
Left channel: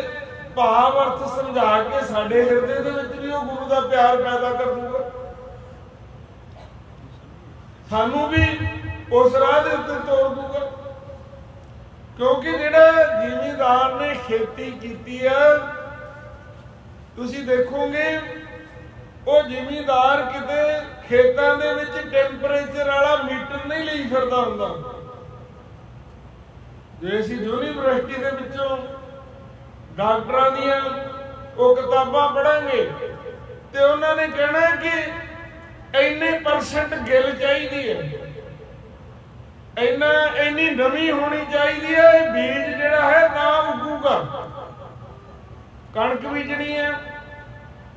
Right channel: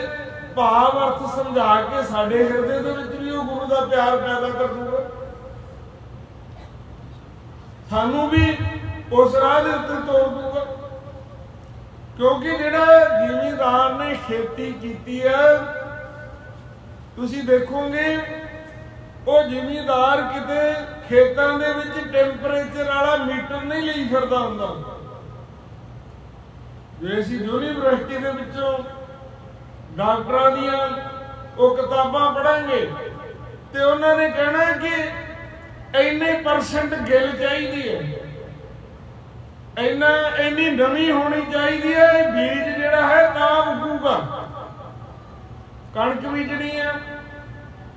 ਭਾਵ ਅਰਥ ਸਮਝਾ ਕੇ ਸਾਡੇ ਹਿਰਦੇ ਦੇ ਵਿੱਚ ਵੀ ਉਹ ਗੁਰੂ ਦਾ ਪਿਆਰ ਪੈਦਾ ਕਰ ਦੂਗਾ। ਸਾਨੂੰ ਵੀ ਉਸ ਰਾਹ ਦੇ ਉੱਤੇ ਤੋਰ ਦੂਗਾ। ਕਿਉਂਕਿ ਜਿਹੜਾ ਜ਼ਿਮੀਂਦਾਰ ਨੇ ਖੇਤੀ ਕੀਤੀ ਹੈ, ਤੁਸੀਂ ਦੇਖੋਗੇ ਉਹ ਜ਼ਿਮੀਂਦਾਰ ਕਿਤੇ ਖੇਤਾਂ ਦੇ ਵਿੱਚ ਟੈਂਪਰੇਚਰ ਵਾਲਾ ਮੀਟਰ ਨਹੀਂ ਲਈ ਫਿਰਦਾ ਹੁੰਦਾ। ਜੇ ਅਸੀਂ ਯੂਨੀਵਰਸਿਟੀ ਦੇ ਵਿੱਚੋਂ ਡਾਕਟਰਾਂ ਦੀਆਂ ਉਹ ਕਿਤਾਬਾਂ ਪੜਾਂਗੇ ਤੇ ਉਹਨਾਂ ਨੇ ਕਹਿਣਾ ਕਿ ਇੰਨੇ % ਗਿੱਲ ਚਾਹੀਦੀ ਹੈ, ਇੰਨੀ ਨਮੀ ਹੋਣੀ ਚਾਹੀਦੀ ਹੈ। ਇਹ ਬੀਜ ਜਿਹੜਾ ਹੈ ਤਾਂ ਉੱਗੂਗਾ। ਕਣਕ ਬੀਜਣੀ ਹੈ,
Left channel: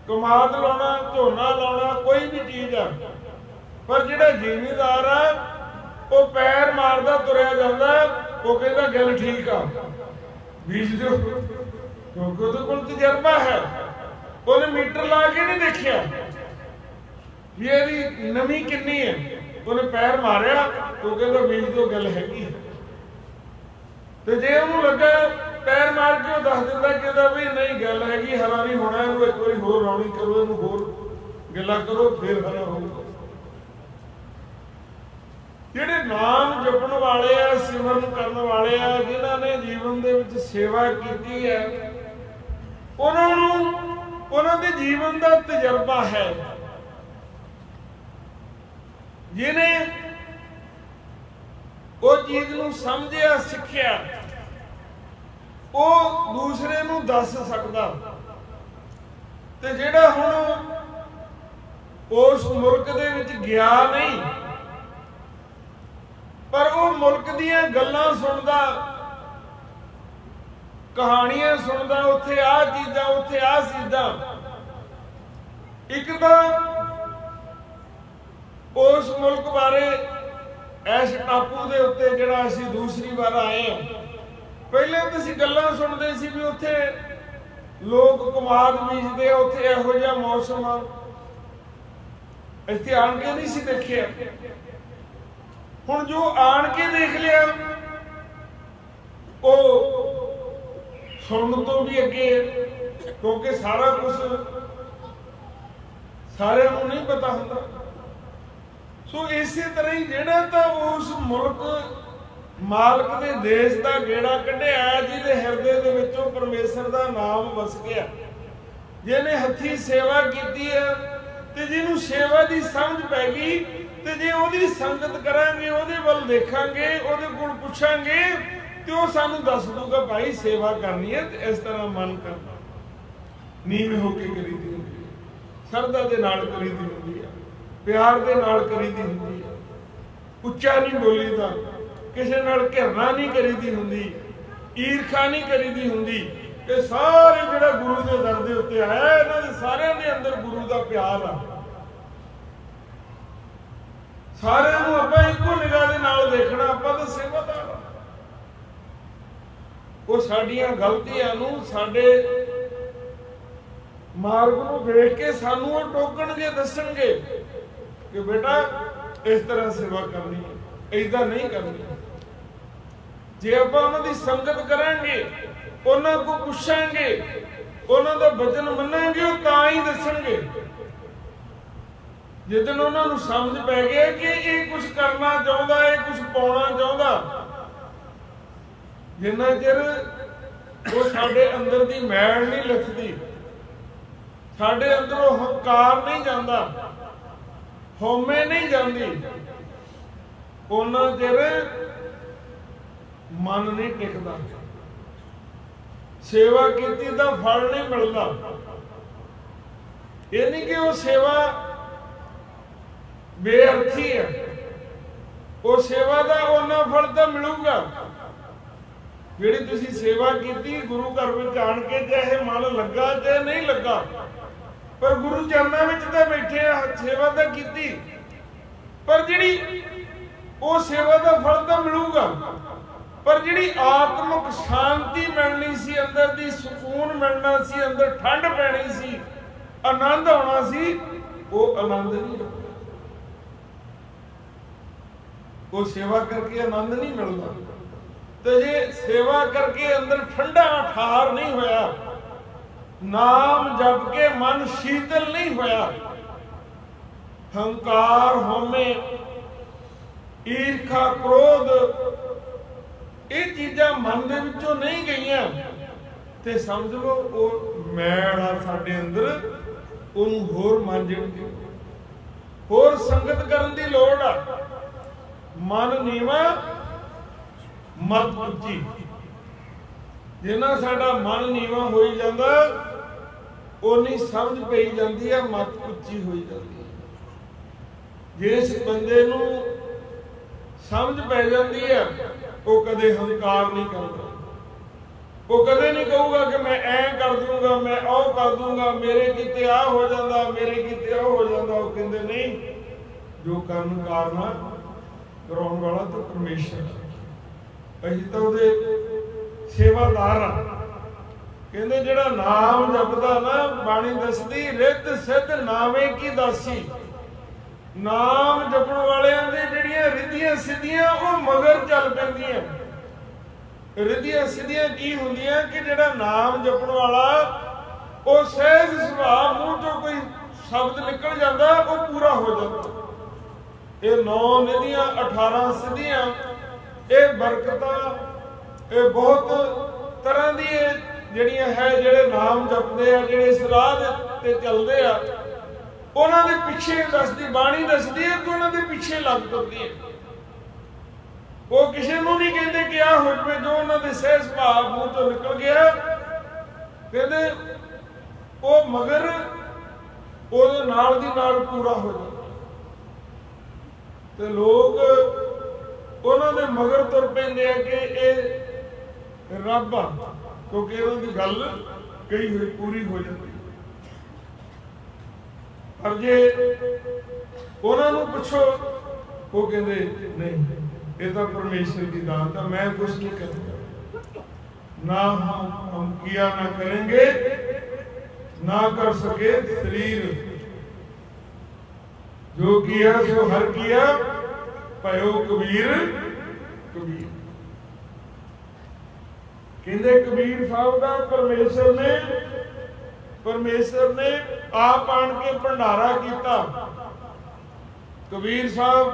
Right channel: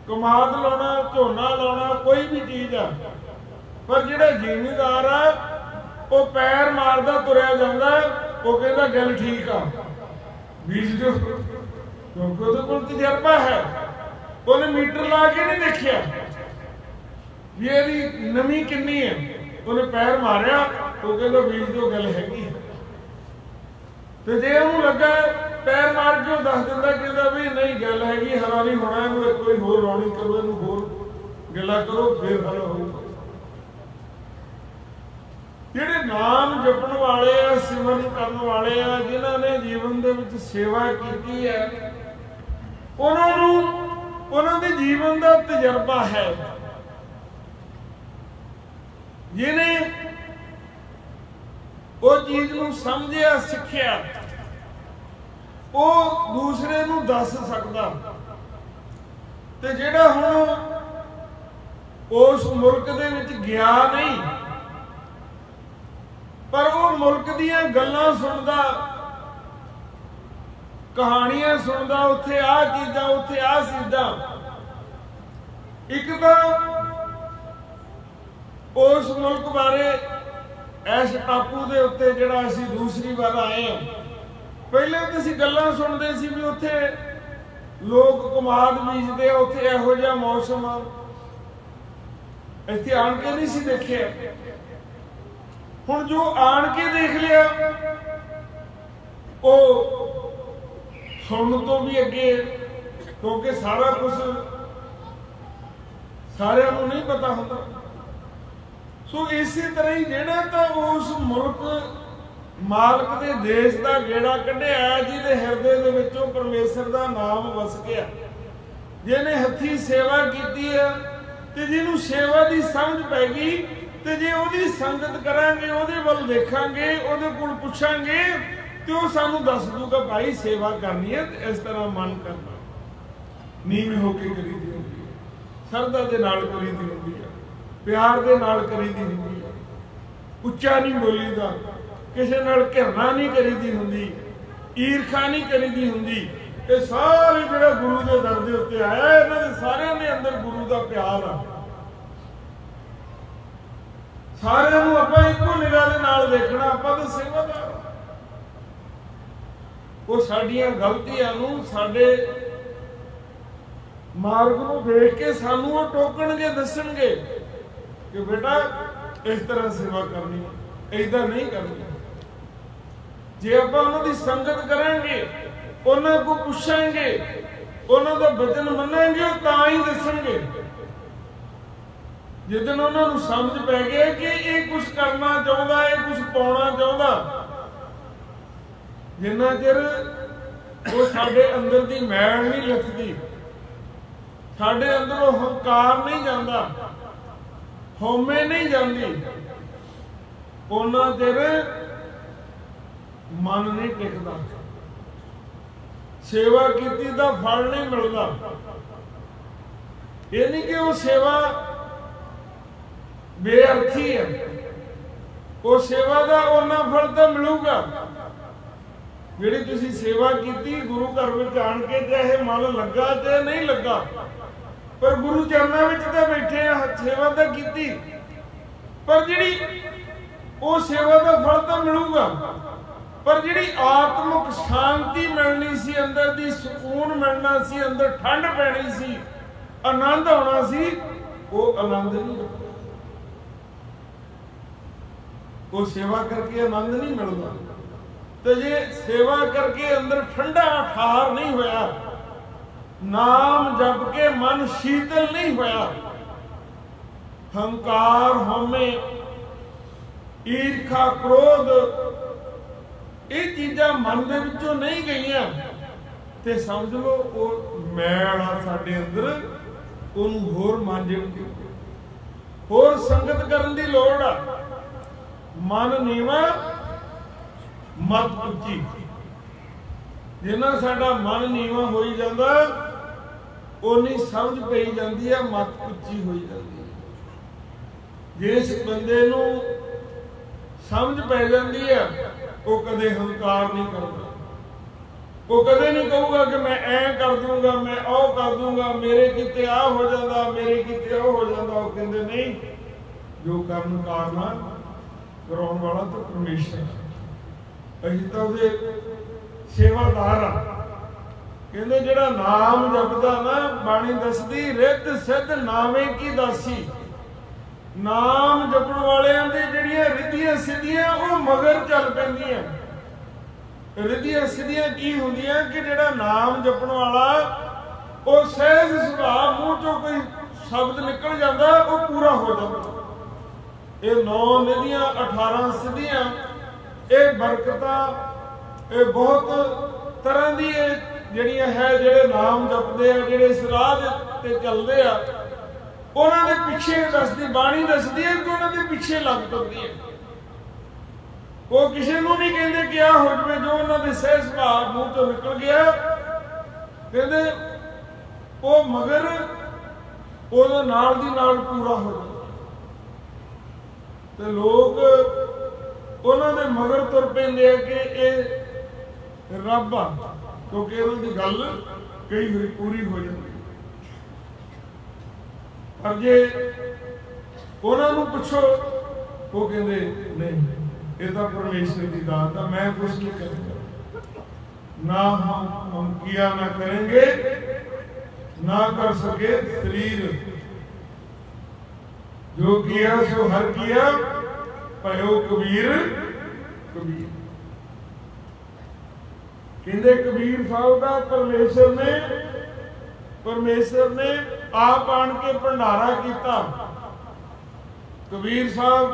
ਕਮਾਦ ਲਾਉਣਾ, ਝੋਨਾ ਲਾਉਣਾ, ਕੋਈ ਵੀ ਚੀਜ਼ ਆ, ਪਰ ਜਿਹੜਾ ਜ਼ਿਮੀਂਦਾਰ ਆ ਉਹ ਪੈਰ ਮਾਰਦਾ ਤੁਰਿਆ ਜਾਂਦਾ, ਉਹ ਕਹਿੰਦਾ ਗੱਲ ਠੀਕ ਆ, ਬੀਜ ਦਿਓ, ਕਿਉਂਕਿ ਉਹਦੇ ਕੋਲ ਤਜਰਬਾ ਹੈ। ਉਹਨੇ ਮੀਟਰ ਲਾ ਕੇ ਨਹੀਂ ਦੇਖਿਆ ਵੀ ਇਹਦੀ ਨਮੀ ਕਿੰਨੀ ਹੈ, ਉਹਨੇ ਪੈਰ ਮਾਰਿਆ, ਉਹ ਕਹਿੰਦਾ ਬੀਜ ਦਿਓ, ਗੱਲ ਹੈਗੀ ਹੈ। ਤੇ ਜੇ ਉਹਨੂੰ ਲੱਗਾ ਪੈਰ ਮਾਰ ਕੇ ਉਹ ਦੱਸ ਦਿੰਦਾ, ਕਹਿੰਦਾ ਵੀ ਨਹੀਂ ਗੱਲ ਹੈਗੀ, ਹਰਾ ਨਹੀਂ ਹੋਣਾ, ਇਹਨੂੰ ਇੱਕ ਵਾਰੀ ਹੋਰ ਰਾਣੀ ਕਰੋ, ਇਹਨੂੰ ਹੋਰ ਗੱਲਾਂ ਕਰੋ, ਫਿਰ ਹਰਾ ਹੋਊਗਾ। ਜਿਹੜੇ ਨਾਮ ਜਪਣ ਵਾਲੇ ਆ, ਸਿਮਰਨ ਕਰਨ ਵਾਲੇ ਆ, ਜਿਨ੍ਹਾਂ ਨੇ ਜੀਵਨ ਦੇ ਵਿੱਚ ਸੇਵਾ ਕੀਤੀ ਹੈ, ਉਹਨਾਂ ਨੂੰ ਉਹਨਾਂ ਦੇ ਜੀਵਨ ਦਾ ਤਜਰਬਾ ਹੈ। ਜਿਹਨੇ ਉਹ ਚੀਜ਼ ਨੂੰ ਸਮਝਿਆ, ਸਿੱਖਿਆ, ਉਹ ਦੂਸਰੇ ਨੂੰ ਦੱਸ ਸਕਦਾ। ਤੇ ਜਿਹੜਾ ਹੁਣ ਉਸ ਮੁਲਕ ਦੇ ਵਿੱਚ ਗਿਆ ਨਹੀਂ, ਪਰ ਉਹ ਮੁਲਕ ਦੀਆਂ ਗੱਲਾਂ ਸੁਣਦਾ, ਕਹਾਣੀਆਂ ਸੁਣਦਾ, ਉੱਥੇ ਆਹ ਚੀਜ਼ਾਂ, ਉੱਥੇ ਆਹ ਚੀਜ਼ਾਂ। ਇੱਕ ਤਾਂ ਉਸ ਮੁਲਕ ਬਾਰੇ, ਇਸ ਟਾਪੂ ਦੇ ਉੱਤੇ ਜਿਹੜਾ ਅਸੀਂ ਦੂਸਰੀ ਵਾਰ ਆਏ ਹਾਂ, ਪਹਿਲੇ ਤਾਂ ਅਸੀਂ ਗੱਲਾਂ ਸੁਣਦੇ ਸੀ ਵੀ ਉੱਥੇ ਲੋਕ ਕਮਾਦ ਬੀਜਦੇ, ਉੱਥੇ ਇਹੋ ਜਿਹਾ ਮੌਸਮ ਆ। ਇੱਥੇ ਆਣ ਕੇ ਨਹੀਂ ਸੀ ਦੇਖਿਆ। ਹੁਣ ਜੋ ਆਣ ਕੇ ਦੇਖ ਲਿਆ, ਉਹ ਸੁਣਨ ਤੋਂ ਵੀ ਅੱਗੇ, ਕਿਉਂਕਿ ਸਾਰਾ ਕੁਝ ਸਾਰਿਆਂ ਨੂੰ ਨਹੀਂ ਪਤਾ ਹੁੰਦਾ। ਸੋ ਇਸੇ ਤਰ੍ਹਾਂ ਹੀ ਜਿਹੜਾ ਤਾਂ ਉਸ ਮੁਲਕ ਮਾਲਕ ਦੇ ਦੇਸ਼ ਦਾ ਗੇੜਾ ਕੱਢਿਆ, ਜਿਹਦੇ ਹਿਰਦੇ ਦੇ ਵਿੱਚੋਂ ਪਰਮੇਸ਼ਰ ਦਾ ਨਾਮ ਵਸ ਗਿਆ, ਜਿਹਨੇ ਹੱਥੀਂ ਸੇਵਾ ਕੀਤੀ ਹੈ, ਤੇ ਜਿਹਨੂੰ ਸੇਵਾ ਦੀ ਸਮਝ ਪੈ ਗਈ, ਤੇ ਜੇ ਉਹਦੀ ਸੰਗਤ ਕਰਾਂਗੇ, ਉਹਦੇ ਵੱਲ ਦੇਖਾਂਗੇ, ਉਹਦੇ ਕੋਲ ਪੁੱਛਾਂਗੇ, ਤੇ ਉਹ ਸਾਨੂੰ ਦੱਸ ਦੂਗਾ ਭਾਈ ਸੇਵਾ ਕਰਨੀ ਹੈ ਤੇ ਇਸ ਤਰ੍ਹਾਂ ਮਨ ਕਰਨਾ, ਨੀਵੇਂ ਹੋ ਕੇ ਕਰੀਦੀ ਹੁੰਦੀ ਹੈ, ਸ਼ਰਧਾ ਦੇ ਨਾਲ ਕਰੀਦੀ ਹੁੰਦੀ ਹੈ, ਪਿਆਰ ਦੇ ਨਾਲ ਕਰੀਦੀ ਹੁੰਦੀ ਹੈ, ਉੱਚਾ ਨਹੀਂ ਬੋਲੀਦਾ, ਕਿਸੇ ਨਾਲ ਘਿਰਨਾ ਨਹੀਂ ਕਰੀਦੀ ਹੁੰਦੀ, ਈਰਖਾ ਨਹੀਂ ਕਰੀਦੀ ਹੁੰਦੀ। ਇਹ ਸਾਰੇ ਜਿਹੜਾ ਗੁਰੂ ਦੇ ਦਰ ਦੇ ਉੱਤੇ ਆਇਆ, ਇਹਨਾਂ ਦੇ ਸਾਰਿਆਂ ਦੇ ਅੰਦਰ ਗੁਰੂ ਦਾ ਪਿਆਰ ਆ। ਸਾਰਿਆਂ ਨੂੰ ਆਪਾਂ ਇੱਕੋ ਨਿਗਾਹ ਦੇ ਨਾਲ ਦੇਖਣਾ, ਆਪਾਂ ਤਾਂ ਸੇਵਾਦਾਰ ਆ। ਉਹ ਸਾਡੀਆਂ ਗਲਤੀਆਂ ਨੂੰ, ਸਾਡੇ ਮਾਰਗ ਨੂੰ ਦੇਖ ਕੇ ਸਾਨੂੰ ਉਹ ਟੋਕਣਗੇ, ਦੱਸਣਗੇ ਕਿ ਬੇਟਾ ਇਸ ਤਰ੍ਹਾਂ ਸੇਵਾ ਕਰਨੀ ਹੈ, ਏਦਾਂ ਨਹੀਂ ਕਰਨੀ। ਜੇ ਆਪਾਂ ਉਹਨਾਂ ਦੀ ਸੰਗਤ ਕਰਾਂਗੇ, ਉਹਨਾਂ ਕੋਲ ਪੁੱਛਾਂਗੇ, ਉਹਨਾਂ ਦਾ ਵਚਨ ਮੰਨਾਂਗੇ, ਉਹ ਤਾਂ ਹੀ ਦੱਸਣਗੇ। ਜਿੱਦਣ ਉਹਨਾਂ ਨੂੰ ਸਮਝ ਪੈ ਗਿਆ ਕਿ ਇਹ ਕੁਝ ਕਰਨਾ ਚਾਹੁੰਦਾ, ਇਹ ਕੁਝ ਪਾਉਣਾ ਚਾਹੁੰਦਾ, ਜਿੰਨਾ ਚਿਰ ਉਹ ਸਾਡੇ ਅੰਦਰ ਦੀ ਮੈਲ ਨਹੀਂ ਲੱਥਦੀ, ਸਾਡੇ ਅੰਦਰੋਂ ਹੰਕਾਰ ਨਹੀਂ ਜਾਂਦਾ, ਹਉਮੈ ਨਹੀਂ ਜਾਂਦੀ, ਉਹਨਾਂ ਚਿਰ ਮਨ ਨਹੀਂ ਟਿਕਦਾ, ਸੇਵਾ ਕੀਤੀ ਦਾ ਫਲ ਨਹੀਂ ਮਿਲਦਾ। ਇਹ ਨਹੀਂ ਕਿ ਉਹ ਸੇਵਾ ਬੇਅਰਥੀ ਹੈ, ਉਹ ਸੇਵਾ ਦਾ ਉਹਨਾਂ ਫਲ ਤਾਂ ਮਿਲੂਗਾ। ਜਿਹੜੀ ਤੁਸੀਂ ਸੇਵਾ ਕੀਤੀ ਗੁਰੂ ਘਰ ਵਿੱਚ ਆਣ ਕੇ, ਚਾਹੇ ਮਨ ਲੱਗਾ ਚਾਹੇ ਨਹੀਂ ਲੱਗਾ, ਪਰ ਗੁਰੂ ਚਰਨਾਂ ਵਿੱਚ ਤਾਂ ਬੈਠੇ ਆ, ਸੇਵਾ ਤਾਂ ਕੀਤੀ, ਪਰ ਜਿਹੜੀ ਉਹ ਸੇਵਾ ਦਾ ਫਲ ਤਾਂ ਮਿਲੂਗਾ, ਪਰ ਜਿਹੜੀ ਆਤਮਿਕ ਸ਼ਾਂਤੀ ਮਿਲਣੀ ਸੀ, ਅੰਦਰ ਦੀ ਸਕੂਨ ਮਿਲਣਾ ਸੀ, ਅੰਦਰ ਠੰਡ ਪੈਣੀ ਸੀ, ਆਨੰਦ ਆਉਣਾ ਸੀ, ਉਹ ਆਨੰਦ ਨਹੀਂ ਆਉਂਦਾ। ਉਹ ਸੇਵਾ ਕਰਕੇ ਆਨੰਦ ਨਹੀਂ ਮਿਲਦਾ। ਤੇ ਜੇ ਸੇਵਾ ਕਰਕੇ ਅੰਦਰ ਠੰਡਾ ਠਾਰ ਨਹੀਂ ਹੋਇਆ, ਨਾਮ ਜਪ ਕੇ ਮਨ ਸ਼ੀਤਲ ਨਹੀਂ ਹੋਇਆ, ਹੰਕਾਰ, ਹਉਮੈ, ਈਰਖਾ, ਕ੍ਰੋਧ, ਇਹ ਚੀਜ਼ਾਂ ਮਨ ਦੇ ਵਿੱਚੋਂ ਨਹੀਂ ਗਈਆਂ, ਤੇ ਸਮਝ ਲਓ ਉਹ ਮੈਲ ਆ ਸਾਡੇ ਅੰਦਰ, ਉਹਨੂੰ ਹੋਰ ਮਾਂਜਣ ਦੀ, ਹੋਰ ਸੰਗਤ ਕਰਨ ਦੀ ਲੋੜ ਆ। ਮਨ ਨੀਵਾਂ ਮਤ ਉੱਚੀ। ਜਿੰਨਾ ਸਾਡਾ ਮਨ ਨੀਵਾਂ ਹੋਈ ਜਾਂਦਾ, ਉਨੀ ਸਮਝ ਪਈ ਜਾਂਦੀ ਹੈ, ਮਤ ਉੱਚੀ ਹੋਈ ਜਾਂਦੀ ਹੈ। ਜਿਸ ਬੰਦੇ ਨੂੰ समझ पै जाती है, वो कदे हंकार नहीं करता। वो कदे नहीं कहूगा कि मैं ऐ कर दूंगा, मैं ओ कर दूंगा, मेरे किते आ हो जाता, मेरे किते ओ हो जाता। वो कहते नहीं, जो करन कारना कराउण वाला तो परमेश्वर है, असीं तां उहदे सेवादार आ। कहते जिहड़ा नाम जपदा ना, बाणी दसदी रिद्ध सिद्ध नामे की दासी। नाम जपण वालियां दे जिहड़ियां रिद्धियां सिद्धियां वो मगर चल पैंदियां। रिद्धियां सिद्धियां की हुंदियां कि जिहड़ा नाम जपण वाला वो सहज सुभाव मूँह चों कोई शब्द निकल जाता वो पूरा हो जाता। ये 9 निधियां 18 सिद्धियां, ये बरकतां, ये बहुत तरह दी ਜਿਹੜੀਆਂ है ਜਿਹੜੇ नाम जपते हैं, ਜਿਹੜੇ इस राह ते चलते आ, उन्हां दे पिछे दसदी बाणी दसदी है कि उन्हां दे पिछे लग तुरदी है। वो किसी नूं नहीं कहते कि आ हो जाए, जो उन्हां दे सहज सुभाव मूँह चों निकल गया कहते वो मगर ਉਹਦੇ नाल दी नाल पूरा हो जाता। ते लोग उन्हां दे मगर तुर पैंदे आ कि ये रब आ, क्योंकि इन्हां दी गल कही हुई पूरी हो जाती। पर जे उन्हां नूं पुछो, वो कहते नहीं, ये तो परमेश्वर की दात है, मैं कुछ नहीं करूँगा। ना हम किया ना करेंगे, ना कर सके शरीर, जो किया सो हर किया, भयो कबीर कबीर। कहते कबीर साहब का परमेश्वर ने आप आन के भंडारा किया। कबीर साहब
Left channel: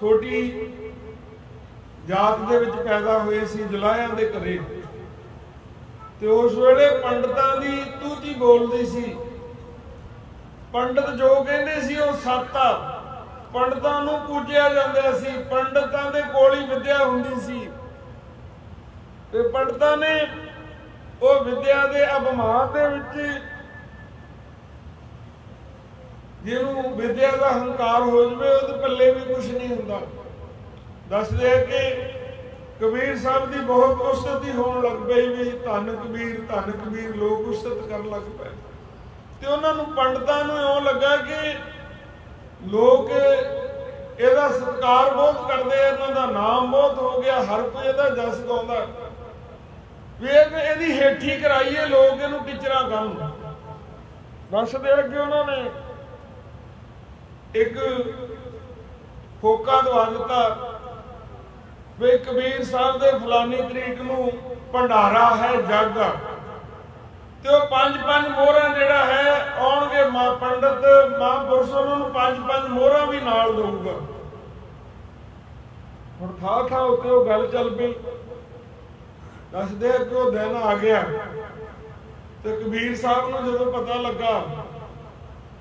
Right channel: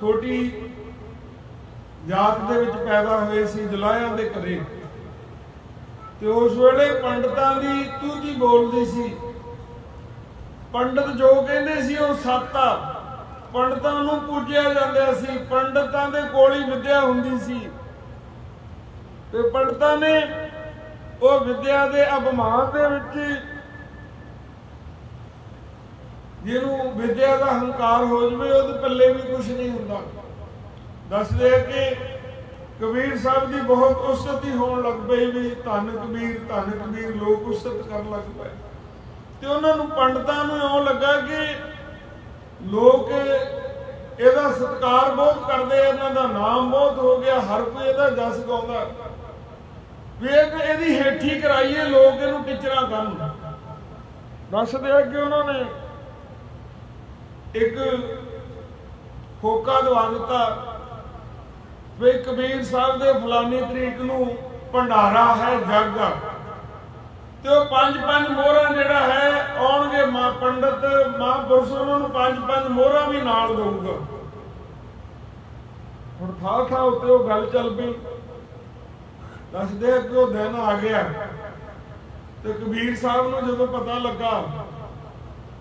छोटी जात दे विच पैदा हुए सी, जुलाहियां दे घरे, ते उस वेले पंडितां दी तूती बोलदी सी। पंडित जो कहंदे सी वो सत्त आ, पंडितां नूं पूजिया जांदा सी, पंडितां दे कोल ही विद्या हुंदी सी। ते पंडितां ने वो विद्या दे अभिमान दे विच, जिहनूं विद्या दा हंकार हो जाए उहदे पल्ले भी कुछ नहीं हुंदा। दसदे कि कबीर साहब की बहुत उस्तती होण लग पई, भी धन कबीर लोग उस्तत कर लग पे। ते उन्हां नूं पंडितां नूं इउं लगा कि लोग इहदा सत्कार बहुत करदे आ, इन्हां दा नाम बहुत हो गया, हर कोई इहदा जस गाउंदा, भी इहदी हेठी कराइए, लोग इहनूं टिचरा करन। दसदे कि उन्होंने एक होका दवा दिता भी कबीर साहब दे फलानी तरीक नूं भंडारा है जग, ते वो 5-5 मोहरां जिहड़ा है आउणगे, पंडित महापुरुष उन्होंने 5-5 मोहरां भी नाल दऊगा। हुण था उत्ते वो गल चल पई। दसदे कि वो दिन आ गया, तो कबीर साहब नूं जदों पता लगा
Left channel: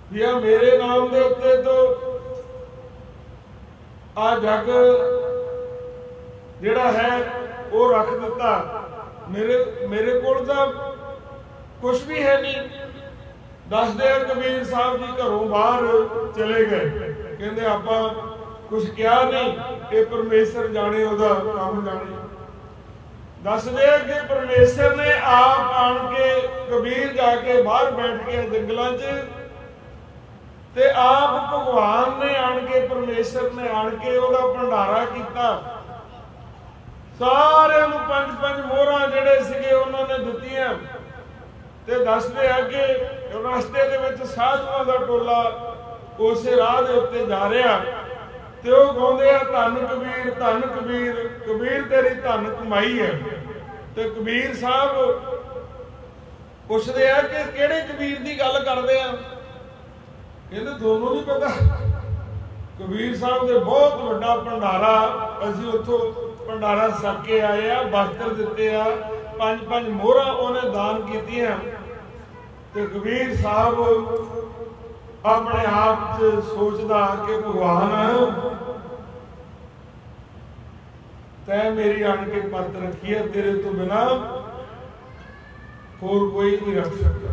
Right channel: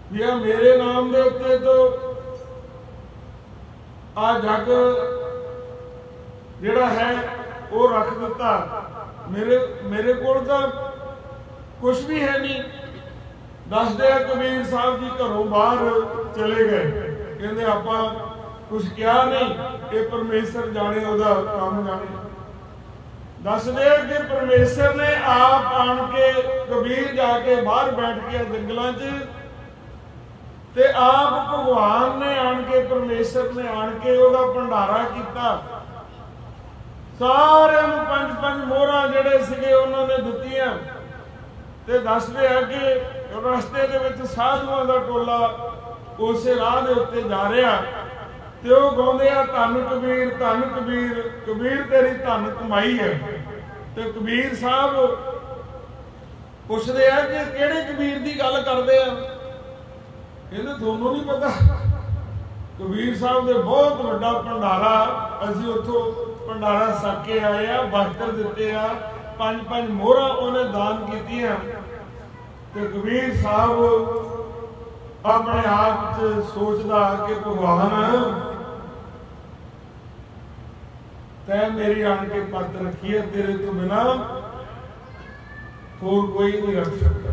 भी आ मेरे नाम दे उत्ते तो आ जग जिहड़ा है वो रख दिता, मेरे कोल तां कुछ भी है नहीं। दसदे कबीर साहब जी घरों बाहर चले गए, कहंदे आपां कुछ किया नहीं, ये परमेश्वर जाने, उहदा काम जाने। दसदे कि परमेश्वर ने आप आन के कबीर जाके बाहर बैठ गया जंगलों च, ते आप भगवान ने आन के, परमेश्वर ने आन के उहदा भंडारा किया। सारे 5-5 मोहरां जिहड़े सीगे उन्होंने दित्तियां। ते दसदे आ कि रस्ते दे विच साधुआं दा टोला उस राह दे उत्ते जा रहा, ते वो गाउंदे आ धन कबीर, कबीर तेरी धन कमाई है। ते कबीर साहब पुछदे आ कि किहड़े कबीर दी गल करदे आ? कहंदे तुहानूं नहीं पता, कबीर साहब दे बहुत वड्डा भंडारा, असीं उत्थों भंडारा सक के आए आ, वस्त्र दिते आ, 5-5 मोहरां उन्हें दान कीतियां। ते कबीर साहब अपने आप च सोचदा कि भगवान तैं मेरी आन के पत रखी है, तेरे तो बिना होर कोई नहीं रख सकता।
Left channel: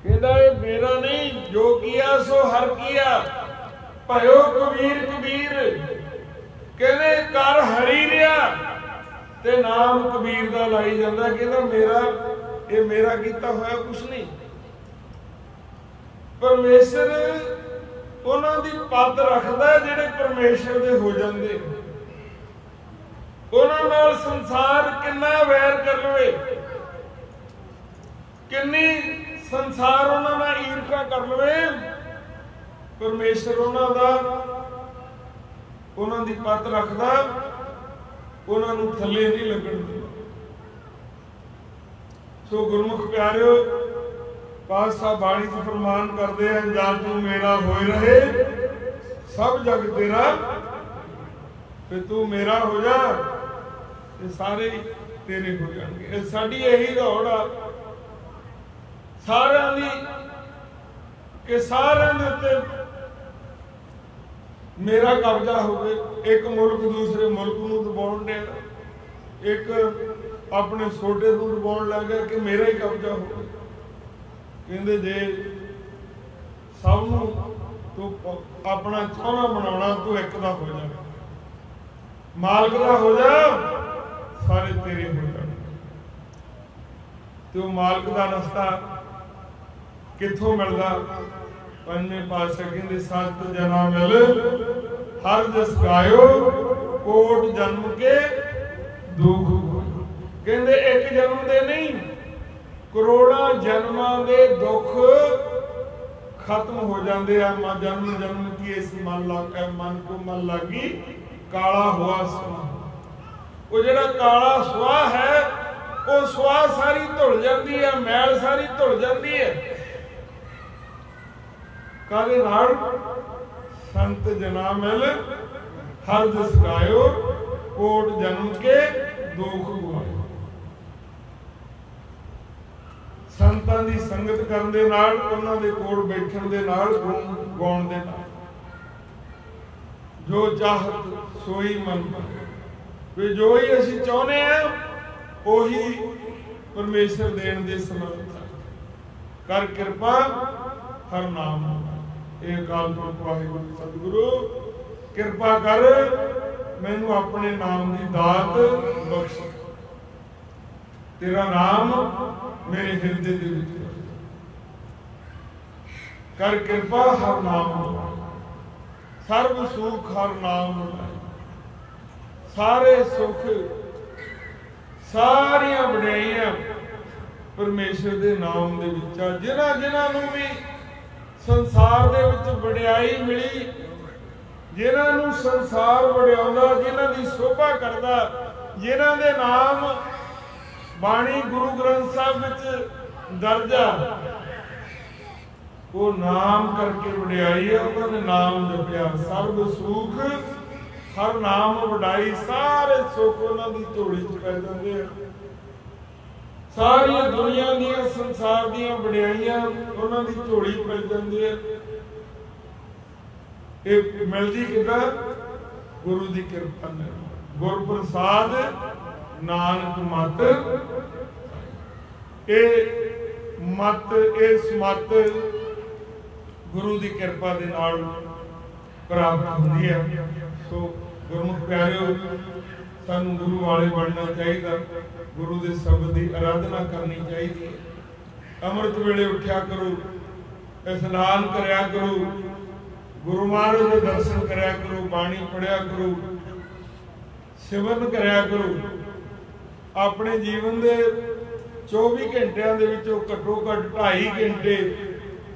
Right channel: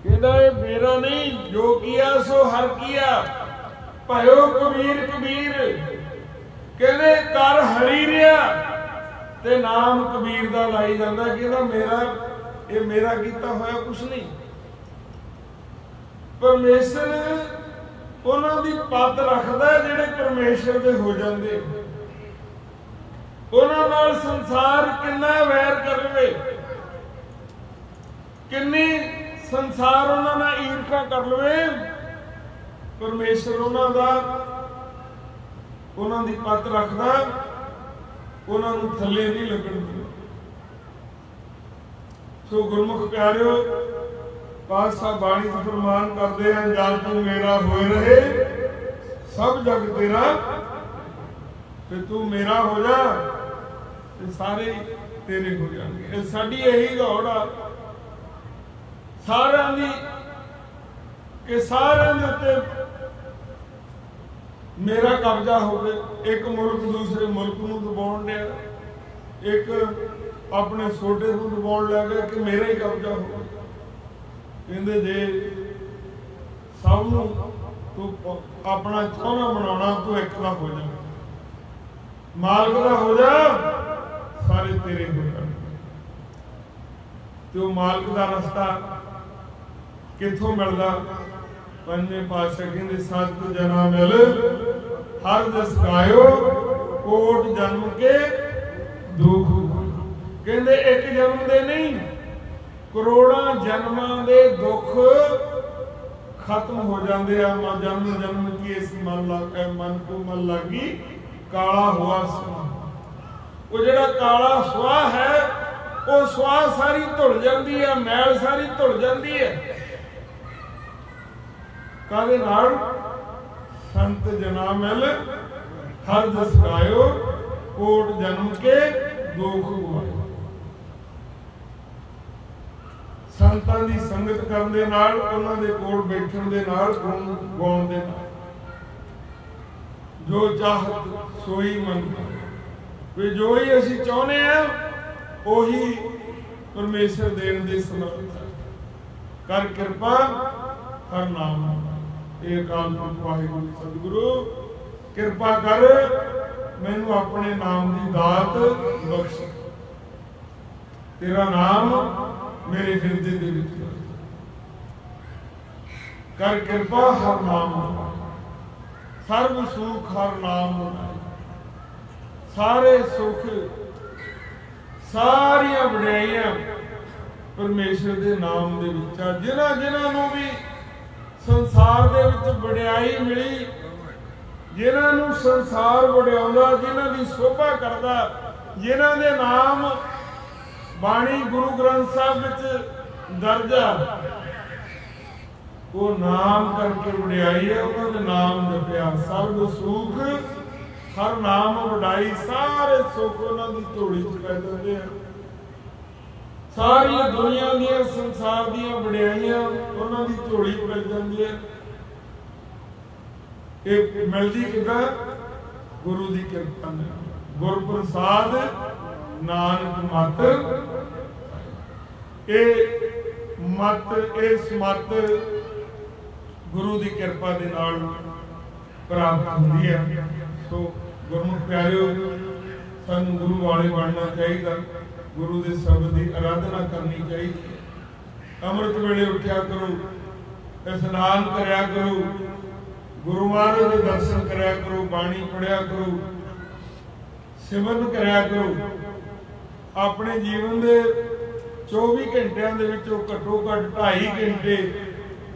कहता है मेरा नहीं, जो किया सो हर किया, भयो कबीर कबीर। कहते कर हरी रिया ते नाम कबीर दा लाई जांदा। कहता मेरा ये मेरा किया होया कुछ नहीं। परमेश्वर उन्हां दी पद रखदा जिहड़े परमेश्वर दे हो जांदे। उन्हां नाल संसार किन्ना वैर कर लवे, किन्नी संसार उन्हां नाल ईर्खा कर लवे, परमेश्वर उन्हां दा उन्हां दी पद रखदा, उन्हां नूं थल्ले नहीं लगण दिंदा। सो गुरमुख प्यारिओ, पातशाह बाणी च फरमान करदे हैं, जा तू मेरा होए रहे सब जग तेरा, ते तू मेरा हो जा ते सारे तेरे हो जाएंगे। साडी यही दौड़ आ सारिआं दी कि सारिआं दे उत्ते मेरा कब्जा होवे। एक मुल्क दूसरे मुल्क नूं दबाउण दिया, एक अपने छोटे नूं दबाउण लग गया कि मेरा ही कब्जा होवे। कहंदे जे सब नूं तू अपना चाहना बनाउणा, तू एक दा हो जा, मालक दा हो जा, सारे तेरे हो जाणगे। ते वो मालक दा रस्ता कित्थों मिलदा? पंजवें पातशाह कहंदे सत जना मिल हर जस गायो, कोट जन्म के दुख। कहंदे एक जन्म दे नहीं, करोड़ां जन्मां दे दुख खत्म हो जाते हैं। जन्म जन्म की इस मन को मन लागी काला हुआ सुना। वो जिहड़ा काला सुआ है, वो सुआ सारी धुल जाती है, मैल सारी धुल जाती है। काहदे नाल? संत जना मिल हर जस गायो, कोट जन्म के दुख गवायो। संतां दी संगत करन दे नाल, उन्हां दे कोल बैठण दे नाल, गुण गाउण दे नाल, जो चाहत सोई मन पाए। जो ही असीं चाहुंदे आ ओही परमेश्वर देण दे समर्थ है। कर किरपा हर नाम। ये अकाल पुरख वाहिगुरू सतगुरु किरपा कर, मैनू अपने नाम की दात बख्श। तेरा नाम मेरे हृदय दे विच कर किरपा हर नाम। सर्व सुख हर नाम बनाए। सारे सुख सारियां वडियाइयां परमेश्वर दे नाम दे विच आ। जिन्हां जिन्हां नूं भी संसार दे विच वडियाई मिली, जिन्हां नूं संसार वडियाउंदा, जिन्हां दी शोभा करदा, जिन्हां दे नाम बाणी गुरु ग्रंथ साहिब विच दर्ज आ, वो नाम करके वडियाई है। उन्होंने नाम जपिया। सर्व सुख हर नाम वडाई। सारे सुख उन्हां दी झोली च पै जांदे आ। सारियां दुनिया दियां संसार दियां वडियाइयां उन्हां दी झोली पै जांदी है। एक मिलदी किदां? गुरु दी किरपा नाल। गुर प्रसाद नानक मत, ए मत इस मत गुरु दी किरपा दे नाल प्राप्त हुंदी है। सो गुरमुख प्यारिओ, सानू गुरु वाले बनना चाहिए। गुरु दे शब्द की आराधना करनी चाहिए। अमृत वेले उठ्या करो, स्नान करया करो, गुरु महाराज के दर्शन करया करो, बाणी पढ़िया करो, सिमरन करया करो। अपने जीवन के 24 घंटिया के विचों घट्टो घट 2.5 घंटे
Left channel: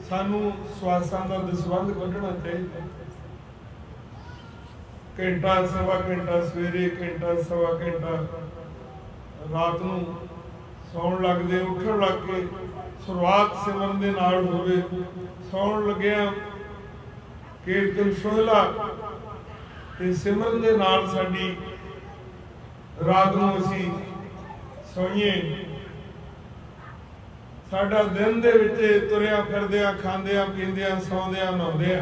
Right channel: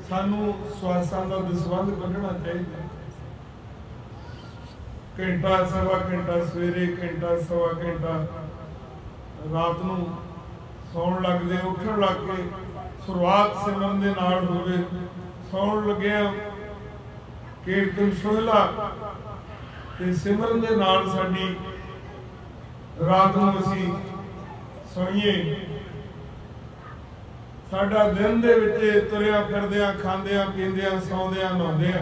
सानू श्वासां दा दसवंध कढना चाहिए। घंटा सवा घंटा सवेरे, घंटा सवा घंटा रात नूं सौण लगदे उठण लग के शुरुआत सिमरन दे नाल होवे। सौण लग्गिया कीर्तन सोहला ते सिमरन दे नाल साडी रात नूं असीं सोईए। साडा दिन दे विच तुरिया फिरदिया, खांदिया पींदिया, सौंदिया, नहाउंदिया,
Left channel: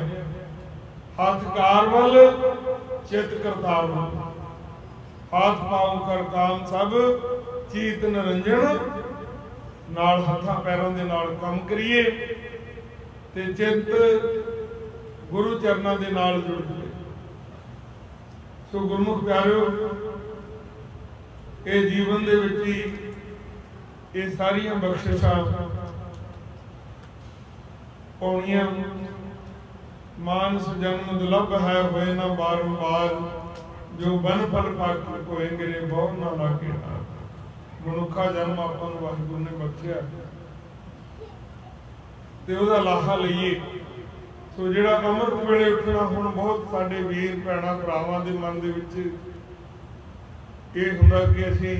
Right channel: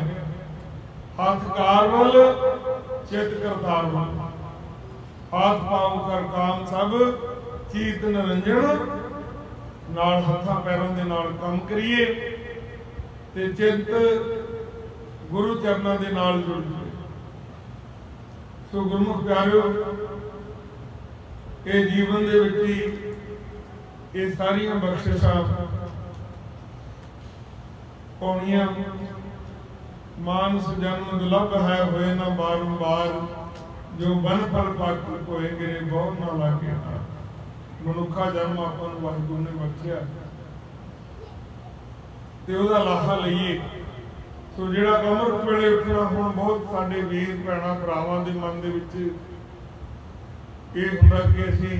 हथ कार वल चित करतार वल। हाथ पाऊं कर काम सब चीत निरंजन। नाल हत्थां पैरां दे नाल काम करिए ते चित गुरु चरनां दे नाल जुड़ जाए। सो गुरमुख प्यारिओ, ये जीवन दे विच ही ये सारियां बख्शिशां पाउणियां। मानस जन्म दुलभ है होए ना बारंबार, जो बन फल पाके होएंगे रे बहु ना लागे हार। मनुखा जन्म आपां नूं वाहिगुरू ने बख्शिया ते उहदा लाहा लईए। सो जिहड़ा अमृत वेले उठना, हुण बहुत साडे वीर भैणां भरावां दे मन दे विच ਇਹ ਹੁੰਦਾ कि ਅਸੀਂ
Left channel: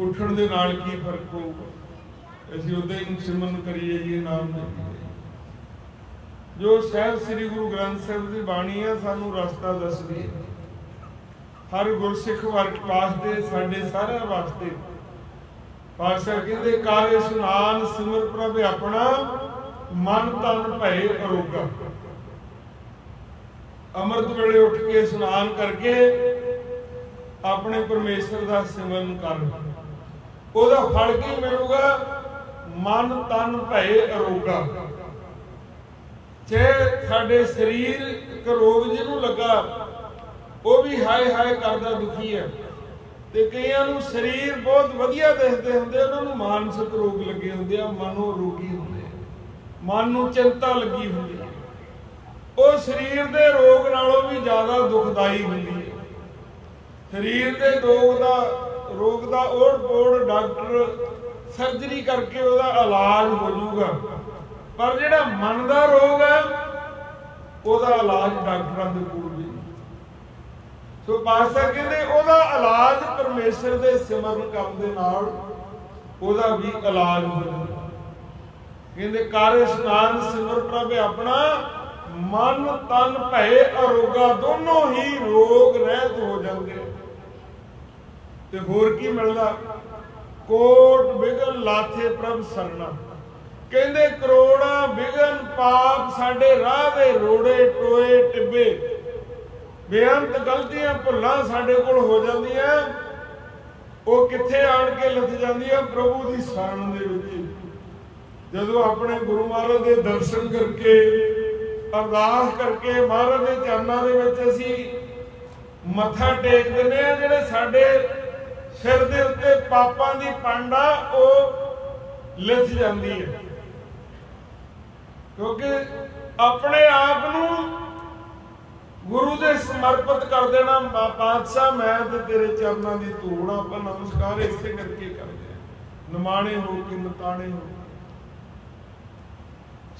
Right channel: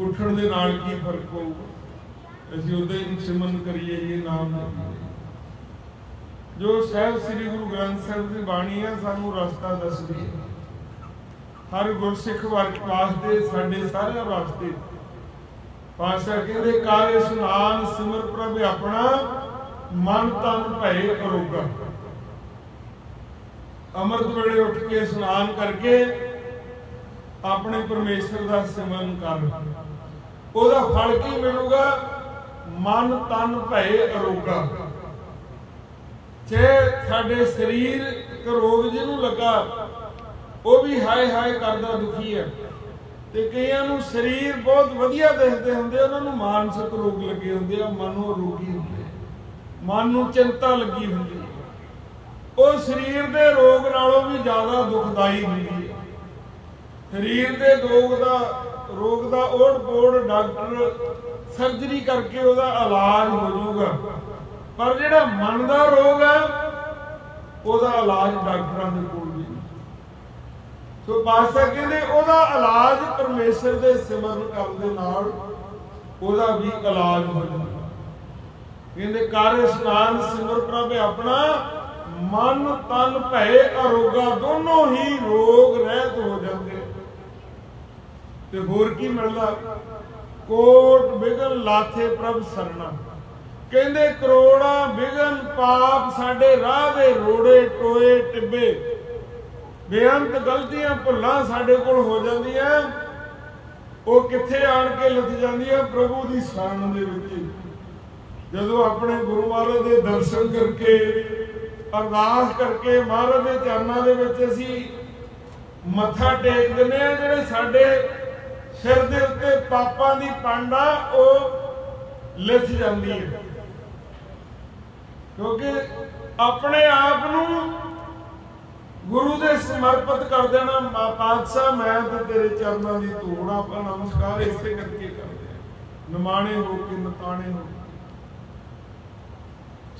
ਉੱਠਣ ਦੇ ਨਾਲ ਕੀ ਫਰਕ ਪਊਗਾ, ਅਸੀਂ ਉਦਾਂ ਹੀ ਸਿਮਰਨ ਕਰੀਏ ਜੀ, ਨਾਮ ਦੇ। ਜੋ ਸਾਹਿਬ ਸ੍ਰੀ ਗੁਰੂ ਗ੍ਰੰਥ ਸਾਹਿਬ ਦੀ ਬਾਣੀ ਹੈ ਸਾਨੂੰ ਰਸਤਾ ਦੱਸਦੀ ਹੈ, ਹਰ ਗੁਰਸਿੱਖ ਵਾਸਤੇ, ਸਾਡੇ ਸਾਰਿਆਂ ਵਾਸਤੇ। ਪਾਤਸ਼ਾਹ ਕਹਿੰਦੇ ਕਰ ਇਸ਼ਨਾਨ ਸਿਮਰ ਪ੍ਰਭ ਆਪਣਾ, ਮਨ ਤਨ ਭਏ ਅਰੋਗਾ। ਅੰਮ੍ਰਿਤ ਵੇਲੇ ਉੱਠ ਕੇ ਇਸ਼ਨਾਨ ਕਰਕੇ अपने परमेश्वर का सिमरन कर, ਉਹਦਾ फल की मिलूगा? मन तन भय अरोगा। चाहे साडे शरीर एक रोग जिन्हों लगा वो भी हाय हाय करदा दुखी है, ते कईयां नूं शरीर बहुत वधिया दिखदे हुंदे, उन्हां नूं मानसिक रोग लगे हुंदे आ, मनो रोगी हुंदे आ, मन नूं चिंता लगी हुंदी है। वो शरीर दे रोग नालों भी ज़्यादा दुखदाई हुंदी है। शरीर के रोग का ओढ़ पोड़ डॉक्टर सर्जरी करके उसका इलाज हो जाऊगा, पर जिहड़ा मन का रोग है उसका इलाज डॉक्टरों के कोल भी नहीं। सो पातशाह कहते उसका इलाज परमेश्वर के सिमरन करने नाल उसका भी इलाज हो जाता। कहते कर इशनान सिमर प्रभ अपना, मन तन भय अरोगा। दोनों ही रोग रहत हो जाते हैं। ते होर की मिलदा? कोट बिघन लाथे प्रभ सरना। कहंदे करोड़ा बिघन पाप साडे राह दे रोड़े टोए टिब्बे, बेअंत गलतियां भुल्लां साडे कोल हो जांदियां, वो कित्थे आण के लथ जांदियां? प्रभु दी शरण दे विच। जदों अपने गुरु महाराज दे दर्शन करके अरदास करके महाराज दे चरनां दे विच असीं मत्था टेक दिंदे आ, जिहड़े साडे सिर दे उत्ते पापां दी पांडा वो लिथ जांदी है, क्योंकि अपने आप नूं गुरु दे समर्पित कर देना। पातशाह मैं ते तेरे चरनां दी धूड़, आपां नमस्कार इसे करके करदे आ, निमाणे हो के नताणे हो।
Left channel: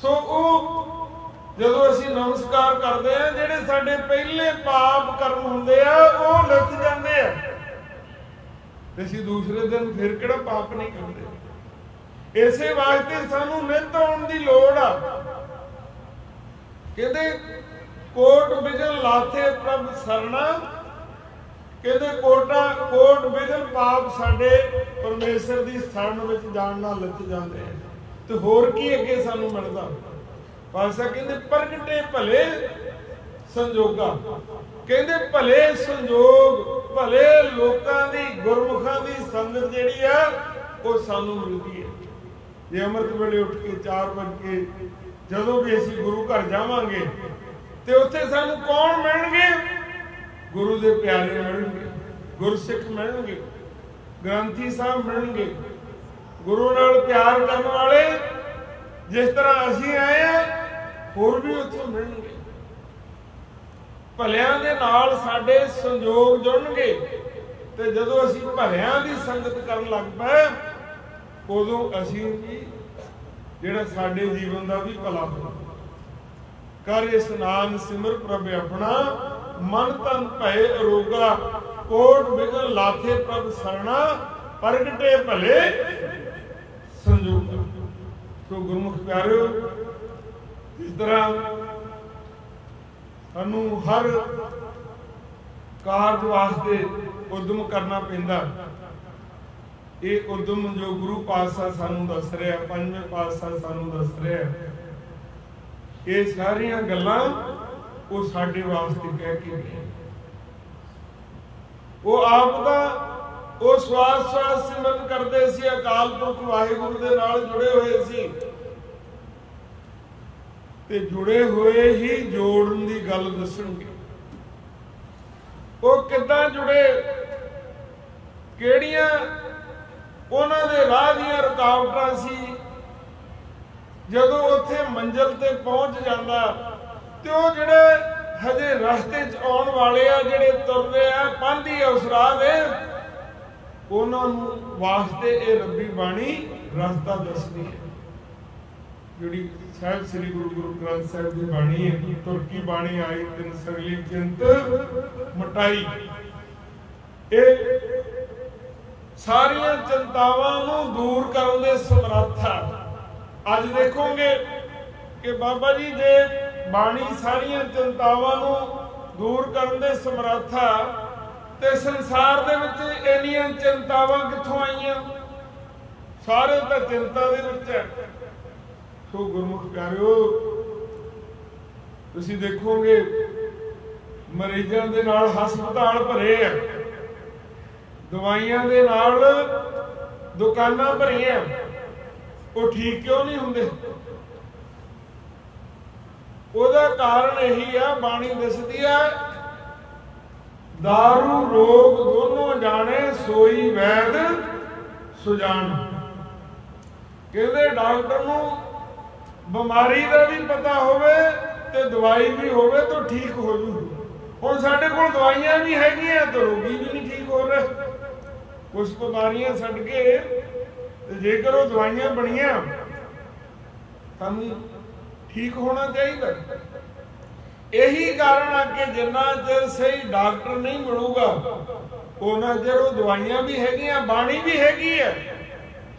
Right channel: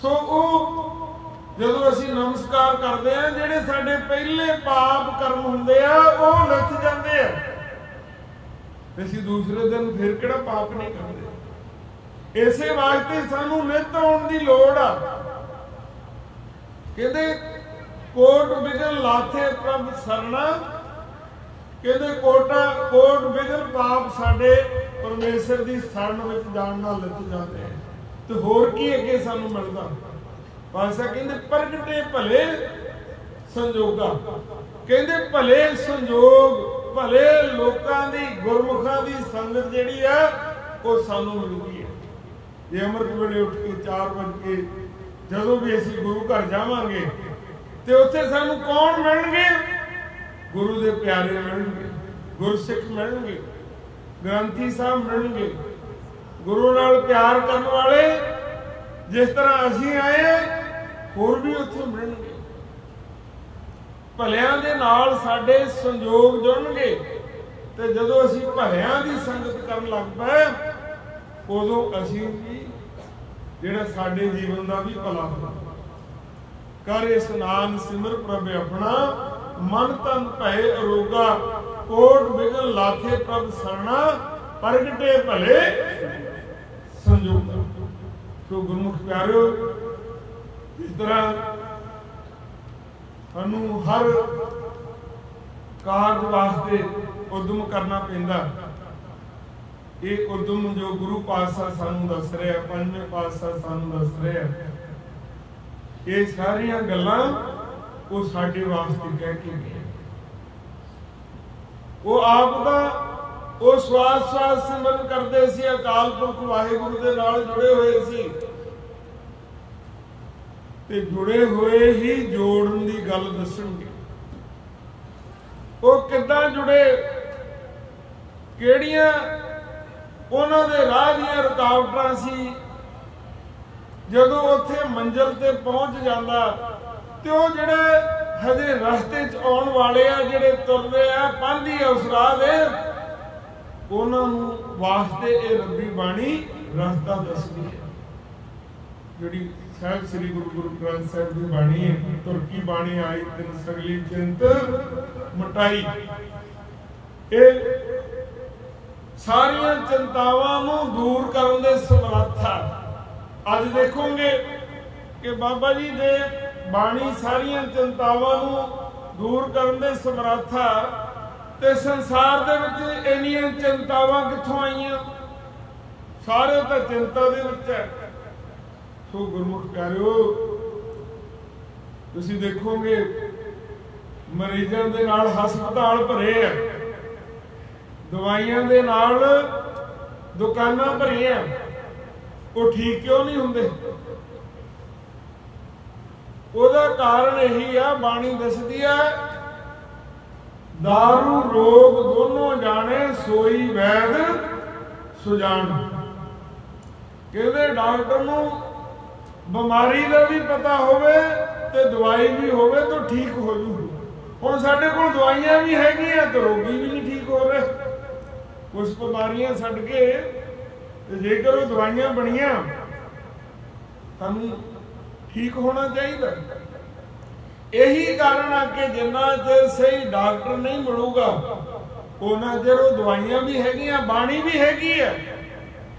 सो वो जदों असीं नमस्कार करदे आ, जिहड़े साडे पहले पाप कर्म हुंदे आ वो लिथ जांदे आ, ਅਸੀਂ दूसरे दिन फिर ਕਿਹੜਾ पाप नहीं करते। इसे वास्ते सानू नित आउण दी लोड़ आ। कहते कोट बिघन लाथे प्रभ सरना। कहते कोट बिघन पाप साडे परमेश्वर दी शरण विच जाण नाल लिथ जांदे हैं। ते होर की अगे सानू मिलदा? पातशाह कहते प्रगटे भले संजोगा। कहते भले संजोग, भले लोकां दी, गुरमुखां दी संगत जिहड़ी आ वो सानू मिलदी है। जे अमृत वेले उठ के 4 बजे जदों भी असीं गुरु घर जावांगे ते उत्थे सानू कौन मिलणगे? गुरु दे प्यारे मिलणगे, गुरसिख मिलणगे, ग्रंथी साहब मिलणगे, गुरु नाल प्यार करन वाले जिस तरह असीं आए आ होर भी उत्थे मिलणगे। भलियां दे नाल साडे संजोग जुड़नगे, ते जदों असीं भलियां दी संगत करन लग पए उदों असीं भी जिहड़ा साडे जीवन दा भी भला हो। कर इशनान सिमर प्रभ अपना, मन तन भय अरोगा। कोट बिघन लाथे प्रभ सरना, प्रगटे भले संजोगा। तो गुरमुख प्यारिओ, इस तरह सानू हर कारज वास्ते उद्यम करना पैंदा। ये उद्यम जो गुरु पातशाह सानू दस रहा, पंजवें पातशाह सानू दस रहा, ये सारियां गल्लां वो साडे वास्ते कह के गए। वो आप दा वो श्वास श्वास सिमरन करते सी, अकाल पुरख वाहिगुरु दे नाल जुड़े हुए सी, ते जुड़े हुए ही जोड़न दी गल दसणगे। वो किद्दां जुड़े, किहड़ियां उन्हां दे राह दीयां रुकावटां सी। जदों उत्थे मंजिल ते पहुंच जांदा ते वो जिहड़े हजे रस्ते च आउण वाले आ, जिहड़े तुरदे आ पांधी आ उस राह दे, उन्हां नूं वास्ते ये रब्बी बाणी रस्ता दसदी है। जिहड़ी साहिब श्री गुरु ग्रंथ साहिब की बाणी है, तुरकी बाणी आई तिन सगली चिंत मटाई, ये सारियां चिंतावां नूं दूर करन दे समर्थ आ। अज देखोगे कि बाबा जी जे बाणी सारियां चिंतावां नूं दूर करन दे समर्थ आ, ते संसार दे विच इन्नियां चिंतावां कित्थों आईयां? सारे तां चिंता दे विच है। सो गुरमुख प्यारिओ, तुसीं देखोगे मरीजां दे नाल हस्पताल भरे आ, दवाइयां दे नाल दुकानां भरीआं, वो ठीक क्यों नहीं हुंदे? ਉਹਦਾ कारण यही आ, बाणी दसदी है, दारू रोग दोनों जाने सोई वैद सुजान। कहते डॉक्टर नूं बीमारी का भी पता होवे ते दवाई भी होवे तो ठीक हो जू। हुण साडे कोल दवाइयां भी हैगियां तो रोगी भी नहीं ठीक हो रहे। कुछ बीमारियां छड्ड के ते जेकर वो दवाइयां बणियां सानूं ठीक होना चाहिए। यही कारण आ कि जिन्ना चਿਰ सही डॉक्टर नहीं मिलूगा उन्ना चਿਰ वो दवाइयां भी हैगियां, बाणी भी हैगी है,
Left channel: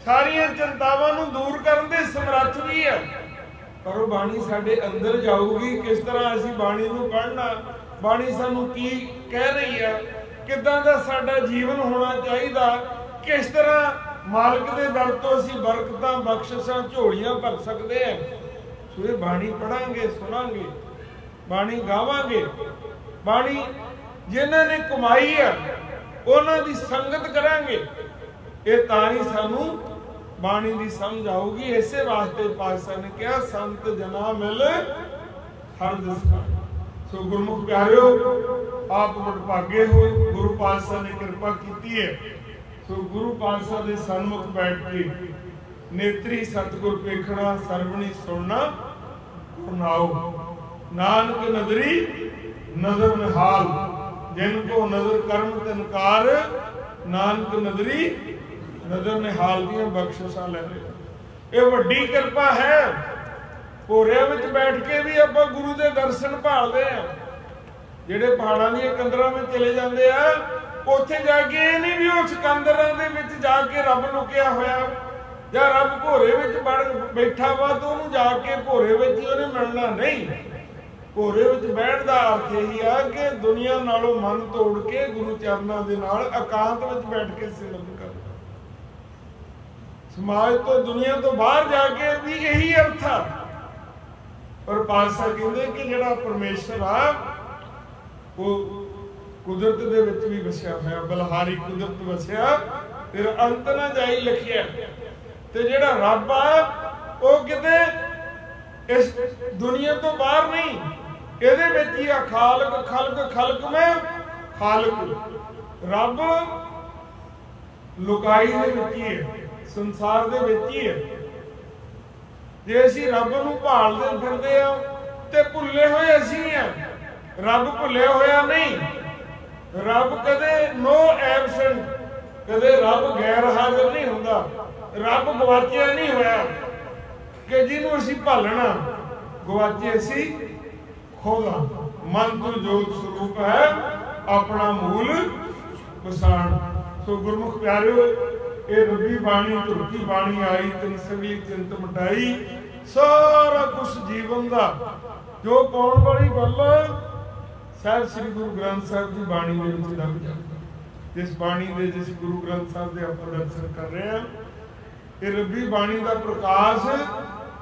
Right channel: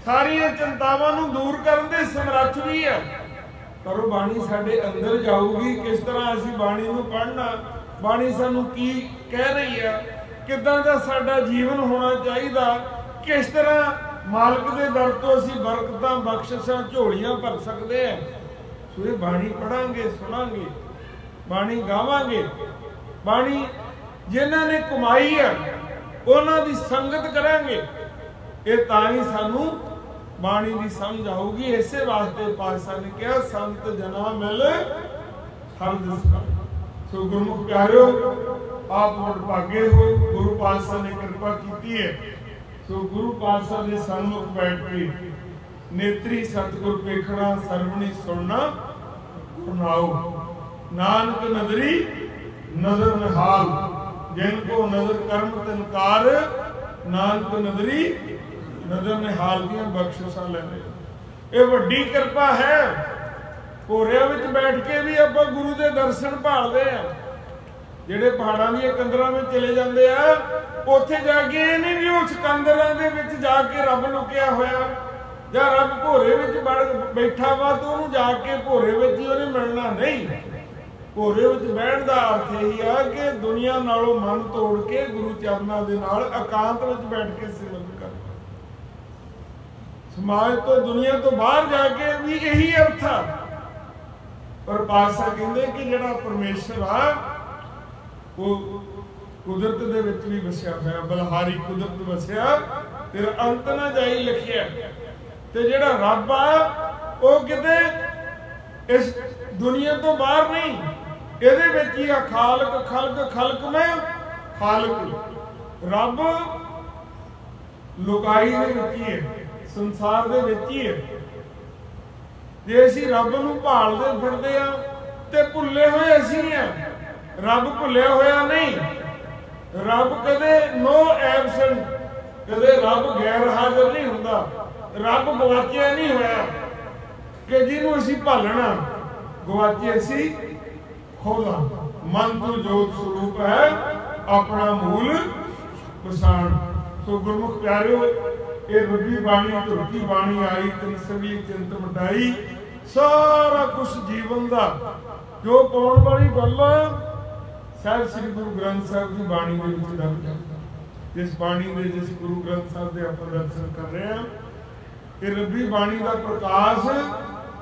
सारियां चिंतावां नूं दूर करन दे समर्थ भी है। पर वो बाणी साडे अंदर जाऊगी किस तरह? असीं बाणी नूं पढ़ना, बाणी सानूं की कह रही है, किदां दा साडा जीवन होना चाहिए, किस तरह मालक दे दर तो असीं बरकतां बख्शिशां झोलियां भर सकते हैं। सो ये बाणी पढ़ांगे, सुनांगे, बाणी गावांगे, बाणी जिन्हां ने कमाई है उन्हां दी संगत करांगे, ये तां ही सानू बाणी दी समझ आऊगी। इसे वास्ते पातशाह ने कहा संत जना मिल हर दिस पाए। सो गुरमुख प्यारिओ, आप वडभागे हो, गुरु पातशाह ने कृपा की है। सो गुरु पातशाह दे सन्मुख बैठ के नेत्री सतगुर पेखना, सरवणी सुनना गुरनाओ। नानक नदरी नजर निहाल, जिनको नजर कर्म तिनकार, नानक नदरी नजर निहाल दियां बख्शिशां ले ले। ये वड्डी कृपा है। भोरिया विच बैठ के भी आपां गुरु दे दर्शन भालदे आ। जिहड़े पहाड़ां दीयां कंदरां विच चले जांदे आ, उत्थे जाके ये नहीं भी उस कंदरां दे विच जाके रब लुकिया होया जां रब भोरे विच बड़ बैठा वा तो उहनूं जाके भोरे विच ही उहने मिलना नहीं। भोरे विच बहण दा अर्थ यही आ कि दुनिया नालों मन तोड़ के गुरु चरनां दे नाल एकांत विच बैठ के सिमरन करना। समाज तो दुनिया तो बाहर जाके भी यही अर्थ आ। पर पातशाह कहंदे कि जिहड़ा परमेश्वर आ वो कुदरत दे विच भी वसिया होया, बलहारी कुदरत वसिया, तेरा अंत ना जाई लिखिया। ते जिहड़ा रब आ वो किते इस दुनिया तो बाहर नहीं, इहदे विच ही आ। खालक खलक खलक में खालक, रब लुकाई दे विच ही है, संसार दे विच ही है। जे असीं रब नूं भालदे फिरदे आ ते भुल्ले होए असीं आ, रब भुल्लिया होया नहीं। रब कदे नो एबसेंट, कदे रब गैर हाजिर नहीं हुंदा, रब गवाचिया नहीं होया कि जिन्हों असीं भालना गवाचे असीं खोला। मन तो जोत स्वरूप है अपना मूल पछाण। सो गुरमुख प्यारिओ, ये रब्बी बाणी धुरती बाणी आई तिन सगली चिंत मटाई। सारा कुछ जीवन का जो पाउण वाली गल साहिब श्री गुरु ग्रंथ साहिब की बाणी दे विच दब जाए। जिस बाणी दे, जिस गुरु ग्रंथ साहिब दे आपां दर्शन कर रहे हैं, ये रब्बी बाणी का प्रकाश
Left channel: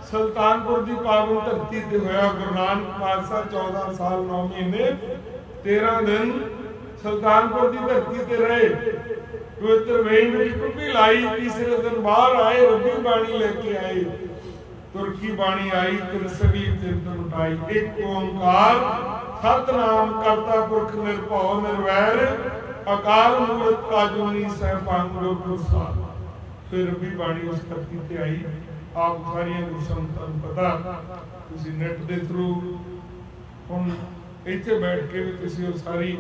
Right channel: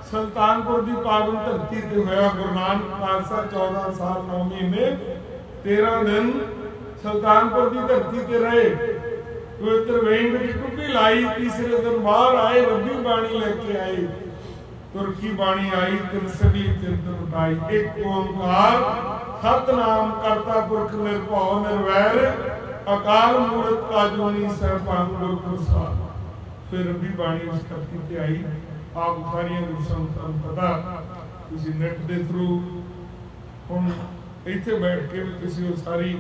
सुल्तानपुर की पावन धरती ते होया। गुरु नानक पातशाह 14 साल 9 महीने 13 दिन सुल्तानपुर की धरती ते रहे। पवित्र वेई में टुप्पी लाई, तीसरे दिन बाहर आए, रब्बी बाणी लेके आए। तुरकी बाणी आई तिन सगली चिंत मिटाई। एक ओंकार सतनाम करता पुरख निर्भौ निर्वैर अकाल मूरत आजूनी सहपान गुर प्रसाद। फिर रब्बी बाणी उस धरती ते आई। आप सारिया गुरु संगतां नूं पता, तुसीं नैट दे थ्रू हुण इत्थे बैठ के भी तुसीं वो सारी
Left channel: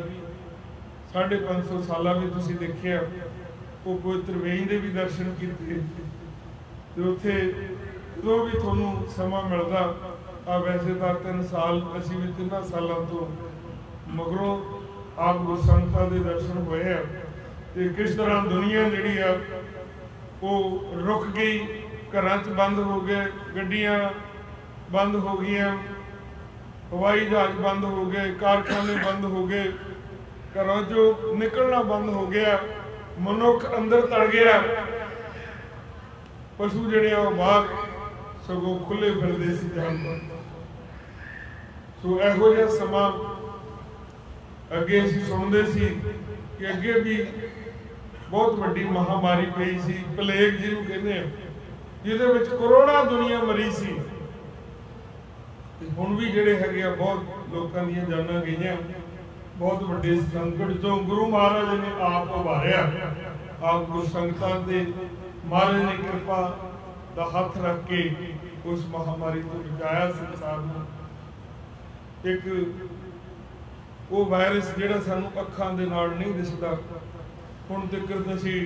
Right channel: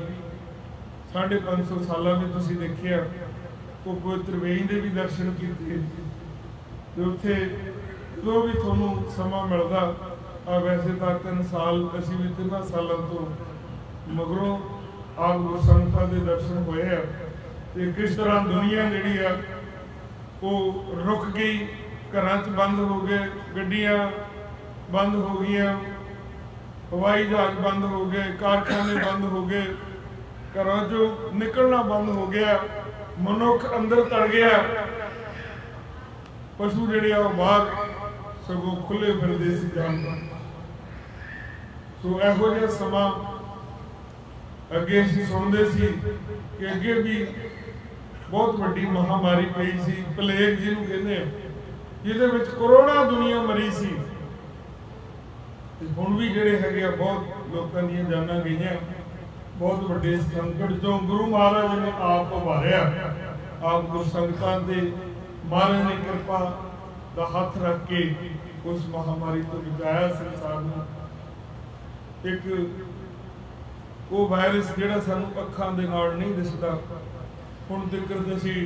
550 साल भी तुसीं देखिया, वो पवित्र वेई दे भी दर्शन कीते ते उत्थे जो भी तुहानूं समा मिलदा आ। वैसे तो 3 साल असीं भी 3 सालों तो मगरों आप गुरु संगतां दे दर्शन होए आ ते किस तरह दुनिया जिहड़ी आ वो रुक गई, घरां च बंद हो गए, गड्डियां बंद हो गई, हवाई जहाज बंद हो गए, कारखाने बंद हो गए, घरों चों निकलना बंद हो गया, मनुख अंदर तड़ गया, पशु जिहड़े आ बाहर सगों खुले फिरदे सी जानवर। सो इहो जिहा समा अगे असीं सुणदे सी कि अगे भी बहुत वड्डी महामारी पई सी, प्लेग जिहनूं कहंदे आ, जिहदे विच करोड़ां दुनिया मरी सी। हुण भी जिहड़े हैगे आ बहुत लोकां दीयां जानां गईयां, बहुत वड्डे संकट चों गुरु महाराज ने आप उभारिया। आप गुरु संगतां दे महाराज ने किरपा दा हथ रख के उस महामारी तो बचाया संसार नूं। एक वो वायरस जिहड़ा सानूं अखां दे नाल नहीं दिसदा, हुण तक असीं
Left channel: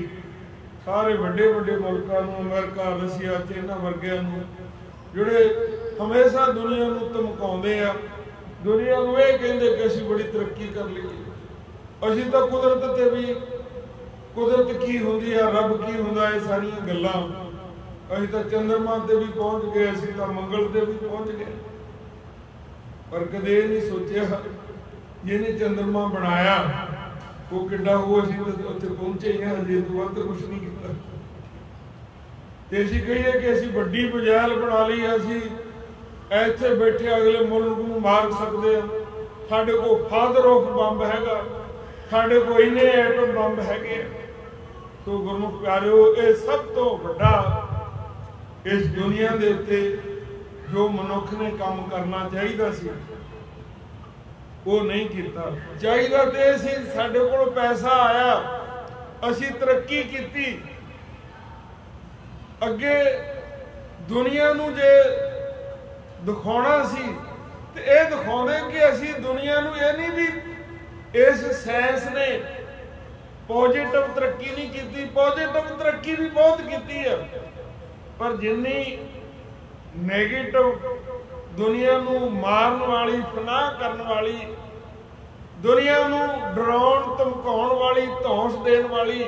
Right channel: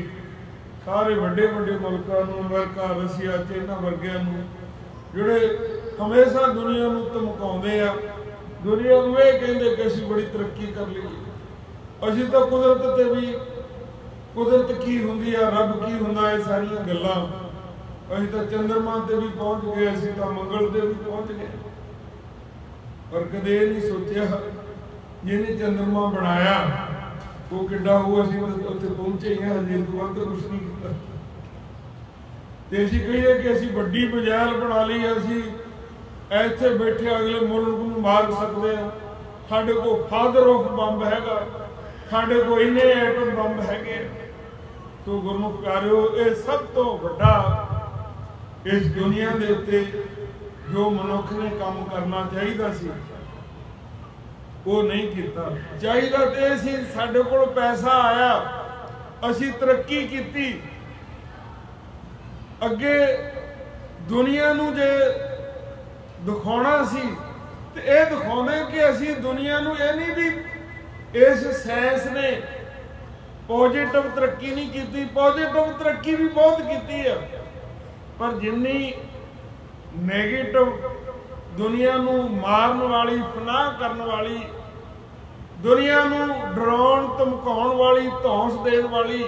सारे वड्डे वड्डे मुल्कां नूं, अमेरिका, रशिया, चाइना वर्गियां नूं जिहड़े हमेशा दुनिया नूं धमकाउंदे आ, दुनिया नूं इह कहिंदे कि असीं बड़ी तरक्की कर लईए, असीं तां कुदरत ते भी, कुदरत की हुंदी आ, रब की हुंदा, ये सारियां गल्लां, असीं तां चंद्रमा ते भी पहुंच गए, असीं तां मंगल ते भी पहुंच गए। पर कदे नहीं सोचिया जिहने चंद्रमा बनाया वो किड्डा हो, असीं तां उत्थे पहुंचे ही हजे, इस तो वध कुछ नहीं कीता। ते असीं कहीए कि असीं वड्डी बजैल बना लई, असीं ਇੱਥੇ बैठे अगले मुल्क ਨੂੰ मार सकते हैं, साढ़े को फादर ऑफ बंब हैगा, साढ़े को इन्ने एटम बंब हैगे। तो गुरमुख प्यारिओ, ये सब तो वड्डा इस दुनिया दे उत्ते जो मनुख ने काम करना चाहिए सी वो नहीं किया। चाहिए तो सी साढ़े कोल पैसा आया, असी तरक्की की, अगे दुनिया नूं जे दिखाना सी ते ये दिखाते कि असी दुनिया नूं ये नहीं भी इस साइंस ने पॉजिटिव तरक्की नहीं की, पॉजिटिव तरक्की भी बहुत की है, पर जिन्नी नैगेटिव दुनिया नूं मारन वाली, फनाह करन वाली, दुनिया नूं डराउण धमकाउण वाली, धौंस देण वाली,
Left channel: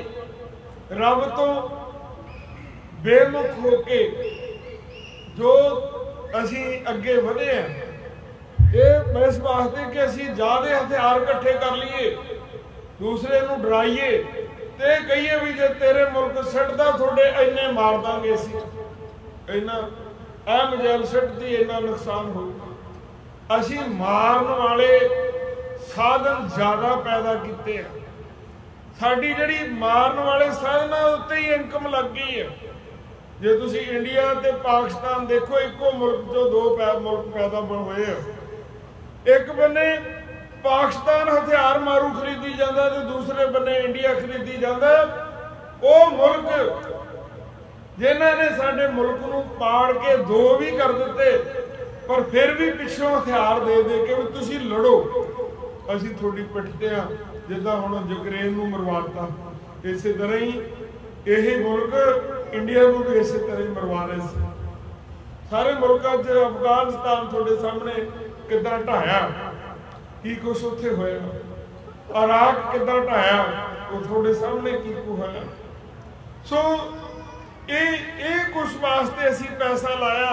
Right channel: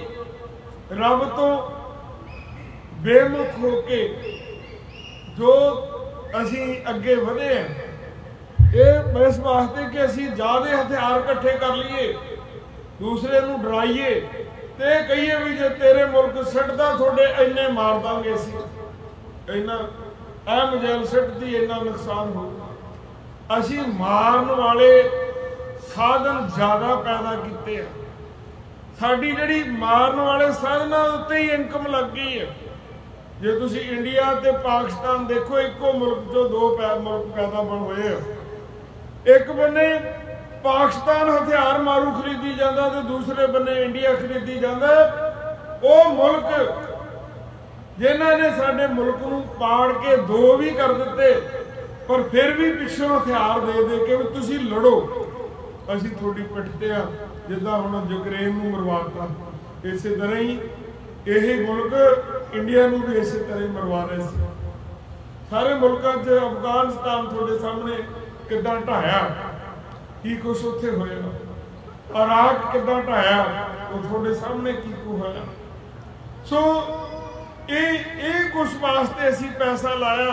रब तो बेमुख होके जो असी अगे वधे हैं, ये इस वास्ते कि असी ज़्यादा हथियार इकट्ठे कर लीए, दूसरे नूं डराइए ते कहिए भी जे तेरे मुल्क सिटदा थोड़े इन्ने मार दांगे, असी इन्ना ऐ मजैल सिटदी इन्ना नुकसान होगा। असी मारन वाले साधन ज़्यादा पैदा किए हैं, साडी जिहड़ी मारन वाले साधनां उत्ते ही इनकम लग गई है। जे तुसी इंडिया ते पाकिस्तान देखो, इको मुल्क चो दो मुल्क पैदा होए। एक बन्ने पाकिस्तान हथियार मारू खरीदी जाता ते दूसरे बन्ने इंडिया खरीदी जाता। वो मुल्क जिन्हां ने साडे मुल्क नूं पाड़ के दो भी कर दिते, पर फिर भी पिछों हथियार दे दे के भी तुसी लड़ो, असी थोड़ी पिटते आ, जिद्दां हुण यूक्रेन नूं मरवाता। इस तरह ही यही मुल्क इंडिया नूं भी इस तरह ही मरवा रहे थे। सारे मुल्कां च अफगानिस्तान थोड़े सामने किद्दां ढाया, की कुछ उत्थे होया, इराक किद्दां ढाया, वो थोड़े सामने की कुछ होया। सो ये कुछ वास्ते असी पैसा लाया।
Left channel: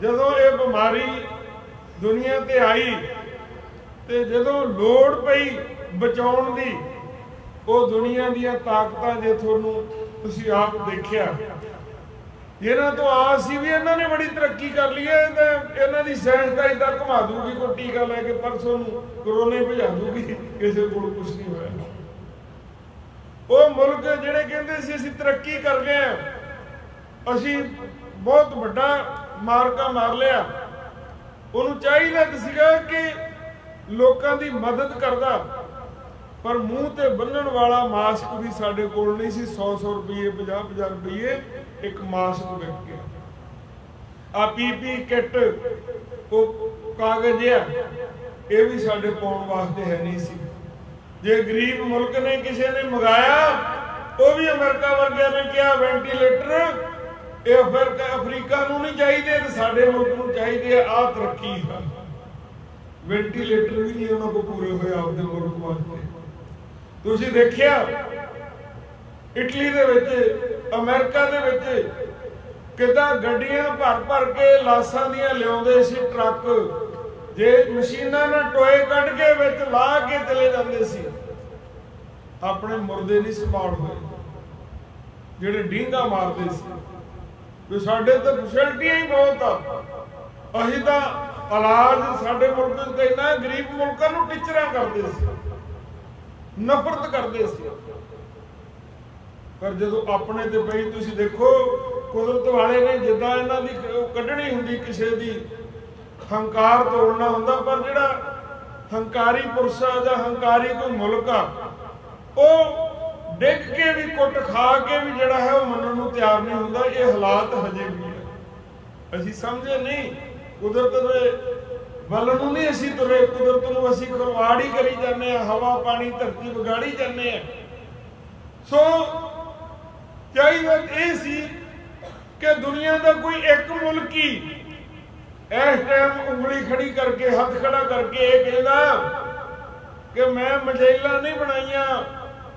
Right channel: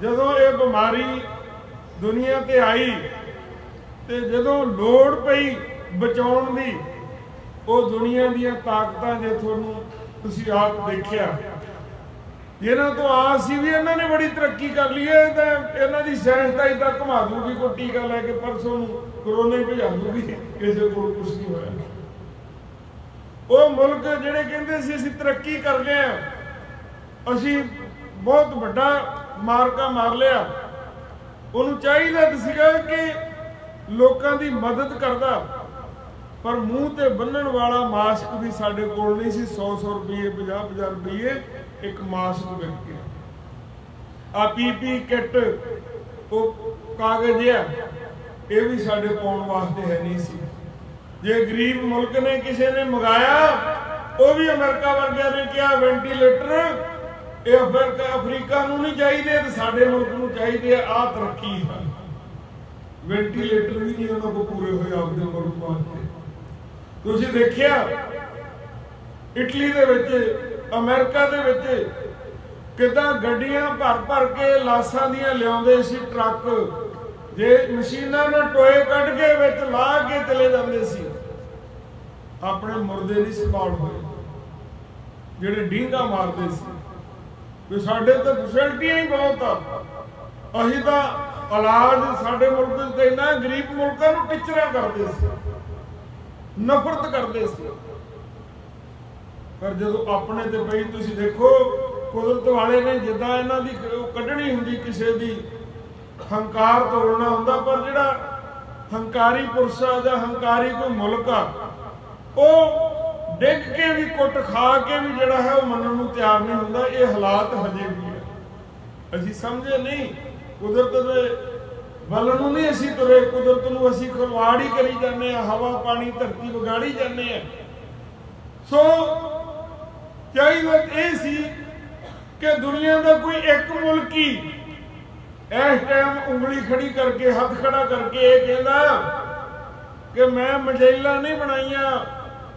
जदों ये बीमारी दुनिया ते आई ते जदों लोड़ पई बचाउण दी, वो दुनिया दीयां ताकतां जे तुहानूं तुसीं आप देखिया, जिन्हां तो आसी भी इन्हां ने बड़ी तरक्की कर ली है, तो इन्हां दी साइंस तां इदां घुमा दूगी, कोई टीका लैके परसों नूं कोरोना ही भजा दूगी, किसी को कुछ नहीं होया। वो मुल्क जिहड़े कहंदे सी असीं तरक्की कर गए हैं, असीं बहुत वड्डा मारका मार लिया, उहनूं चाहीदा सीगा कि लोगों की मदद करता, पर मूँह ते बन्नण वाला मास्क भी साडे कोल नहीं सी। 100 रुपये 50 रुपये एक मास्क विक गया। आ पीपी किट वो कागज ये भी साडे पाउण वास्ते है नहीं सी। जे गरीब मुल्क ने किसी ने मंगाया, वो भी अमेरिका वर्गिया ने कहा वेंटीलेटर ये अफ्रीका नूं नहीं चाहिए तो साडे मुल्क नूं चाहिए। आ तरक्की है, वेंटीलेटर भी नहीं उन्होंने को पूरे हुए आपके मुल्क वास्ते। तुसीं देखिया इटली दे विच, अमेरिका दे विच किदां गड्डियां भर भर के लाशां दियां लियाउंदे सी ट्रक, जे मशीनां ने टोए कढ के विच ला के चले जांदे सी। अपने मुर्दे नहीं संभाल होए, जिहड़े डींगा मारदे सी। तो साडे तो फैसिलिटियां ही बहुत आ। असीं तां इलाज साडे मुल्क च इन्ना गरीब मुल्कां नूं टिचरां करदे सी, नफरत करदे सी। पर जदों अपने ते पई, तुसीं देखो कुदरत वाले ने जिद्दां इन्हां दी कढणी हुंदी, किसे दी हंकार तोड़ना हुंदा, पर जिहड़ा हंकारी पुरुष आ जां हंकारी कोई मुल्क आ, वो डिग के भी कुट खा के भी जिहड़ा है वो मनण नूं तैयार नहीं हुंदा। ये हालात हजे भी है। असीं समझे नहीं, कुदरत दे बल नूं नहीं असीं तुरे, कुदरत नूं असीं खिलवाड़ ही करी जाने, हवा पानी धरती विगाड़ी जाने। सो चाहिए ये सी कि दुनिया का कोई एक मुल्क ही इस टाइम उंगली खड़ी करके हथ खड़ा करके ये कहता कि मैं मिसाइलां नहीं बनाईयां,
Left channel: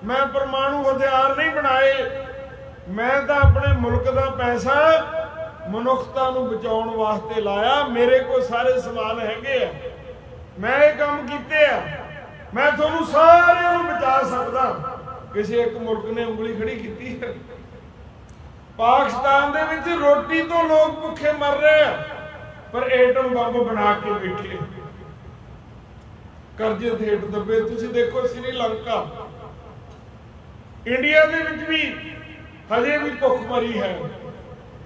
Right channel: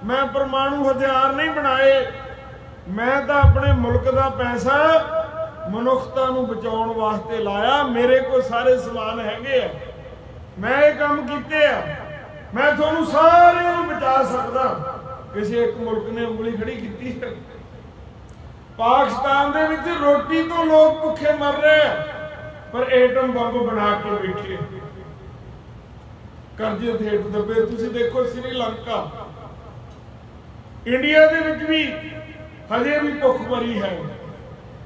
मैं परमाणु हथियार नहीं बनाए, मैं तो अपने मुल्क का पैसा मनुखता नूं बचाउण वास्ते लाया, मेरे को सारे समान हैगे आ, मैं ये काम कीते आ, मैं तुहानूं सारे नूं बचा सकदा। किसी एक मुल्क ने उंगली खड़ी की है। पाकिस्तान दे विच रोटी तो लोग भुखे मर रहे हैं, पर एटम बंब बना के बैठे, करजे हेठ दबे। तुसीं देखो श्रीलंका, इंडिया दे विच भी हजे भी भुखमरी है,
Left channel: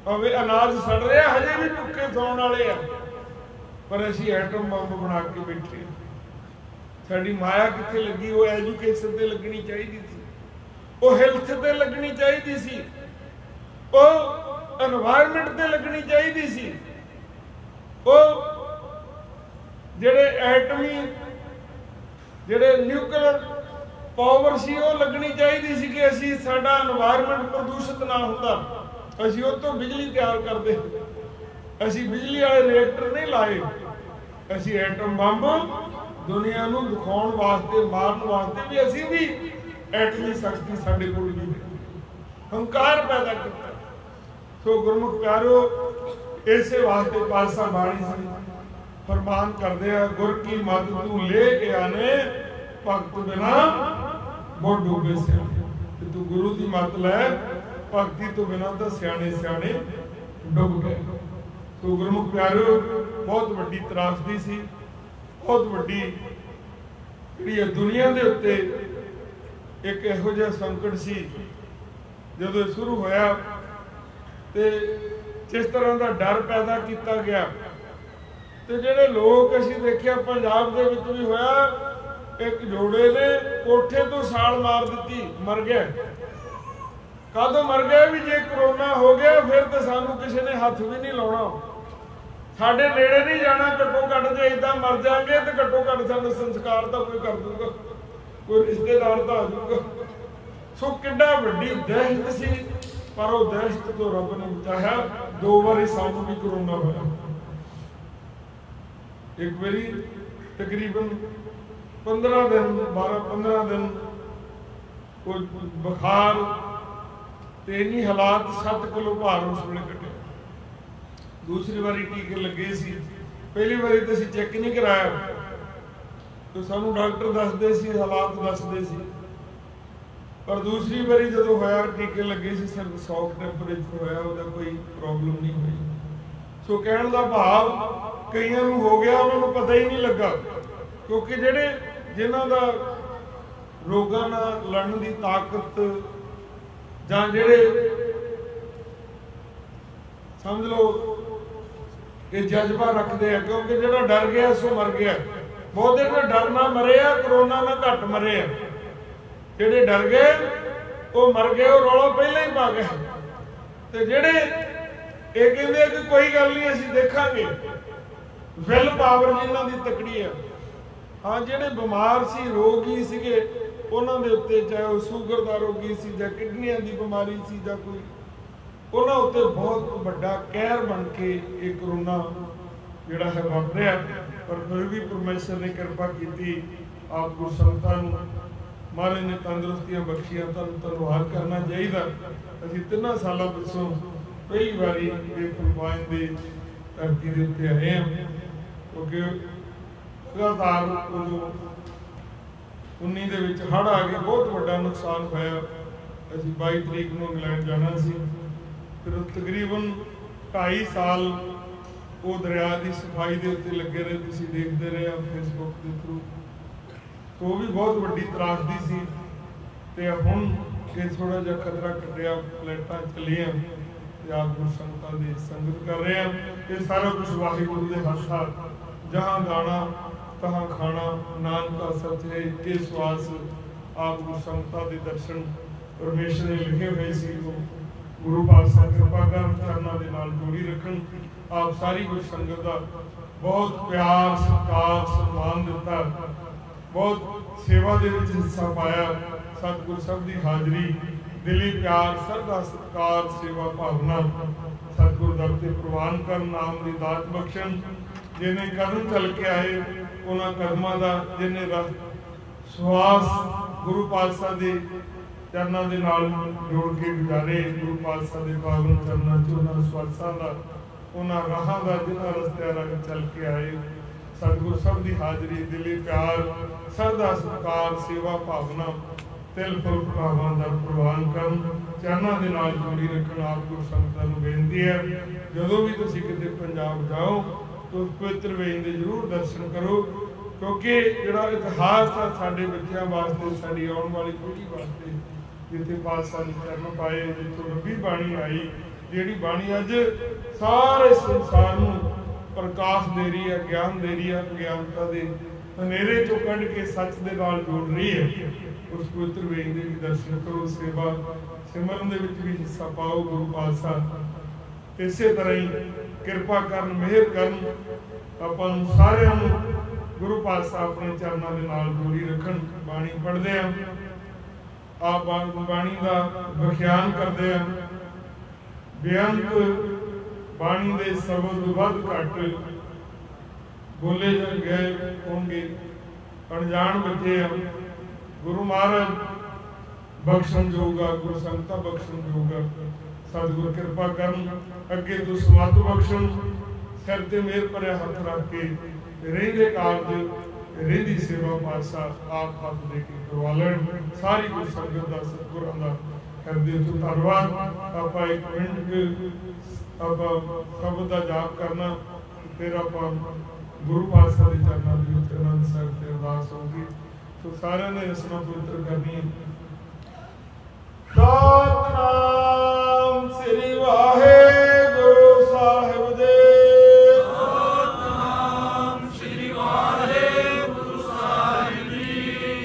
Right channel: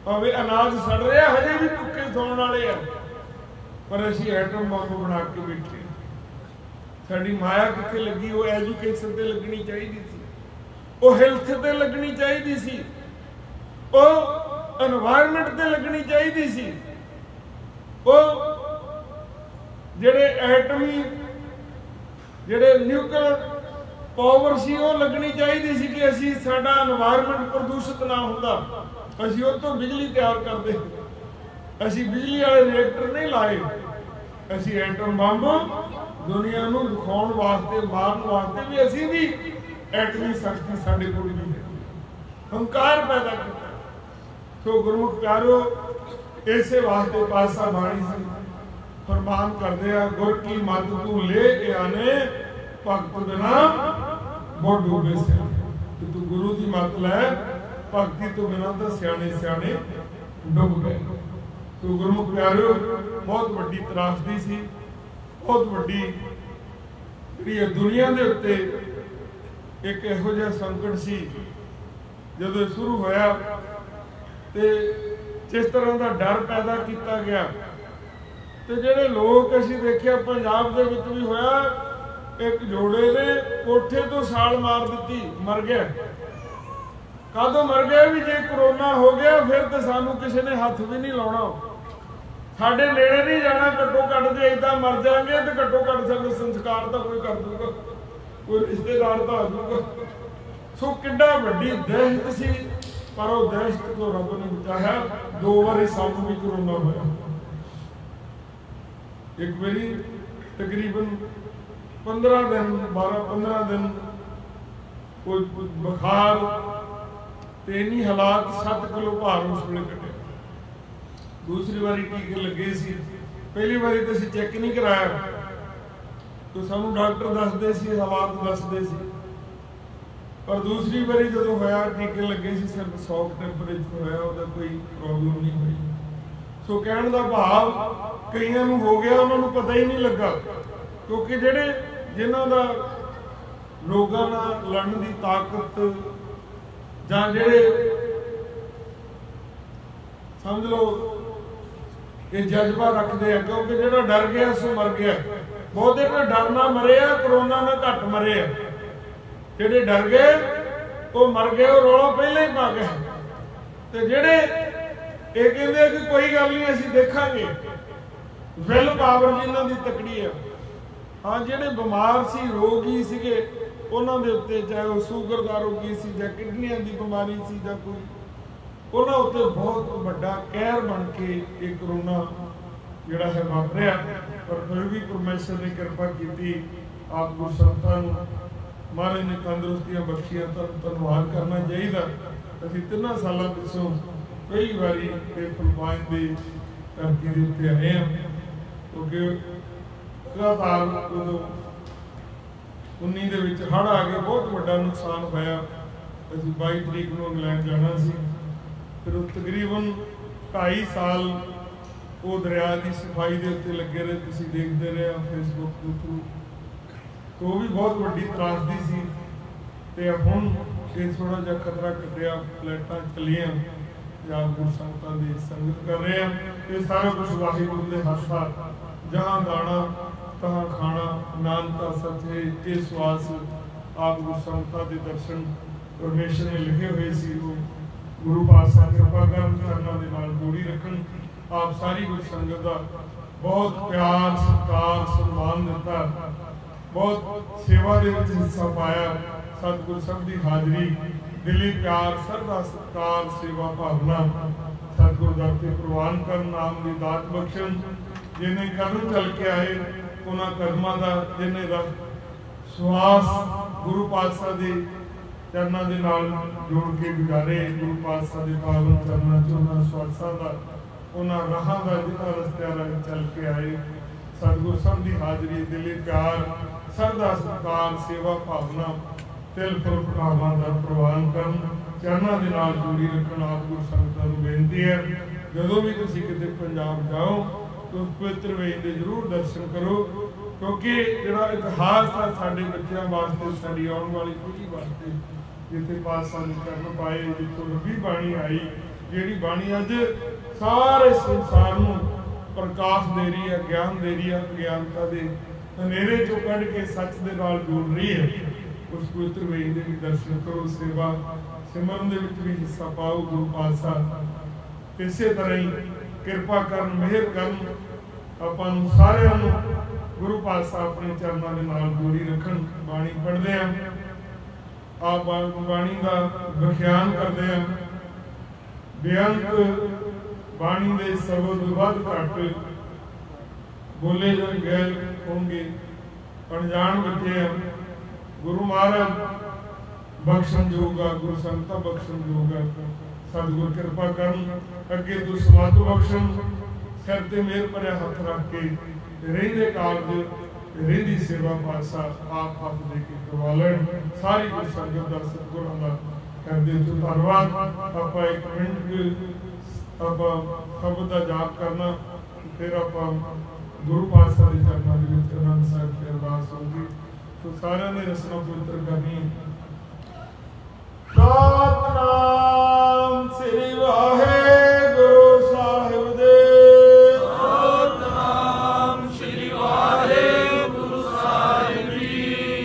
भावें अनाज सड़ रहा, हजे भी भुखे सौण वाले आ, पर असीं एटम बंब बना के बैठे। साडी माया कित्थे लगी? वो एजुकेशन ते लगनी चाहिदी सी, वो हेल्थ ते लगनी चाहिदी सी, वो एनवायरमेंट ते लगनी चाहिदी सी, वो जिहड़े एटमी जिहड़े न्यूक्लियर पावर सी वो लगनी चाहिए सी कि असी साडा एनवायरमेंट प्रदूषित ना हुंदा, असी उस तो बिजली तैयार करते। असी बिजली वाले रिएक्टर नहीं लाए, असी एटम बंब दुनिया नूं दिखाउण वास्ते, मारन वास्ते भी असी भी एटमी शक्ति साडे कोल भी है, हंकार पैदा किया। सो गुरमुख प्यारो, इसे वास्ते पातशाह बाणी सी फरमान करदे आ, गुर की मत तू ले के आने, भगत बिना बहुत डूबे सियाने। तू गुरु की मत लै, भगती तो बिना तो सियाने सियाने डुब गए। तो गुरमुख प्यारो, बहुत वड्डी त्रासदी सी, बहुत वड्डी जिहड़ी दुनिया दे उत्ते एक इहो जिहा संकट सी। जदों शुरू होया ते जिस तरह का डर पैदा किया गया, तो जिहड़े लोग असीं देखिया पंजाब दे विच भी होया, एक जोड़े ने कोठे तो साल मार दी, मर गया। कदों मर गया भी? जे करोना हो गया फिर तो सानू किसी ने हथ भी नहीं लाउणा, साडे नेड़े नहीं जाना। घट्टो घट जे इदां मर जाएंगे तो घट्टो घट सानू संस्कार तो कोई कर दूगा, कोई रिश्तेदार तो आ जाऊगा। सो किड्डा वड्डी दहशत सी, पर वो दहशत तो रब ने बचाया। 2 बारी सानू भी करोना होया, एक बारी तकरीबन 15 दिन 12-15 दिन कोई बुखार ते इन्नी हालात 7 किलो भार उस वेले कटे। दूसरी बारी टीके लगे सी, पहली बारी तो असीं चेक नहीं कराया, तो सानू डॉक्टर दसदे सी, हालात दसदे सी। पर दूसरी बारी जदों होया टीके लगे सी, सिर्फ 100 टेंपरेचर होया, उहदा कोई प्रॉब्लम नहीं हुई। सो कहण दा भाव कईयां नूं हो गया, उन्हां नूं पता ही नहीं लगा, क्योंकि जिहड़े जिन्हां दा रोगां नाल लड़न दी ताकत जां जिहड़े समझ लो ये जज्बा रखते हैं, क्योंकि जिहड़ा डर गया सो मर गया। बहुते तो डरना मरे आ, करोना ना घट मरे आ। जेडे डर गए वो मर गए, वो रौला पहले ही पा गए। तो जेडे ये कहते कि कोई गल नहीं असीं देखांगे, विल पावर जिन्हां दी तकड़ी है। हाँ, जेडे बीमार सी, रोगी सीगे, उन्हां दे उत्ते चाहे वो शूगर दा रोगी सी जां किडनियां दी बीमारी सी जां कोई, उन्हां उत्ते बहुत वड्डा कहर बन के ये करोना जिहड़ा है वापरिया। पर फिर भी परमेश्वर ने कृपा की। आप गुरु संगतां नूं महाराज ने तंदुरुस्तियां बख्शियां, धन्नवाद करना चाहिए। असीं 3 सालों पिछों पहली बारी ये फिलिपाइन की धरती के उत्ते आए हैं, क्योंकि लगातार उदों 19 दे विच हड़ आ गए, बहुत वड्डा नुकसान होया। असीं 22 तरीक नूं इंग्लैंड जाना सी, फिर तकरीबन 2.5 साल वो दरिया की सफाई के उत्ते लगे रहे, तुसीं देखते रहे फेसबुक के थ्रू। तो वो भी बहुत वड्डी त्रासदी सी। ते हुण ये थोड़ा जिहा खतरा कटिया, फ्लैटां चलियां ते आप गुरु संगतां दी संगत कर रहे हैं। ये सारा कुछ वाहिगुरू दे हत्थ आ। जहाँ दाना तहाँ खाना, नानका सच है ये श्वास। आप गुरु संगतां दे दर्शन परमेश्वर ने लिखे हुए सी, वो गुरु पातशाह कृपा करन, चरनां दे नाल जोड़ी रखन। आप सारी गुरु संगत का बहुत प्यार, सत्कार, सम्मान दिता, बहुत सेवा दे विच हिस्सा पाया। सतगुर सब की हाजरी, दिली प्यार, श्रद्धा, सत्कार, सेवा भावना सतगुर दाते प्रवान कर, नाम की दात बख्शण। जिन्हें कदम चल के आए उन्होंने कदमां का जिन्हें रस श्वास गुरु पातशाह के चरणों के नाल जोड़ के गुजारे। गुरु पातशाह के पावन चरणों च उन्होंने श्वासां का, उन्होंने राहां का, जिन्होंने रस्तियां राही चल के आए। सतगुर सब की हाजरी, दिली प्यार, श्रद्धा, सत्कार, सेवा भावना, तिल फुल पटावां दा प्रवान करन, चरणों के नाल जोड़ी रखन। आप गुरु संगतां नूं बेनती है, जदों भी तुसीं किते पंजाब जाओ तो उस पवित्र वेईं दे जरूर दर्शन करो, क्योंकि जिहड़ा इतिहास है साडे बच्चों वास्ते, साडी आउण वाली पीढ़ी वास्ते, जिथे पातशाह ने चरण पाए, जिथों रब्बी बाणी आई, जिहड़ी बाणी अज सारे संसार नूं प्रकाश दे रही है, ज्ञान दे रही है, अज्ञानता दे हनेरे चों कढ के सच दे नाल जोड़ रही है। उस पवित्र वेईं दे भी दर्शन करो, सेवा सिमरन दे विच भी हिस्सा पाओ। गुरु पातशाह इसे तरह ही किरपा करन, मेहर करन, आपां नूं सारिआं नूं गुरु पातशाह अपने चरणों के नाल जोड़ी रखन। बाणी पढ़दे आ, आप बाणी का व्याख्यान करते हैं। बेअंत बाणी दे शब्द वध घट बोले गए होंगे, अनजान बच्चे आ। गुरु महाराज बख्शन जोगा, गुरु संगतां बख्शन जोगा। सतगुर कृपा करन, अगे तो समत बख्शन, सिर ते मेहर भरिया हथ रख के रहिंदे कारज, रहिंदी सेवा पातशाह आप हाथ दे के करवा लैण। सारी गुरु संगत दा, सतगुरां दा करदे तो धन्नवाद। आपां 1 मिनट आपां शब्द दा जाप करना, फिर आपां गुरु पातशाह दे चरणों दे विच आनंद साहिब ते अरदास होगी। तो सारिआं ने रसना पवित्र करनी है। सतनाम श्री वाहिगुरू साहिब दे। सतनाम श्री वाहिगुरू साहिब जी।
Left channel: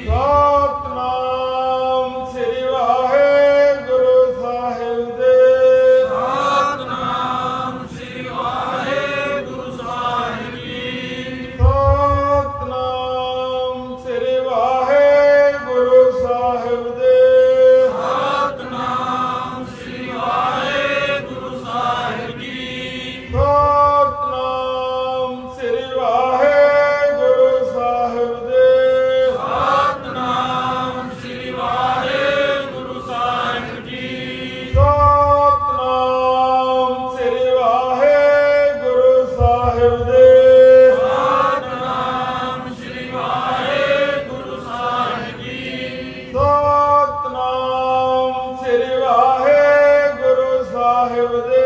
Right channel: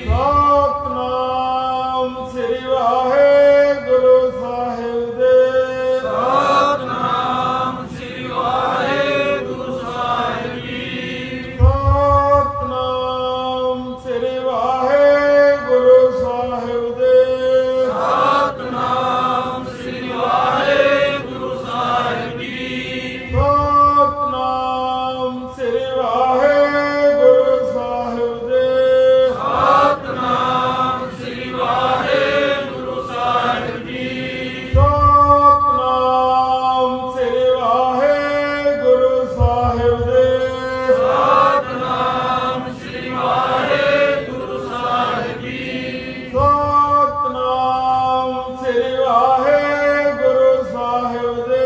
सतनाम श्री वाहिगुरू साहिब दे। सतनाम श्री वाहिगुरू साहिब जी। सतनाम श्री वाहिगुरू साहिब दे।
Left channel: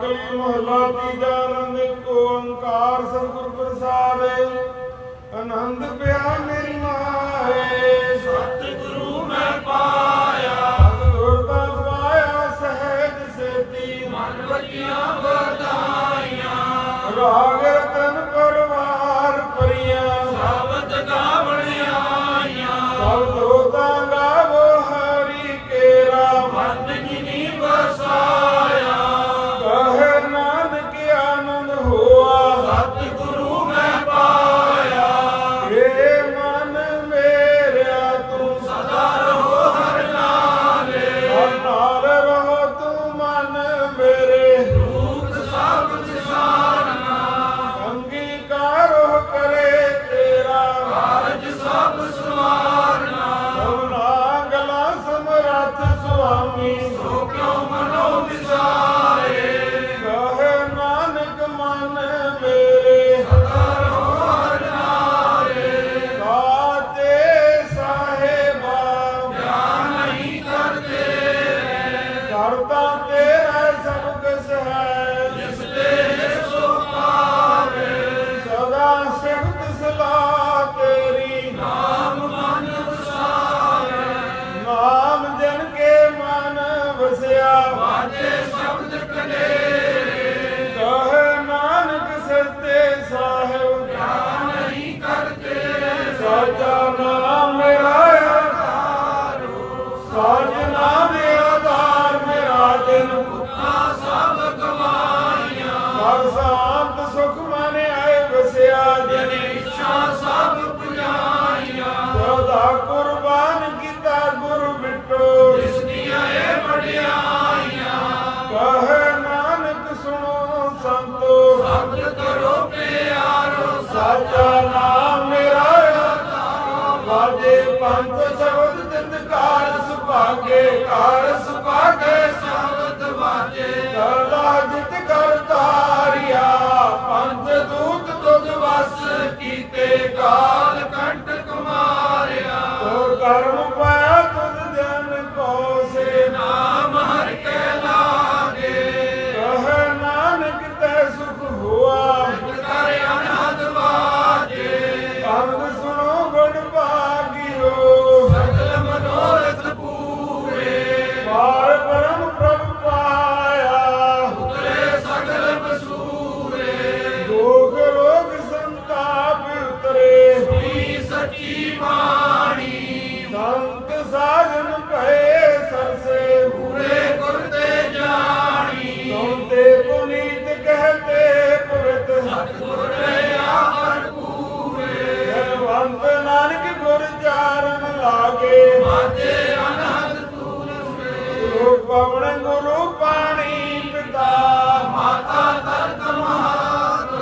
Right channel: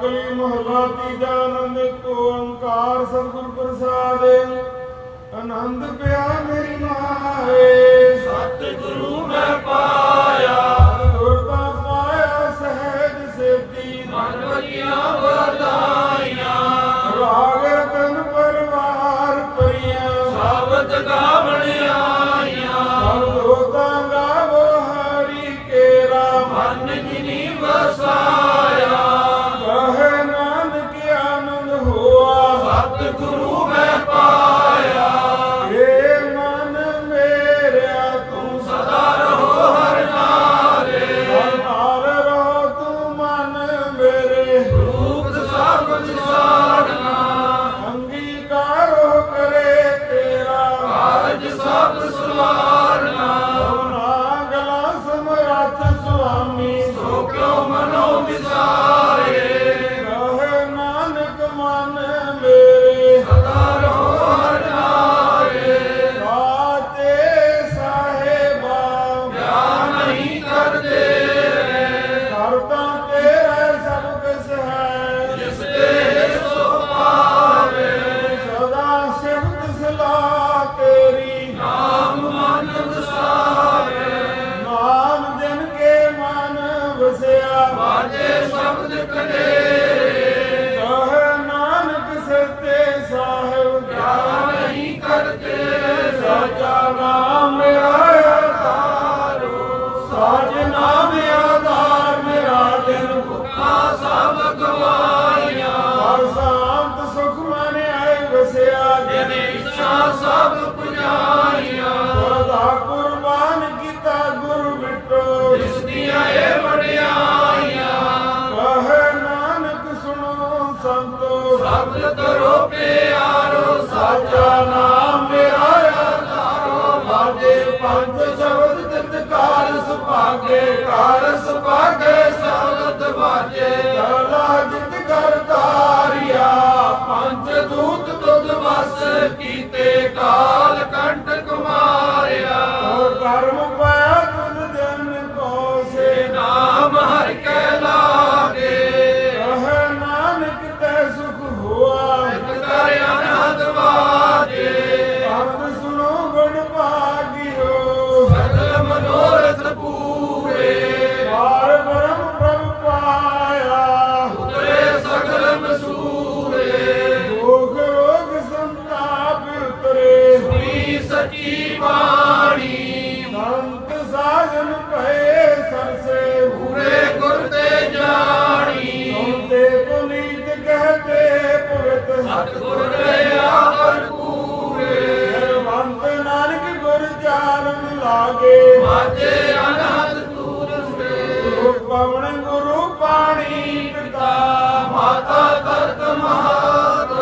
कली महला तीजा आनंद को ओंकार सतगुर प्रसाद आनंद पिया मेरी माए सतगुरु मैं पाया गुरता पाया सहज सेती मनवतियां बधाइयां राग रतन परिवार परियां सावत गावण आइयां सब लोकां गावो हरि केरा मन जिनी बसाया कहे नानक आनंद हुआ सतगुरु मैं पाया हे मन मेरा तू सदा रहो हर नाले हर नाल रहो तू मन मेरे रूप सब विसारना अंगीकार करे तेरा कारज सब सुवारना समना गला समरथ स्वामी सो क्यों मनो विसारे कहे नानक मन मेरे सदा रहो हर नाले साचे साहेबा ध्यान नहीं करते करता तेरा सब कुछ है जिस देह सो पावे सदा सिफत सलाह तेरी नाम मन विसारे नाम जन के मन वसिया बाजे शब्द कलेरे कहे नानक सत्य साहिब ध्यान नहीं करते साचा नाम मेरा आधार साज नाम आधार मेरा दिन भुखा सब गवाइयां हर शांत सुख मन आए वसिया जन इच्छा सब पुजाइयां सदा कुर्बान किता गुरु बिटो जिस दिया ए बढ़ियाइयां कहे नानक सुनो संतो भक्त करो प्यारो साचा नाम मेरा बाजे पंथ शब्द जित कार सुभागे कार सुभागे शब्द बाजे कला जित कर तारिया पंथ दूत तुद वस कीते काल कंठ कुमारिया और कर्म पाया तुद जन को से नाम हर के लागे कहे नानक ते सुख हुआ कर अनहद बाजे आनंद सुनो बड़ भागियो सकल मनोरथ पूरे पार ब्रह्म प्रभु पाया उतरे सकल मसूरे दुख रोग संताप उतरे सुनी सची बाणी संत साजन भय सरसे पूरे गुर ते जानी सुनते पुनीत कहते पवित सतगुर रहा हर पूरे जलवंत नानक गुर चारण लागे बाजे अनहद दूरे लोक पवन गुरु पाणी पिता माता दर्द महात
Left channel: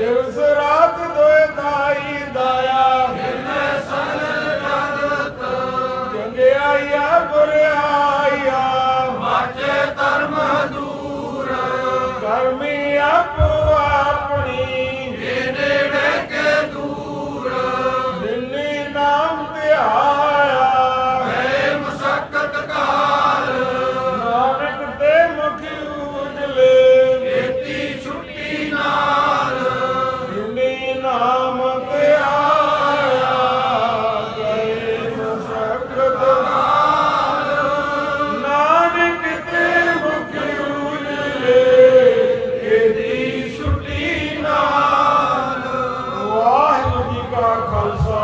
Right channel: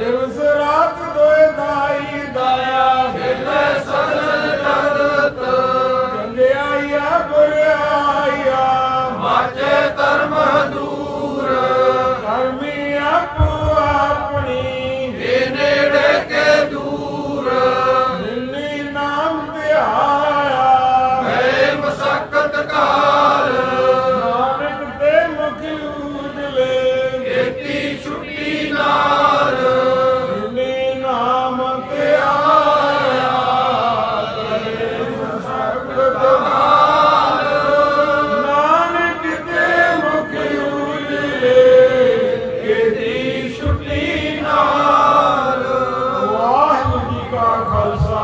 दिवस रात दोए दाई दाया हिले सकल जगत जंगियाया बुरियाया बाजे धर्म दूर कर्मी आपो अपनी इने रह के दूर जिन्नी नाम ध्याया है मशक्कत काल नानक ते मुख उजले खेती छुट्टी नाल जिन्नी नाम ध्याया गए मशक्कत नानक ते मुख उजले केती छुट्टी नाल वाहिगुरू जी का खालसा